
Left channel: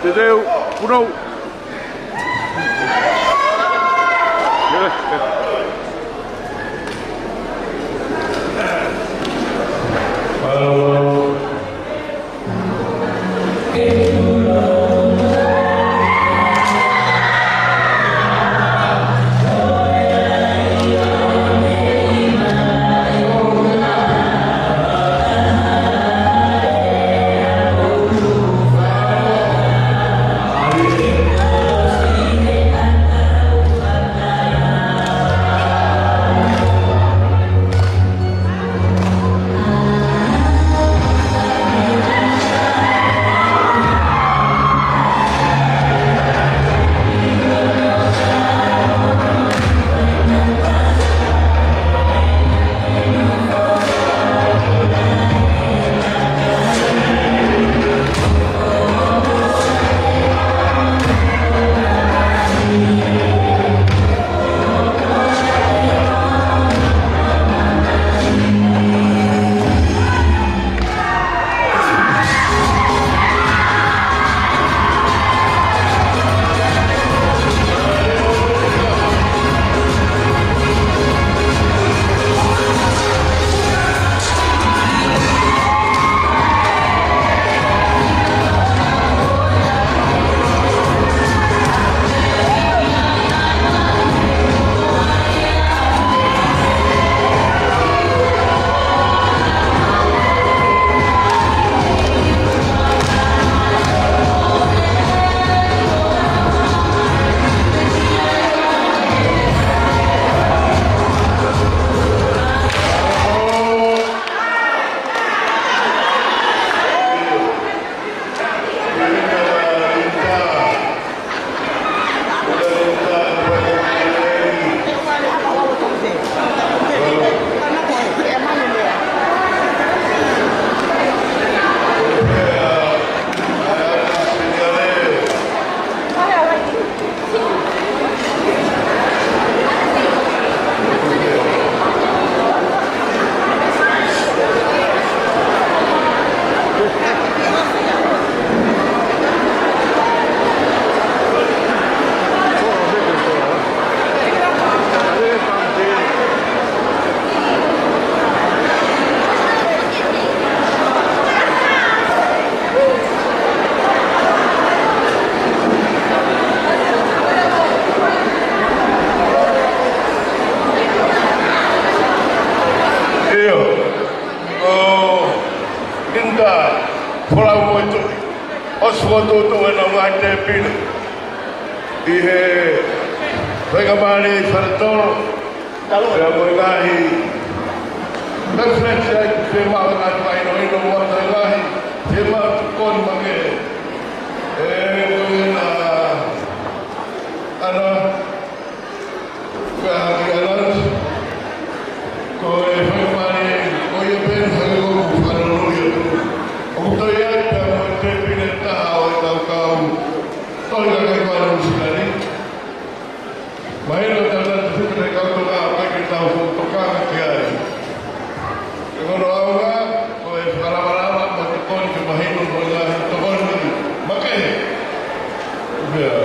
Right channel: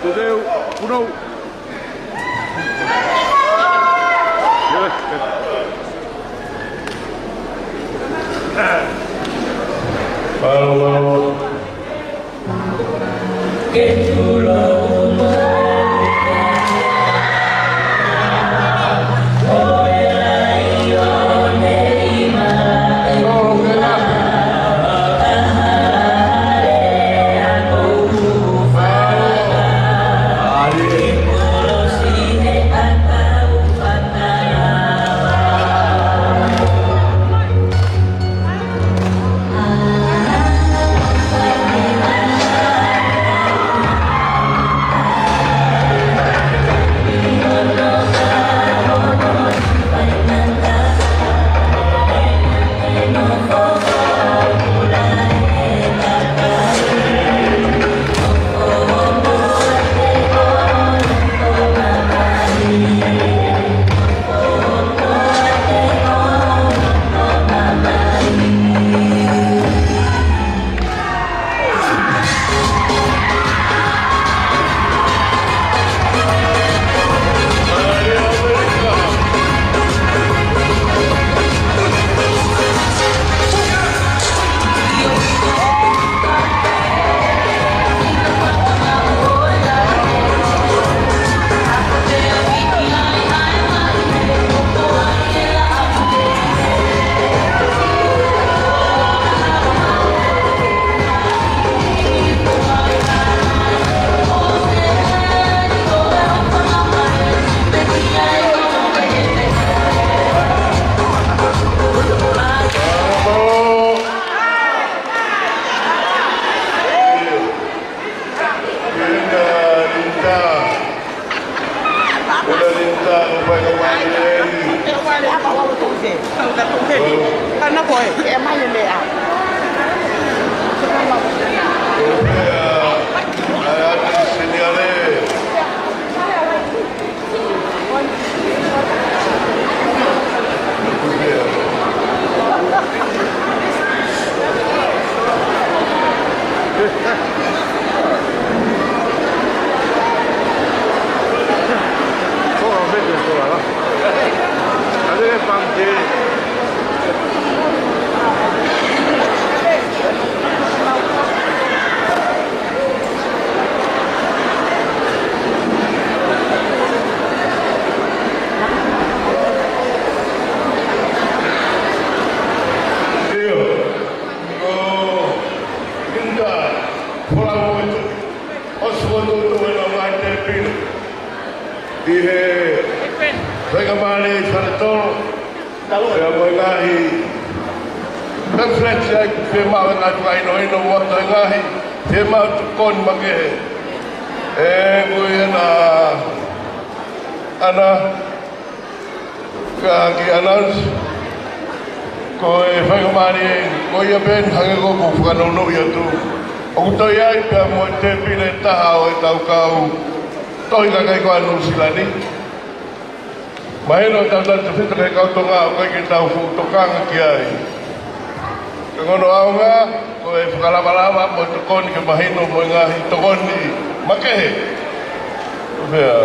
Today, uno. Toi kakai ko anu silani. Mahelo tanda tu tre kau toka kai ki tau toka kiai. Ngono aunga ko e fala mo tokon ke mahelo mo nga tokon ni make. Ya.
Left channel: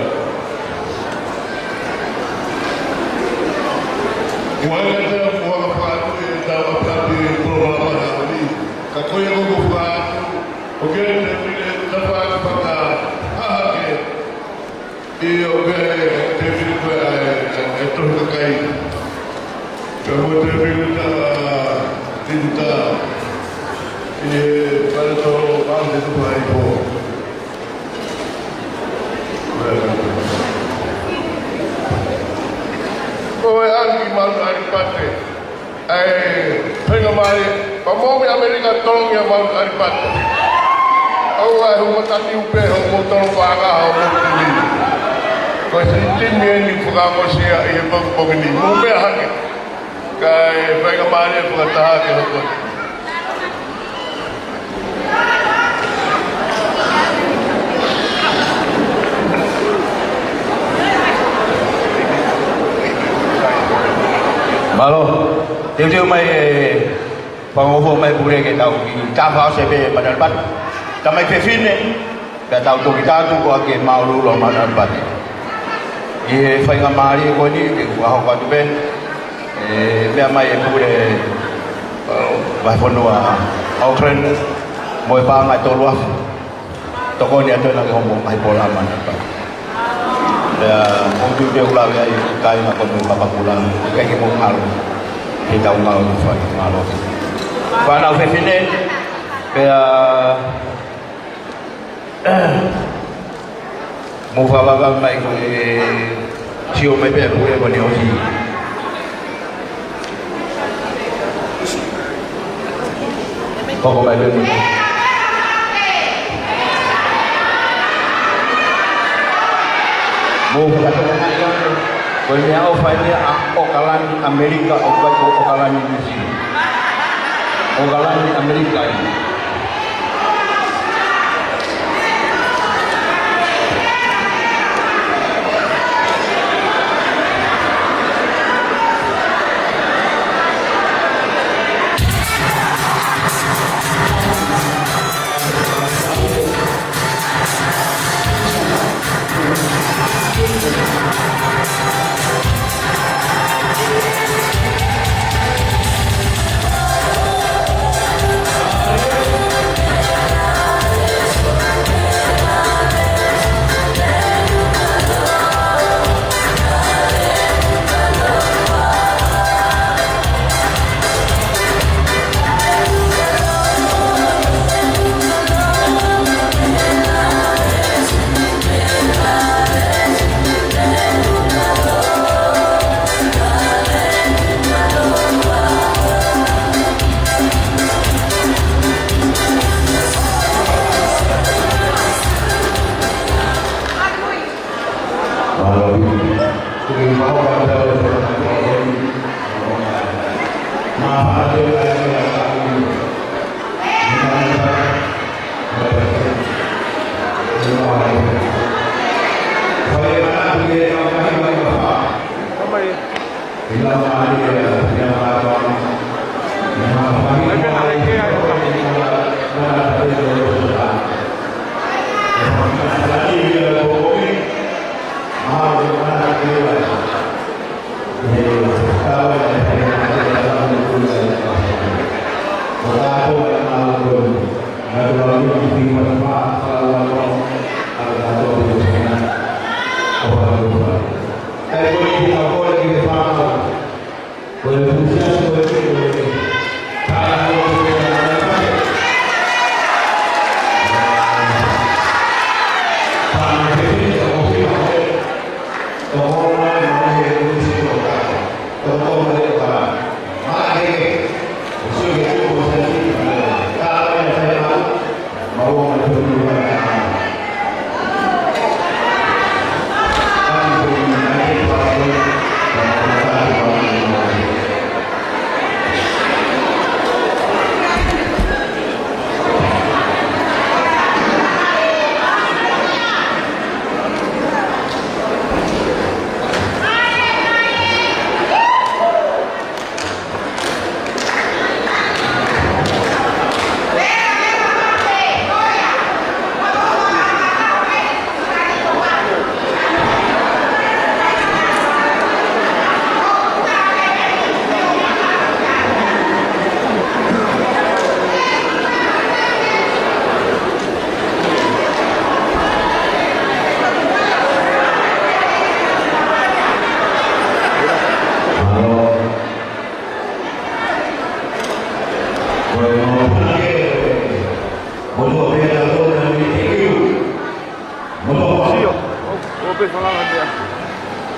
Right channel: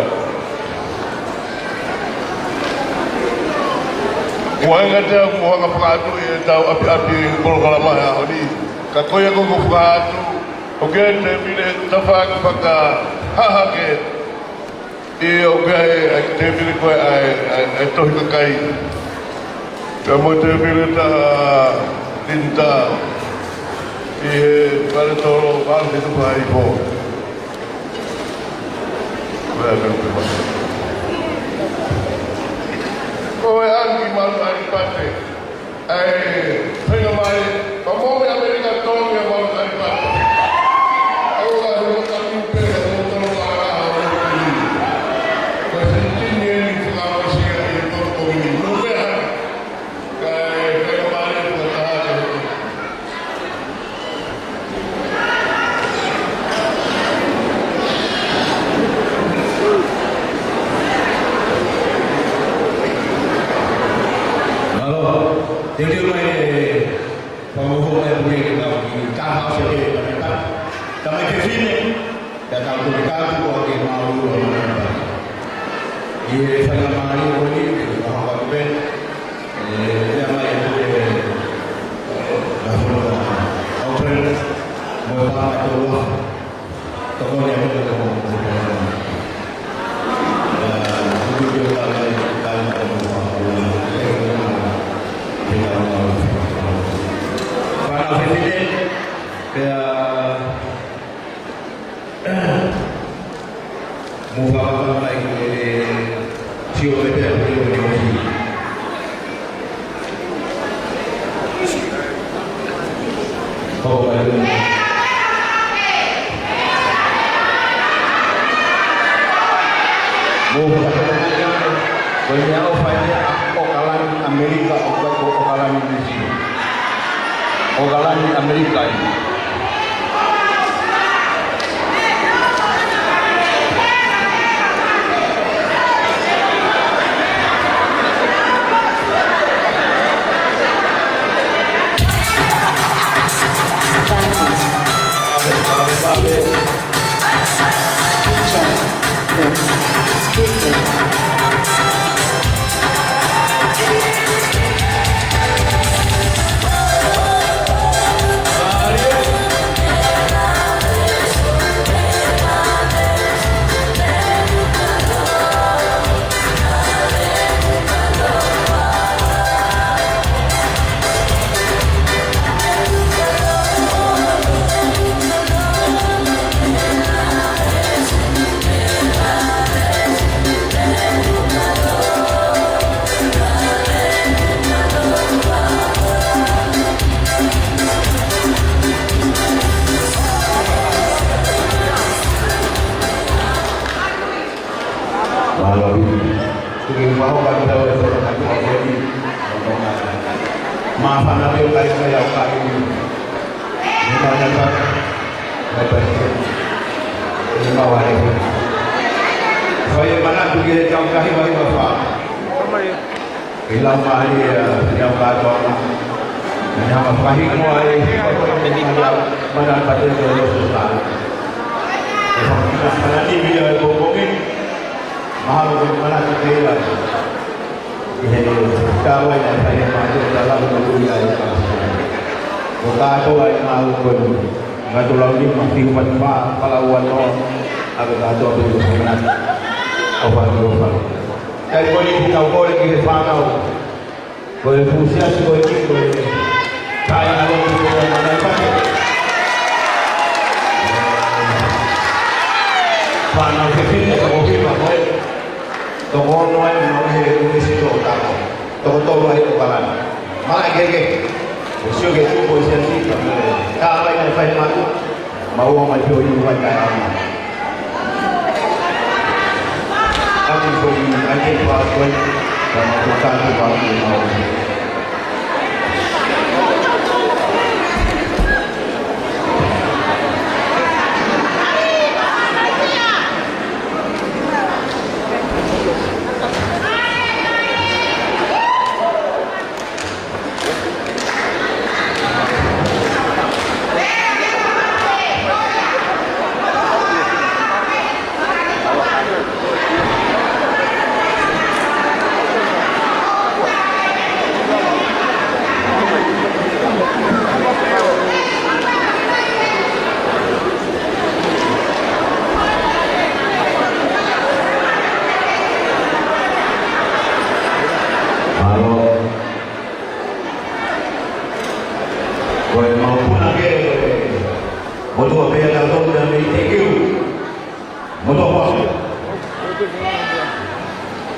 Wanga te mo nga fatu e tau api ko kala ma ni. Ka ko ye ko fatu. Oke te mire tafa ka ha ke e oke te mire ko ai to kai. Kamu te mire ta tinta e para todo parte do país po. Kowe angi mal ari pate. Penga mai, pamo Amerika tolong ya mal ari pate. Allah hu tati upe hu tolong paga hu tuli. Ko sentin ni fuga ko sia e ko ni. Upe hake. Kai penga mai fu ta ke hu. Malo, dia mai pengowo mai boleh kita tahu. Cakap siapa pada lepas, kami kefin ni, dah tahu tu kita tu buat game malu loh pada lepas. Ia faham mari kau ni, kau kau tu ben, dia mai boleh bahkan dua, orang mau faham macam luar, tokoh dia tu nak ngomong bahasa bola mana. Dan mungkin dia ulang kali nak berapa bulan, kayak mau malu, kita malu. Kalau presiden, mufakat baik siapa yang boleh berdiri. Kau baik. Boleh aku faham okalan Amerika, okalan Indonesia, okalan Amerika ini.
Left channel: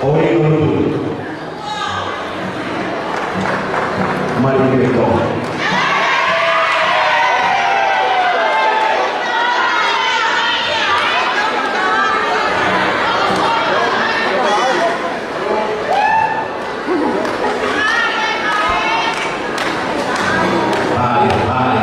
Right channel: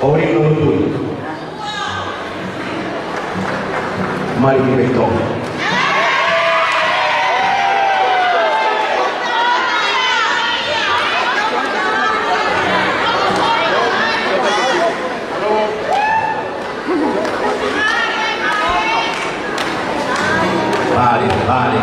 Ori Nurul. Mari kita berdoa. Mari.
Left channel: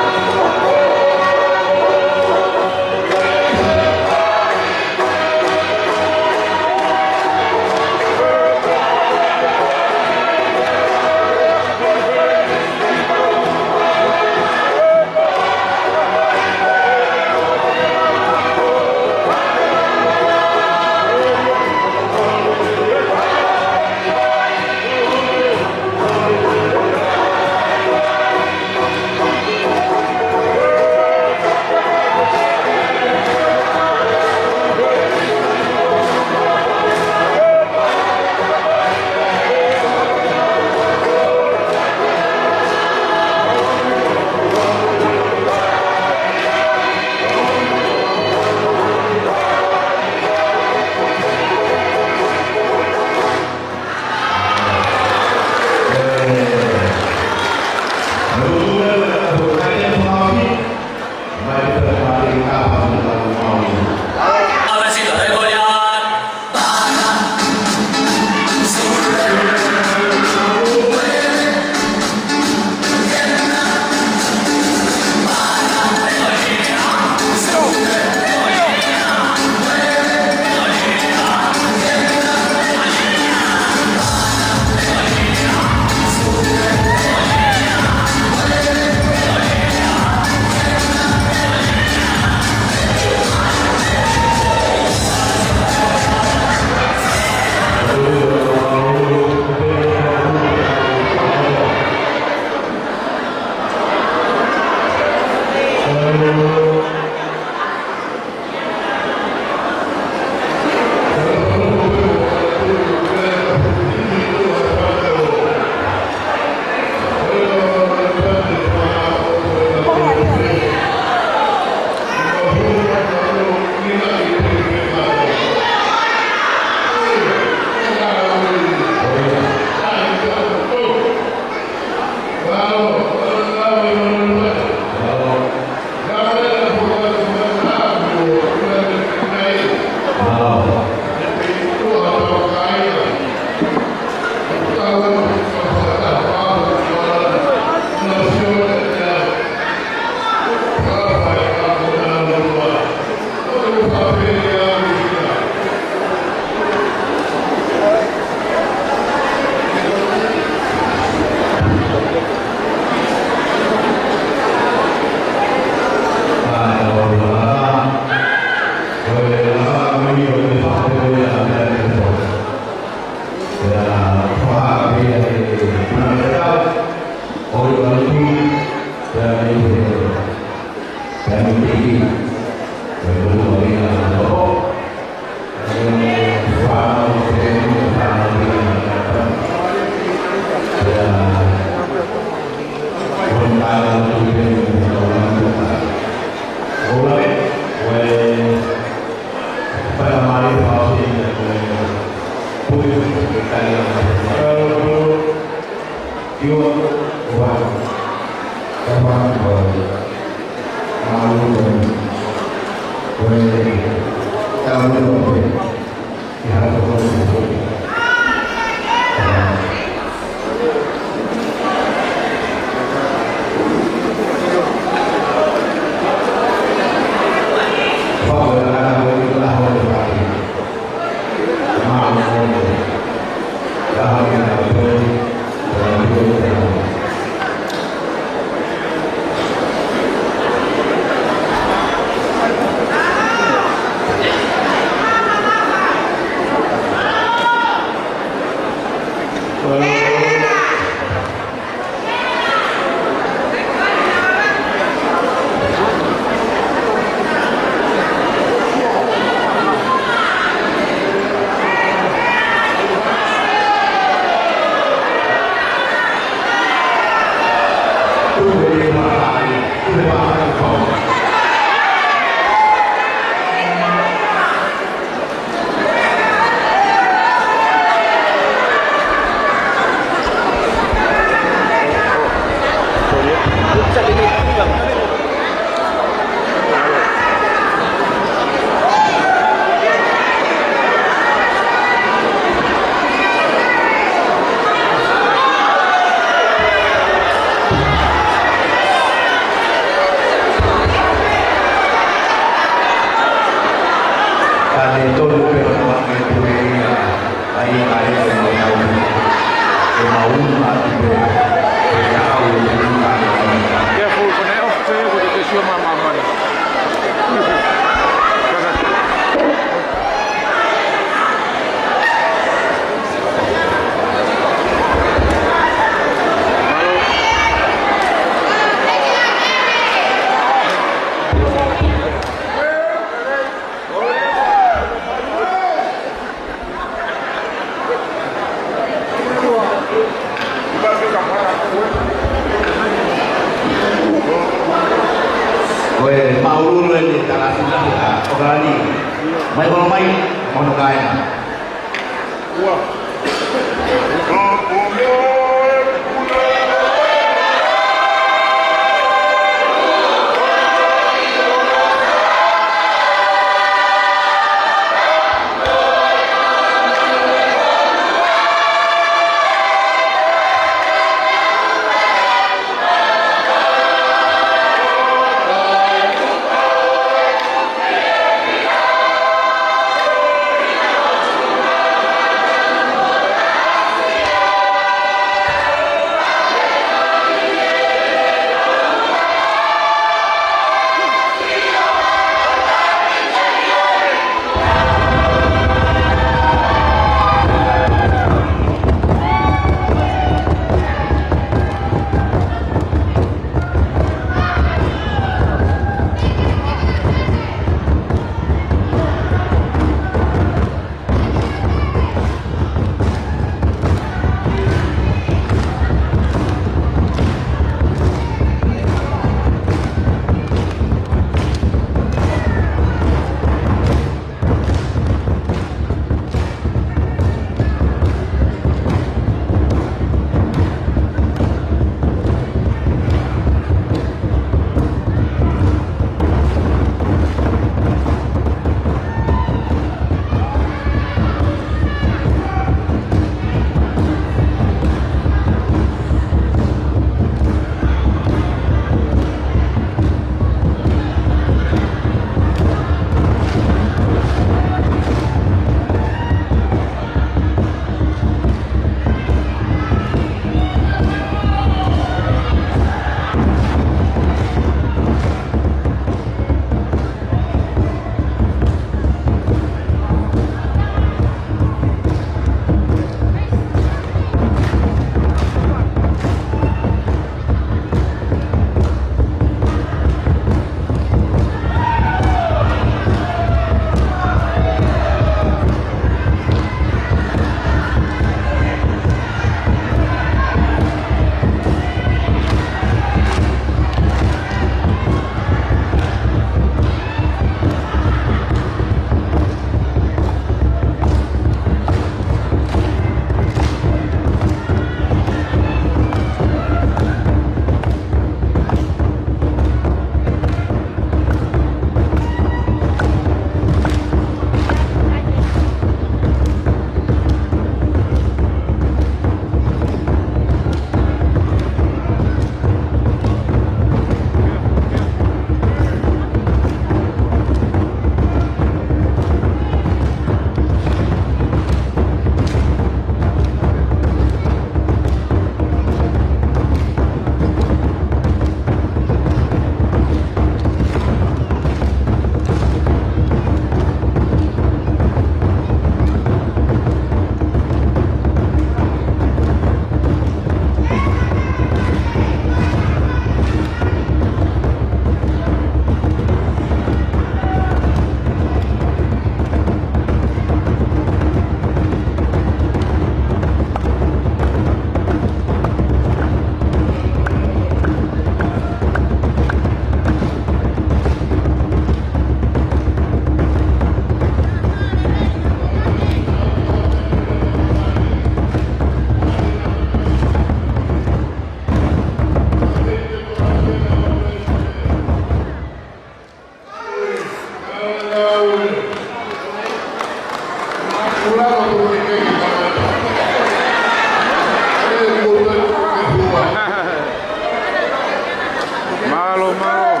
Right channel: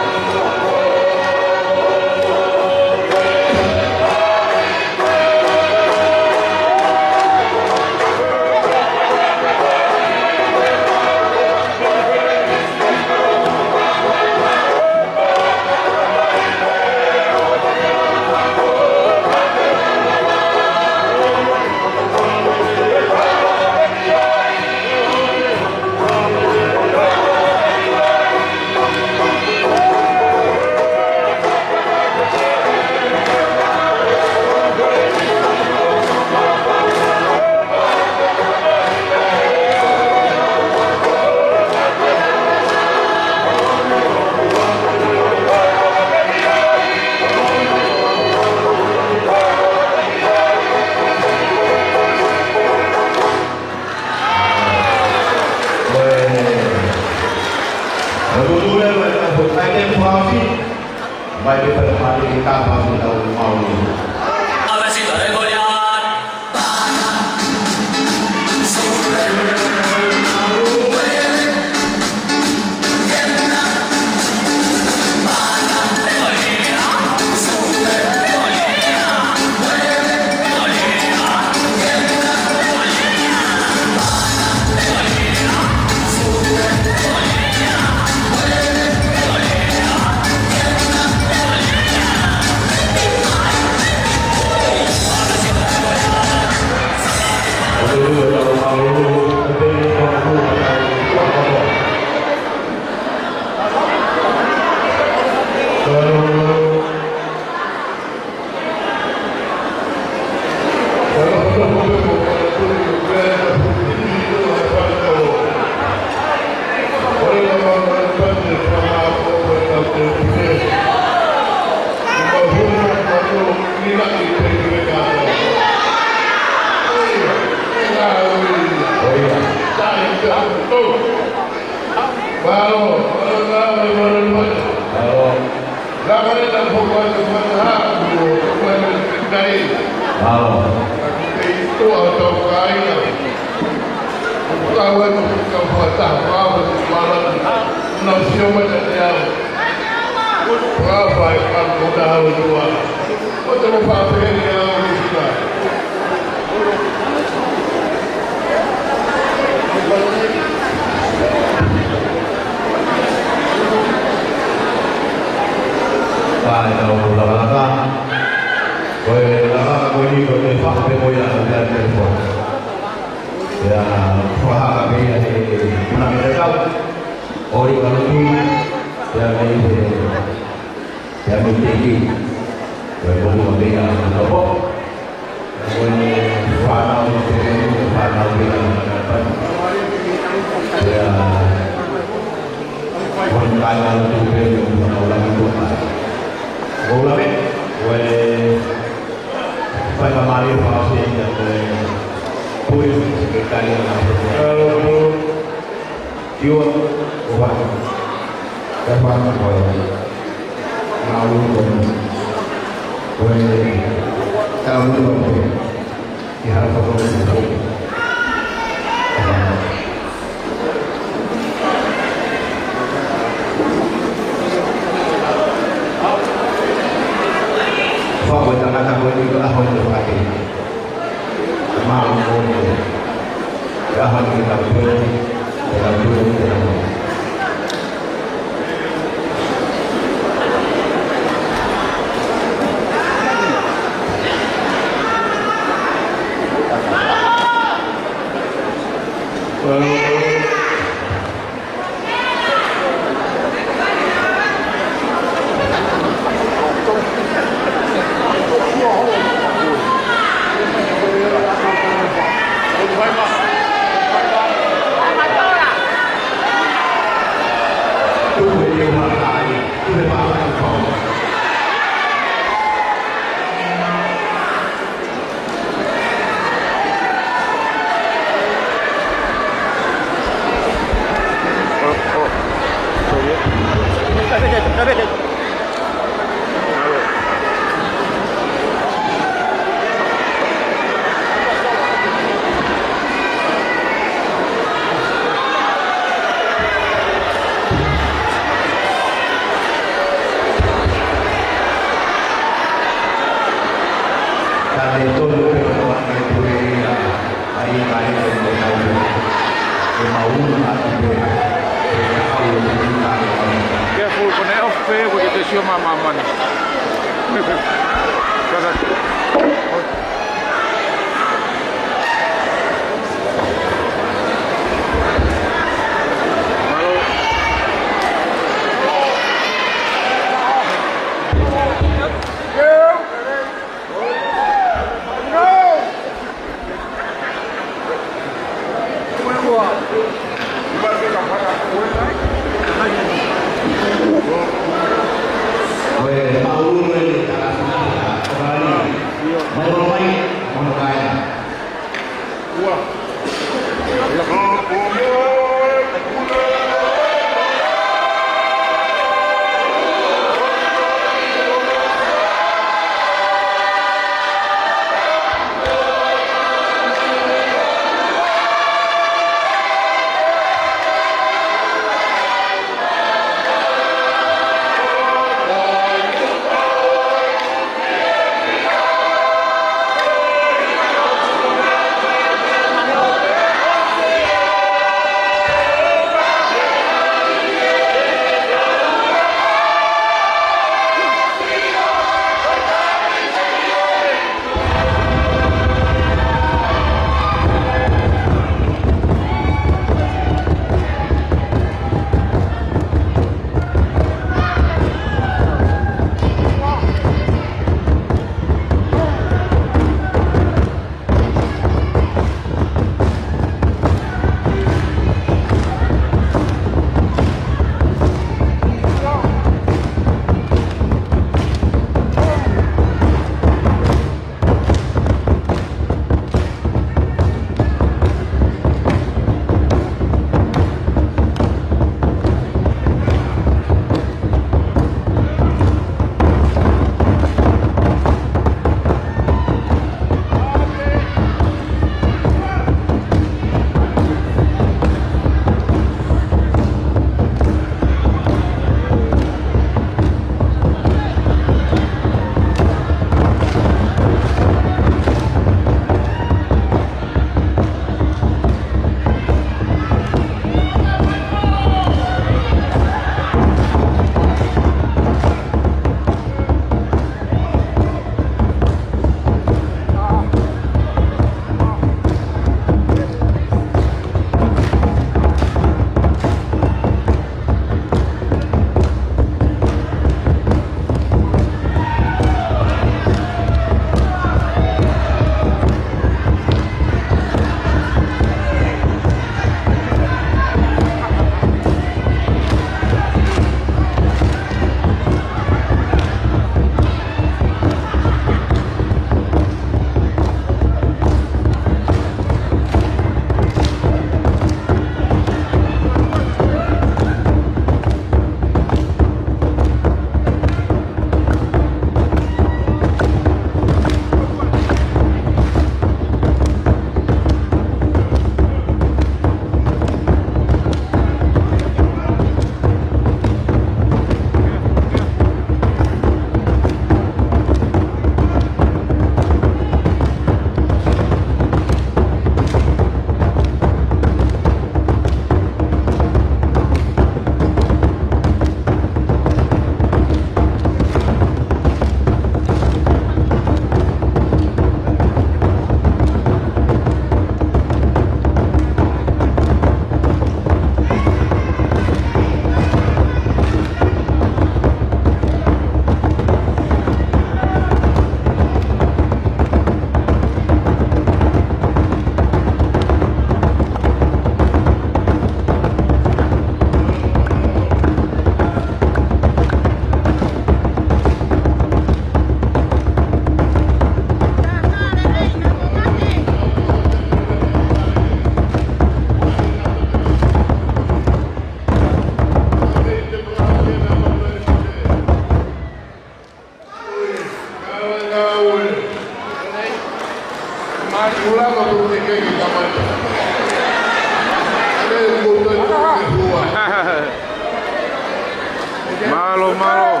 Malo, malo.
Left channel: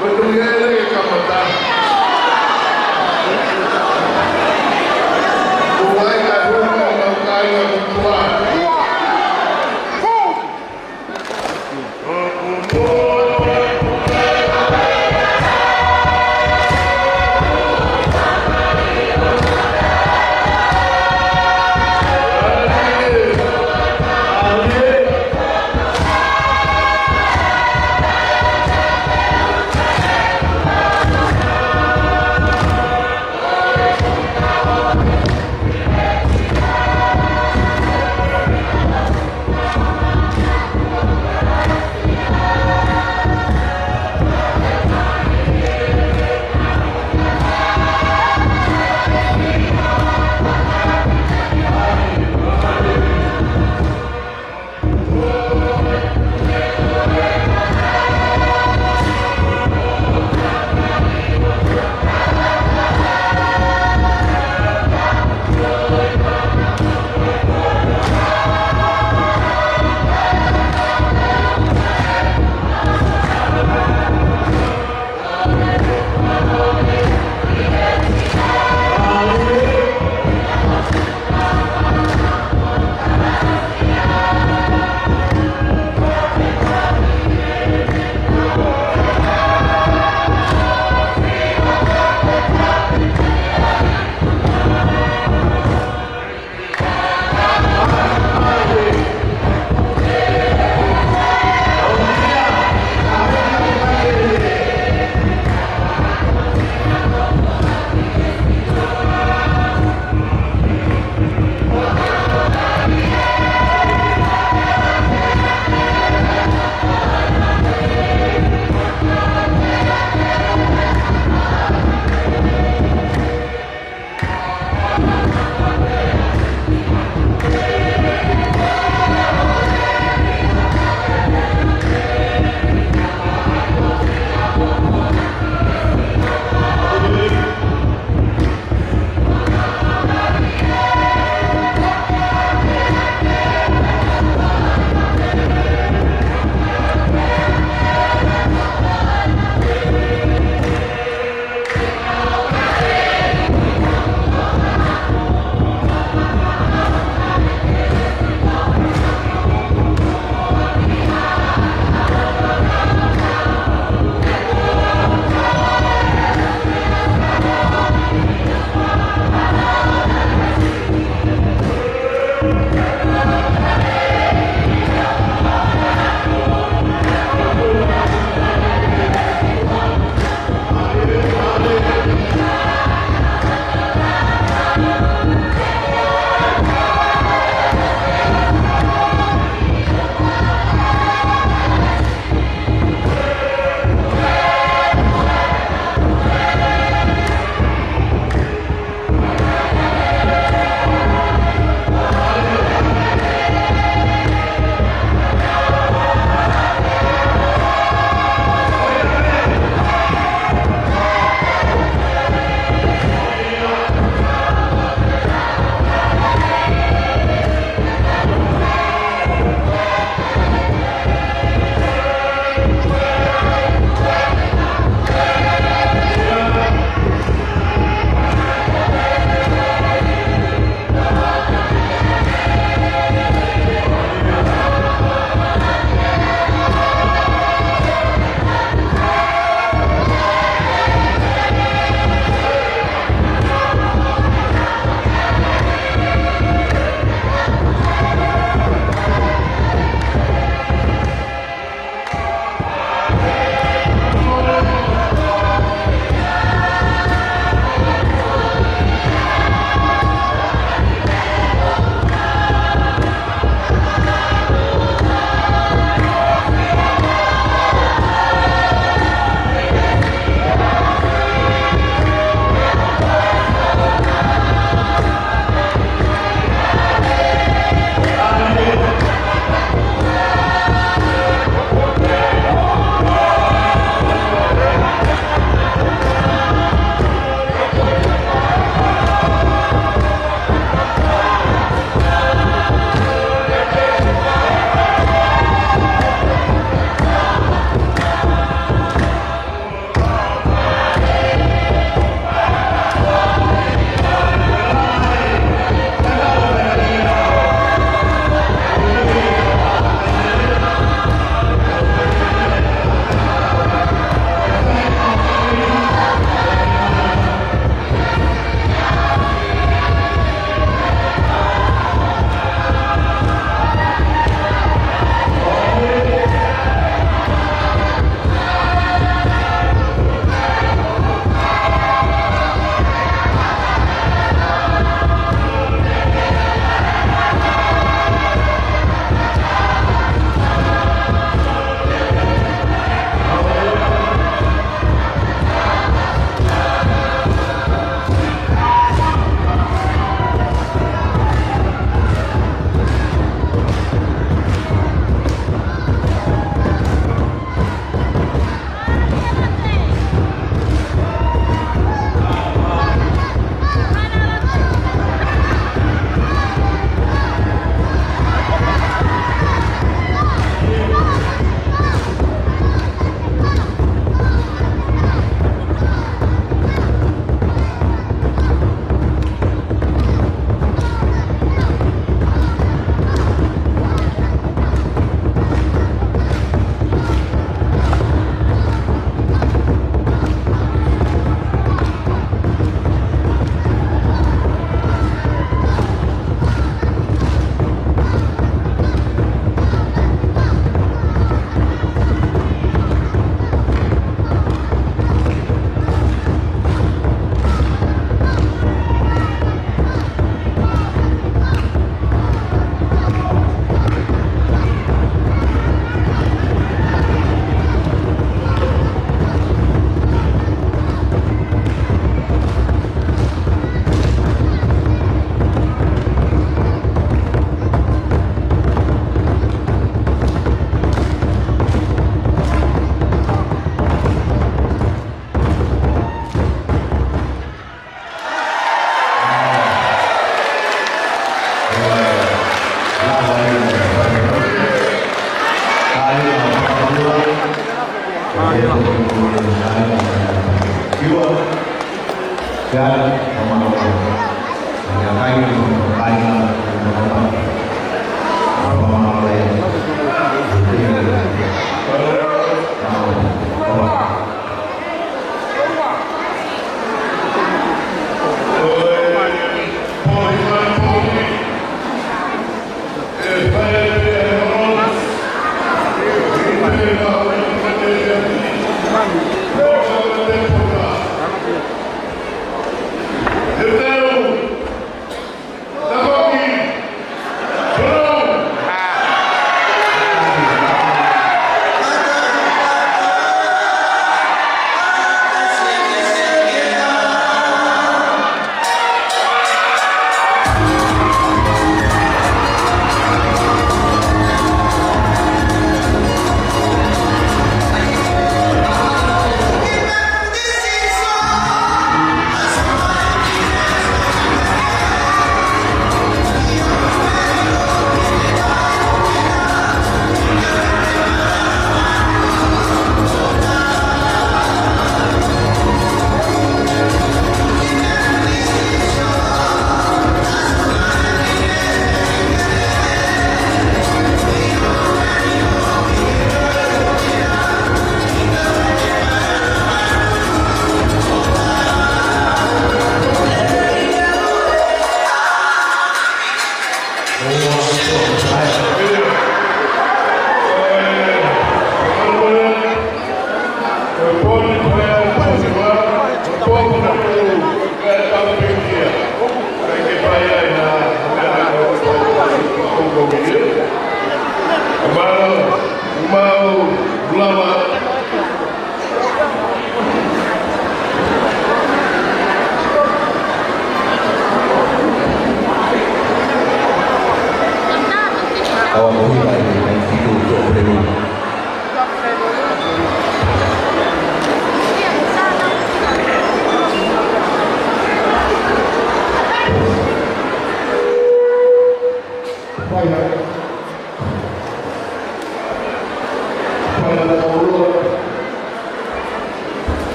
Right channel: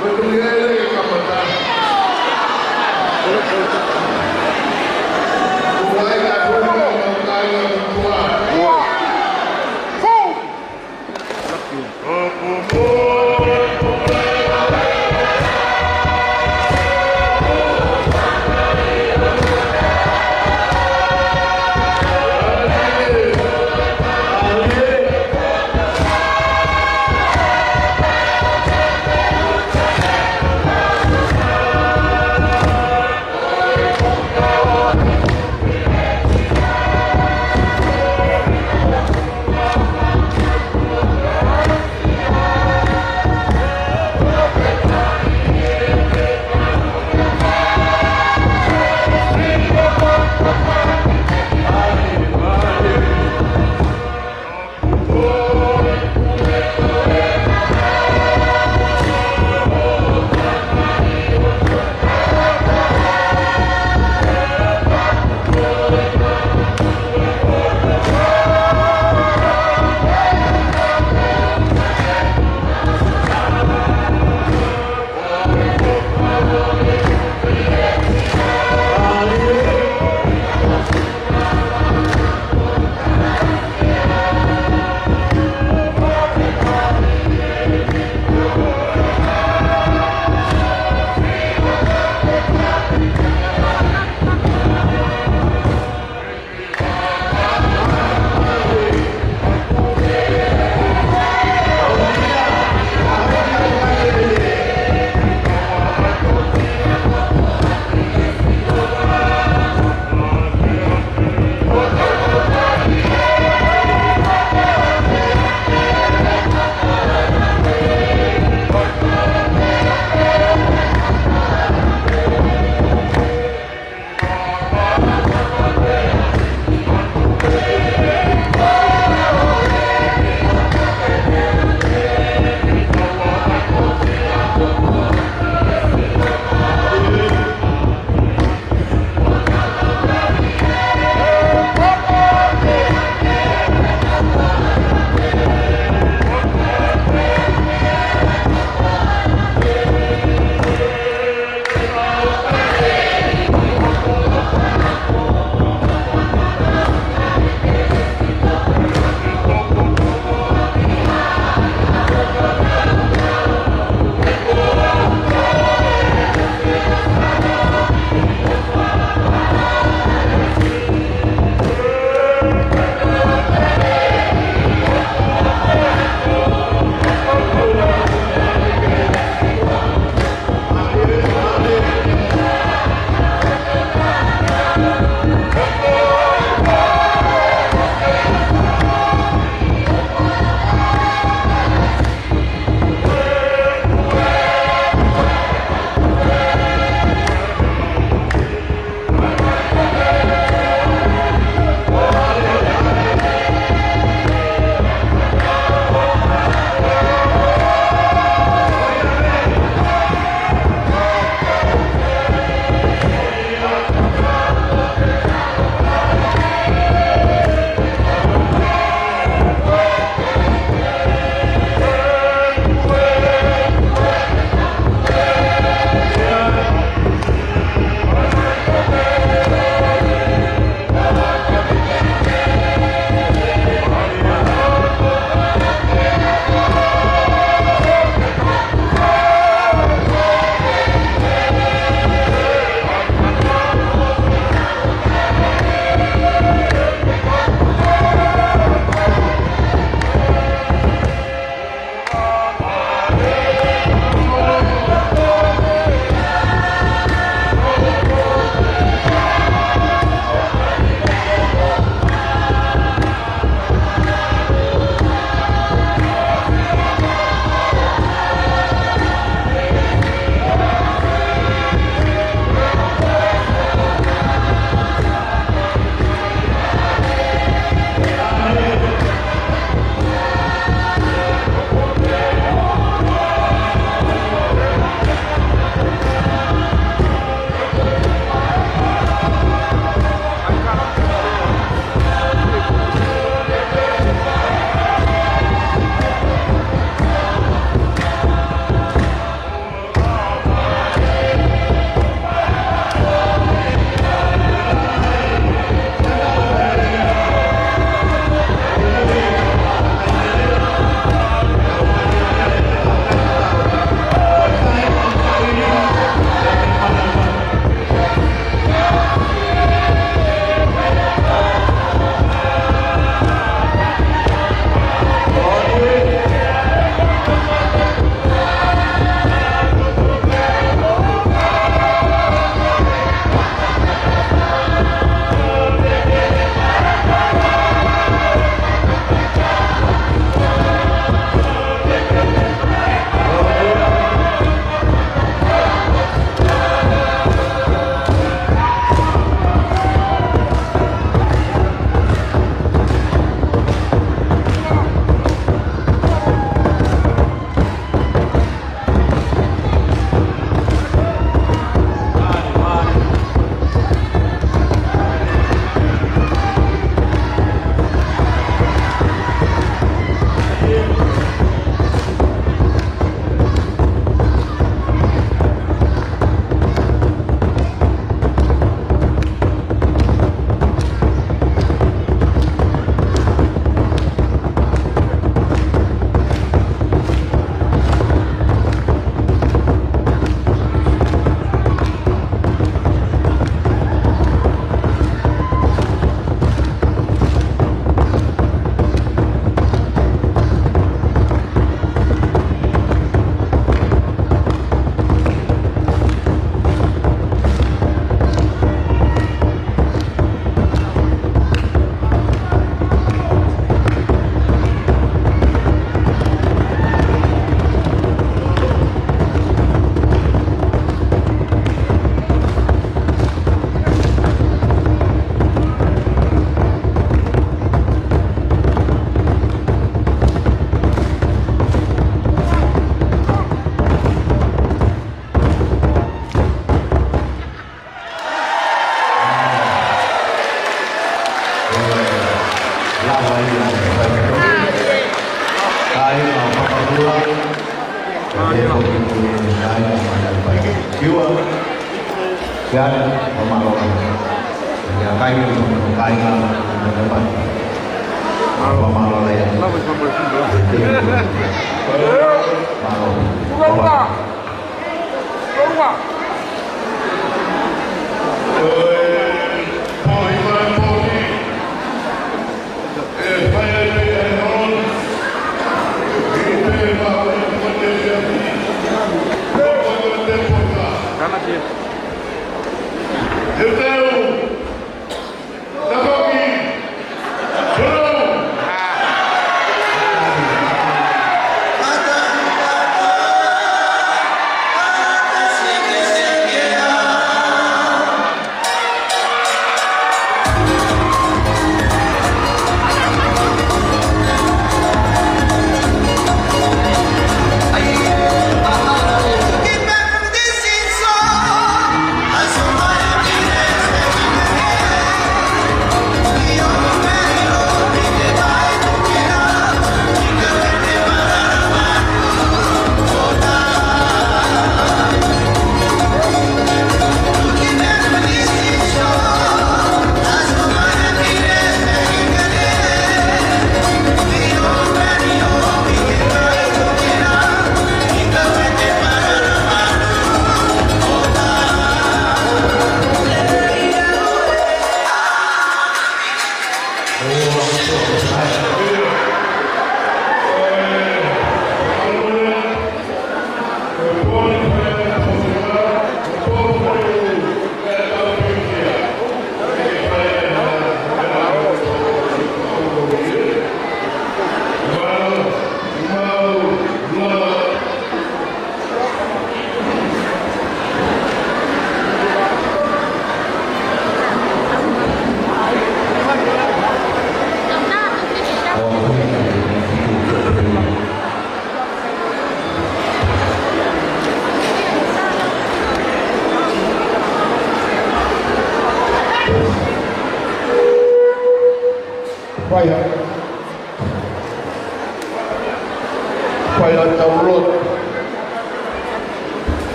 Betul-betul kapal. Buai kau mau kaya buat.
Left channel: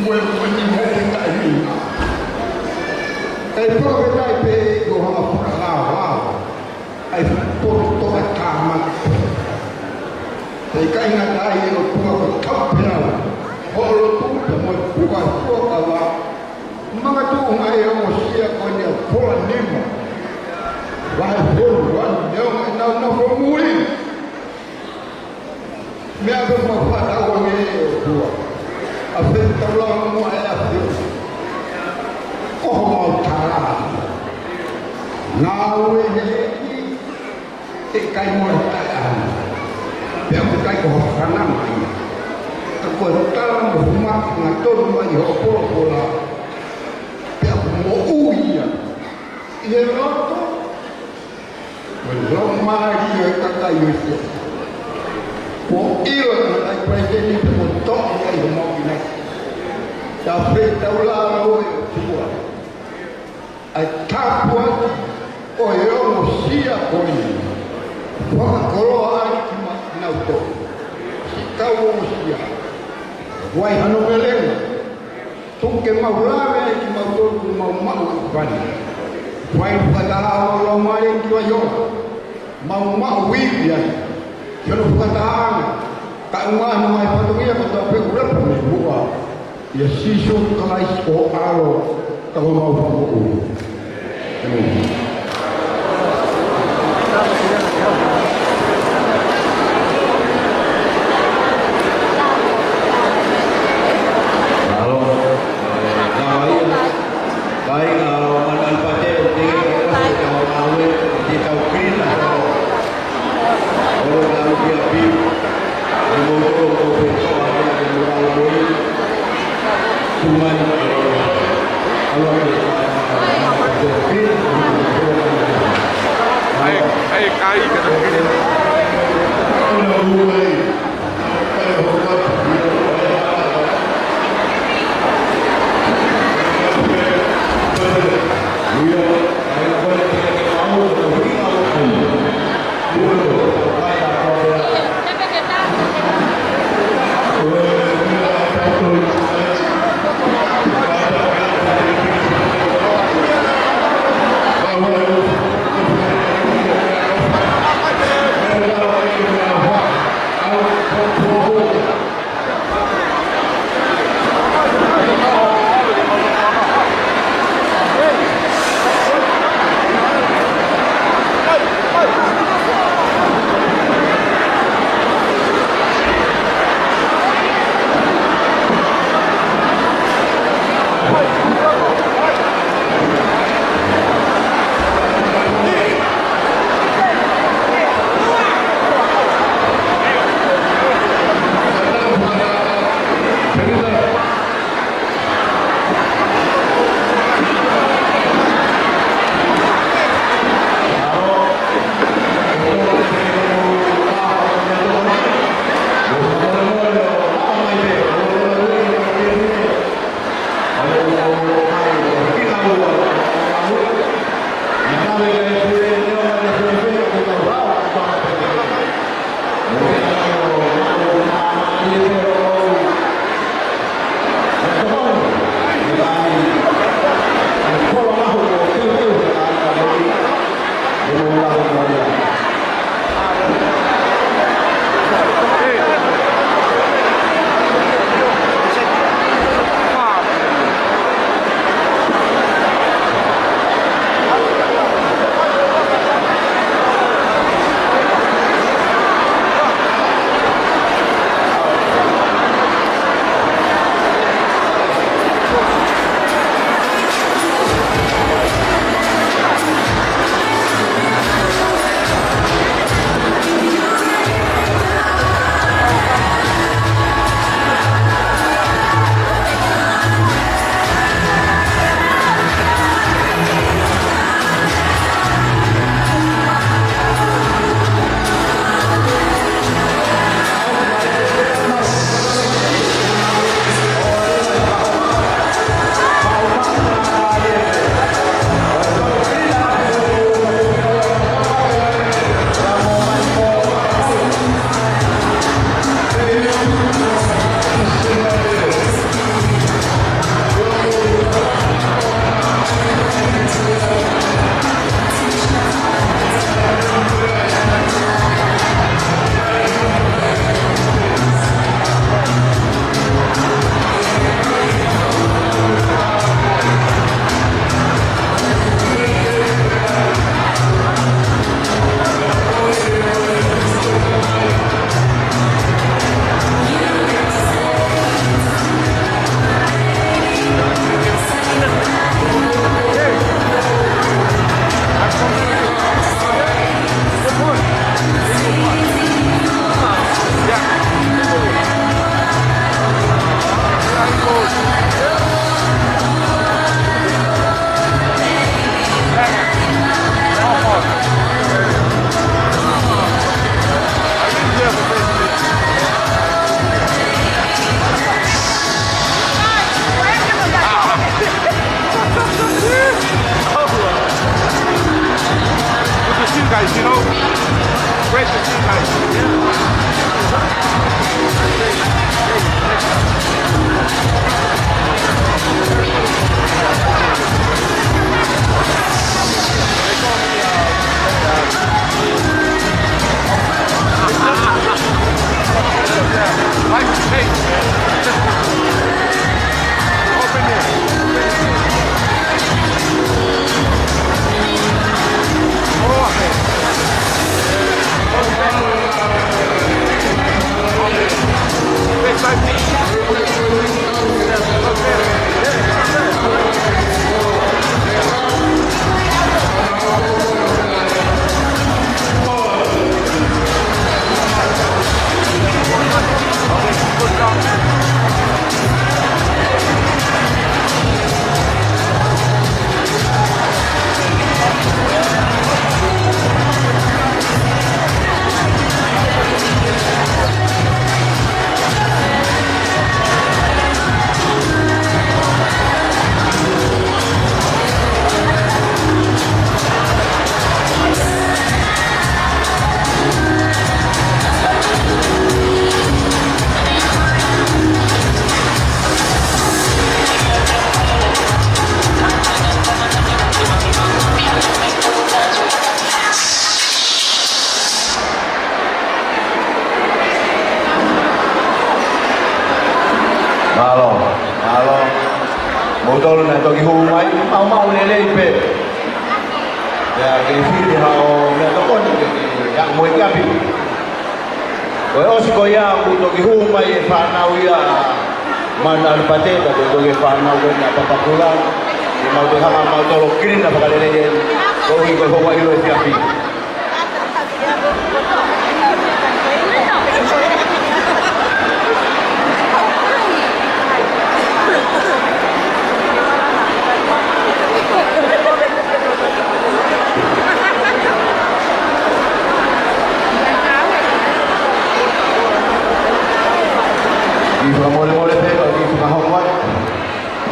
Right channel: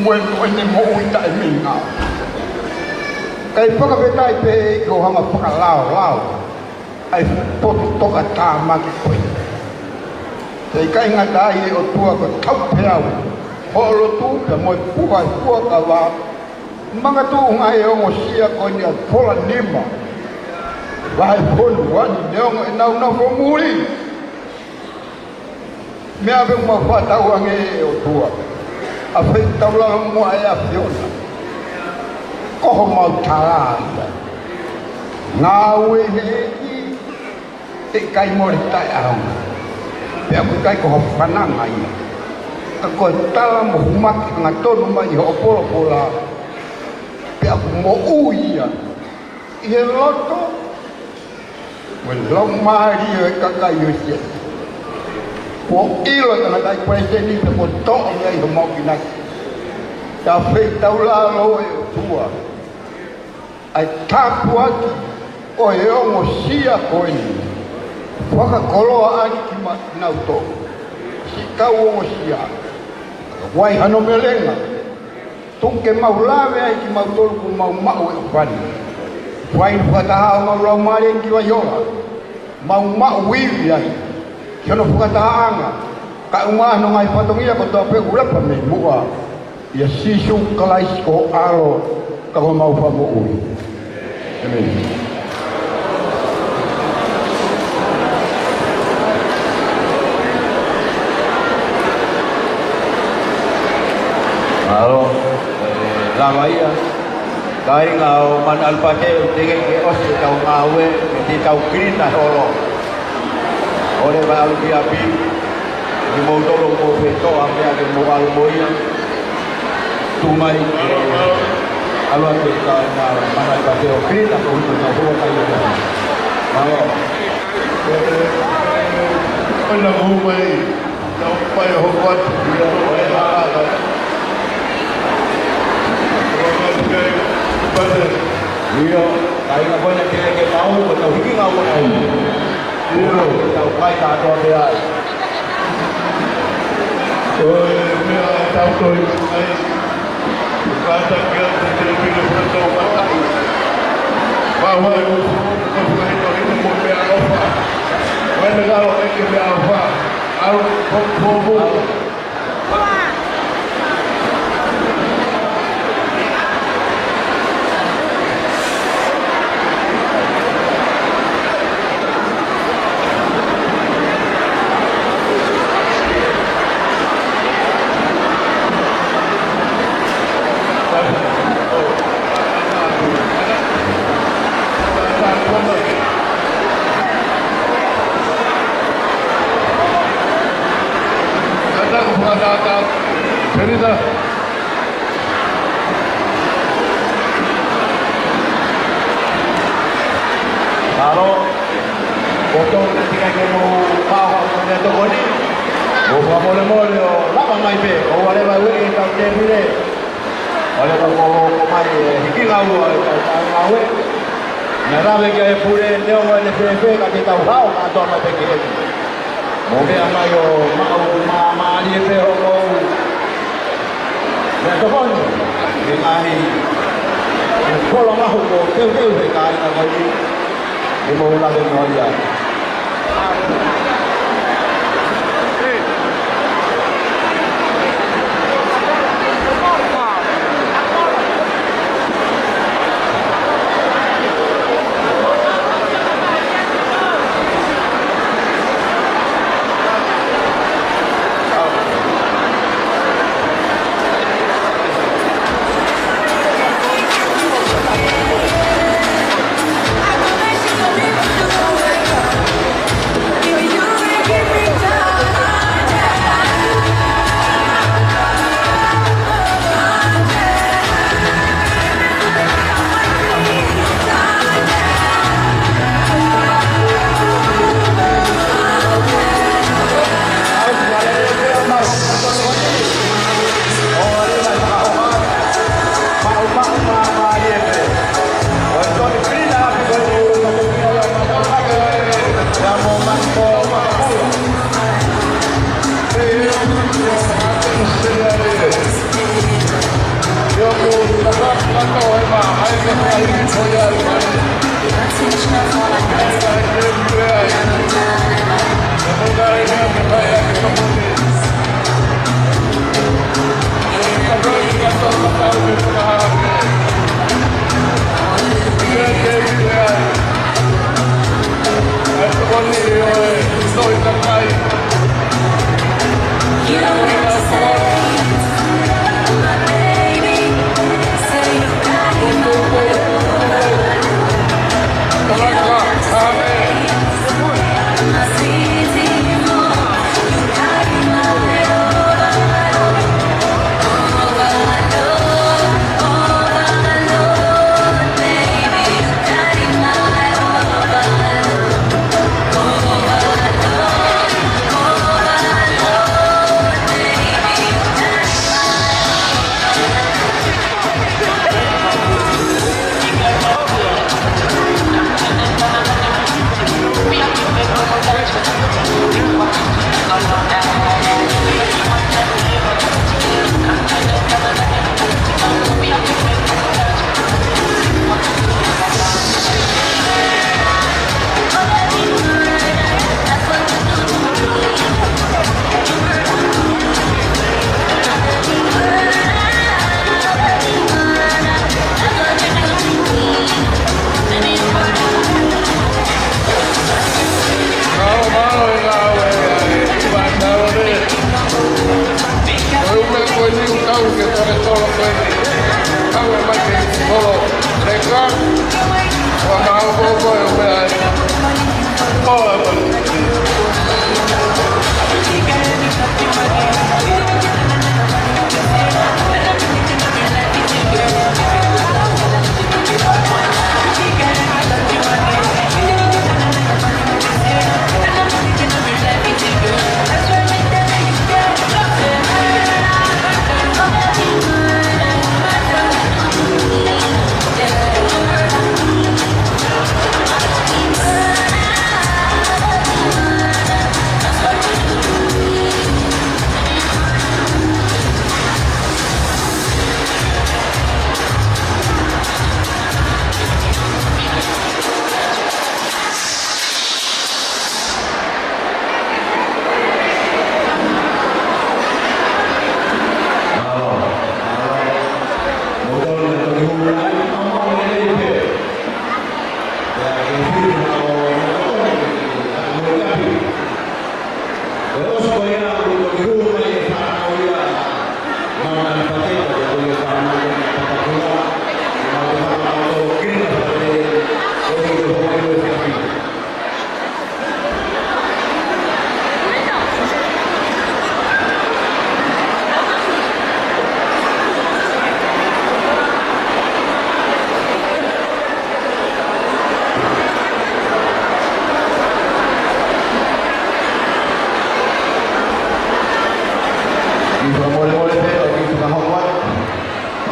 Mwen ni mo unta minga. Kai whakawetai pe ko hanga whakalao. Ai potu toka tāma ki koe. Te kai ngā tai o tua ko taupeau. Holo tu te moi pukai puaka wā. Mga tu ngai o sia ko ni a pola nima. Vai polu wan neong e nau whamuri. Mea pe ma whatau ange o tua. A whetau la mua e a whiona. Koho mau tāra. Ngā ue he te kai mori tai ahanga. Pea ku kai koho whananga ia. Ka koe tala mo humaki ngā tonu mai ho opora pora. Pea ku mo uia. I he loto. Mo lau maari o e kakai o sia. Mo ilo e kai presidenti te mo toa ia i ho mau ki nai. Ta whetau la rau e o tua. Ai tāpu ati o e ongo sia koe ni. Waka koloa ani ki nau tō. Si kau ongo sia. Wai hano melenga. Tunke maulawe ai ki mau tōru ku mau mau e whani. Wai whakataha o lo mare ki wa yoa. Mau mau wiwi ai. Kiono whakataha anga. Ka umano ngai whatongia ko tō peku repa me mua. Ia sisu kalais o alo ka ho mau whamu uri. Amen. Kai ngau man alpate tinggi ke os tau ngawe di tau krina solo. Ore ba alu biapi di motor ko beto ame ade moral boy. Tumai alu ade kai man alpate krina ko di tau ngawe. Ai Ona uwe. Pai ho wat dia pai ala. Dia kai na boleh kita ke tahu atau pergi ngau ai. Dia tahu kai tak tahu dia. Oh, dia tahu tu. Pada dia bahawa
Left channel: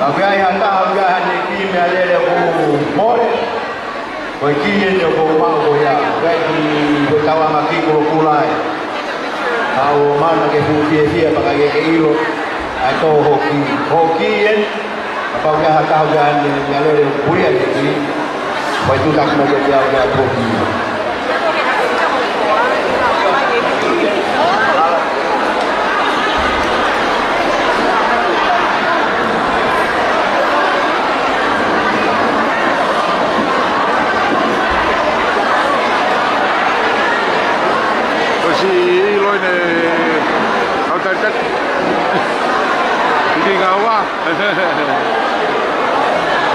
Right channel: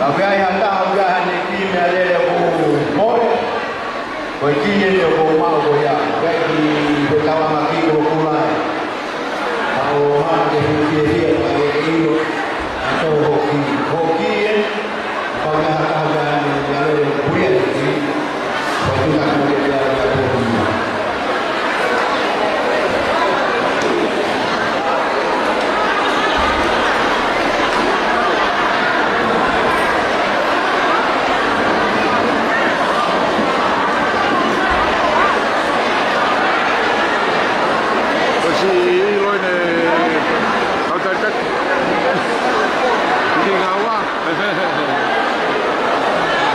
Agai hata agai ni ki me ale ko more. Ko ki ni ko ma ko ya. Agai ki ko tawa ma ki ko kulai. Au mana ke fu dia agai ke ilo. Atau hoki en. Agai hata agai ni ale ko ya ni. Ko tu tak mo ke dia hoki.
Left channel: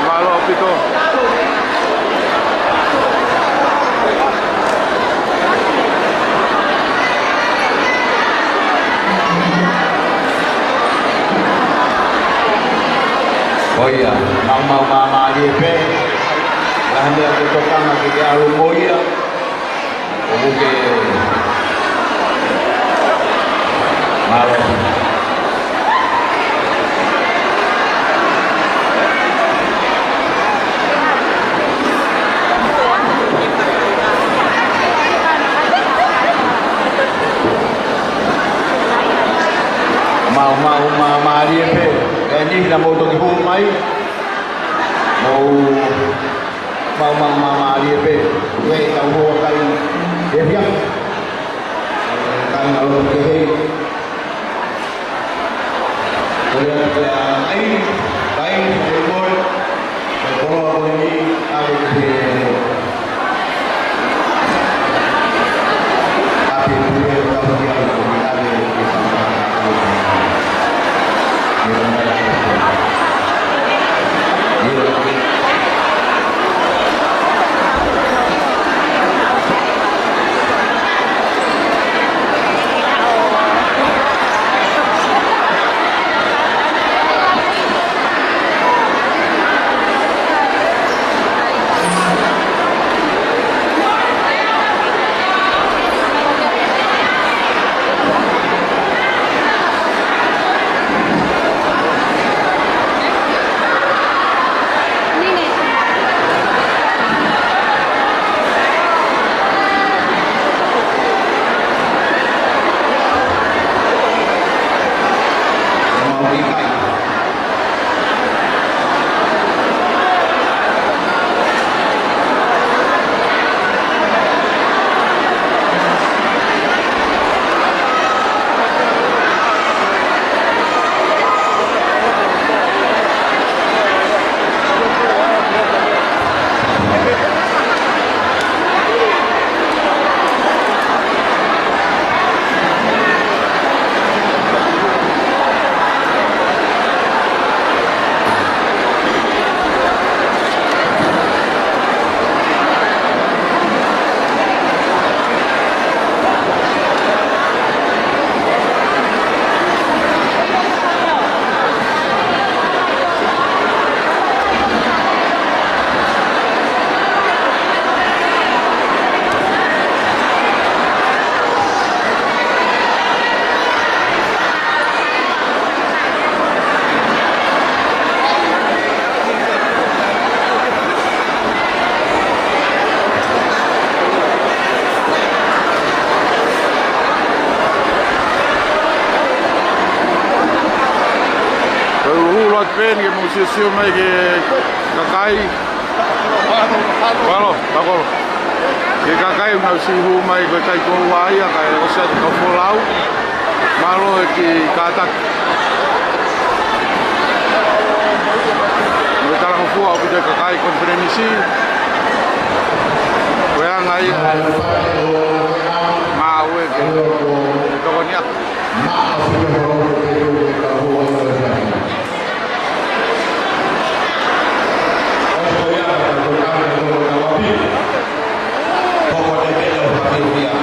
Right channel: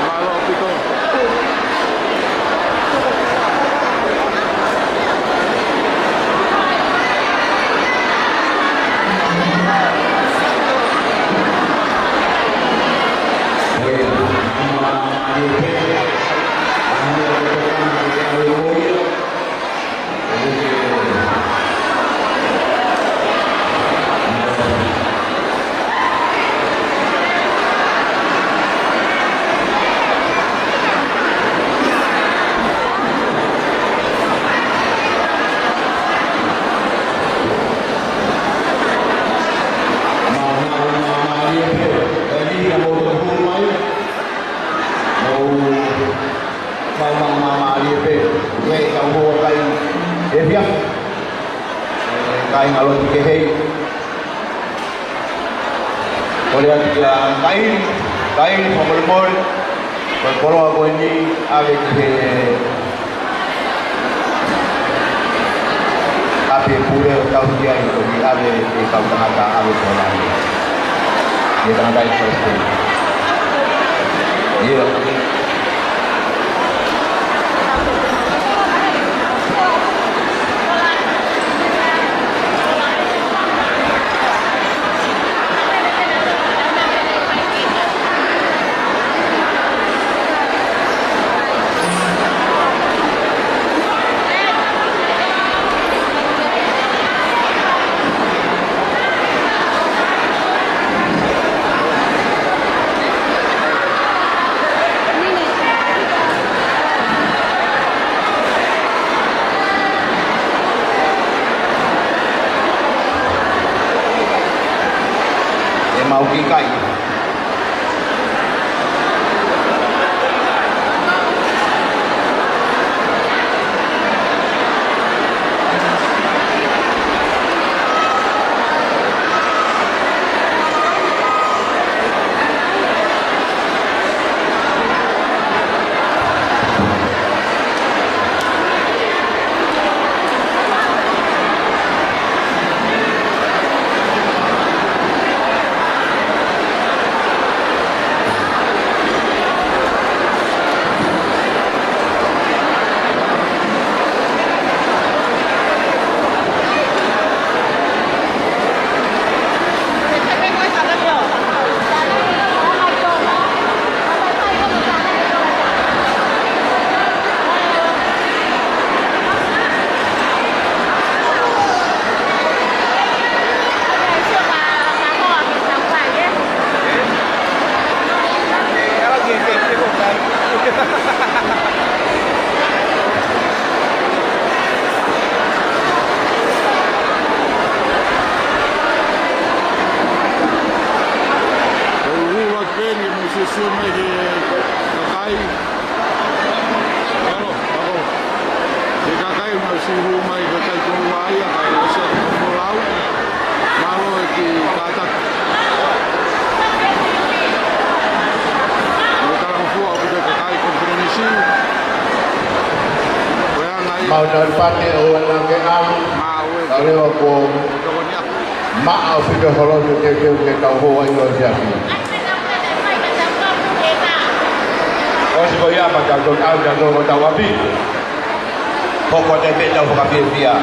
Malo pito. Oh iya, mama dia pe. Hanya tukang dia oh iya. Okey. Mama dia pe, we tahu bawa kain dia kain alun ke hei, kalau dia kain sampai bol, kalau aku ini ada ke api pura tahu dia itu ada di sana ada dia sampai selesai, dia ven que museo mai que kakai bueno tako que kakai mau si hu mai ko tai ko wai a kai o se ko folau malo que kata no tala ko fu a que kakai konferensi weang ai mau que ko nia ma au que falou que ka ho ai no já Koya pada kau dan kau tahu apa? Pokok dia jauh kafir dia.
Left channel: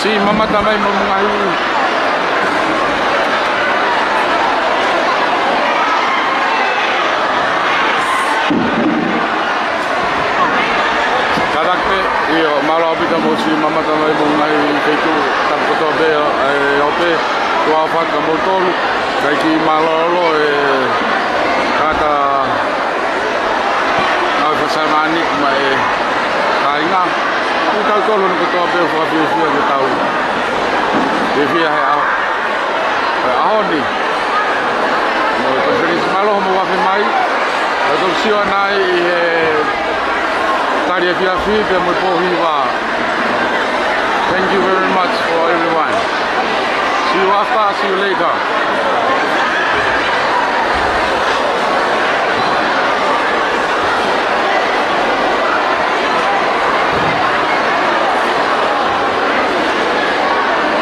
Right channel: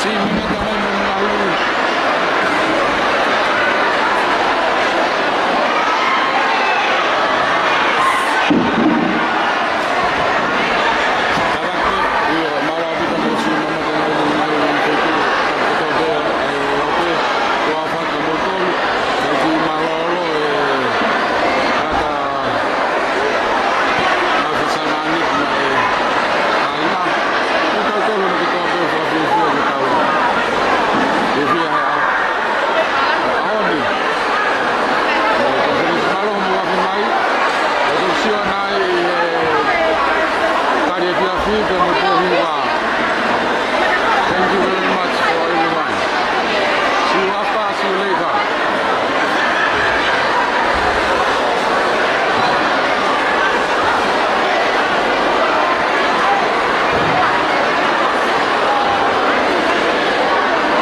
Si mamata mai mamungahi. Karake io mala vita mo si mamata mai mamungahi feito tanto bea ope tua faka motor kai ki malolo kata asa samani mai kainga kita tolo no tua bea fa bea ke tau e via aoni mo to feliz malo mo wa mai to sio nai taria kia fi pe mo pohi wa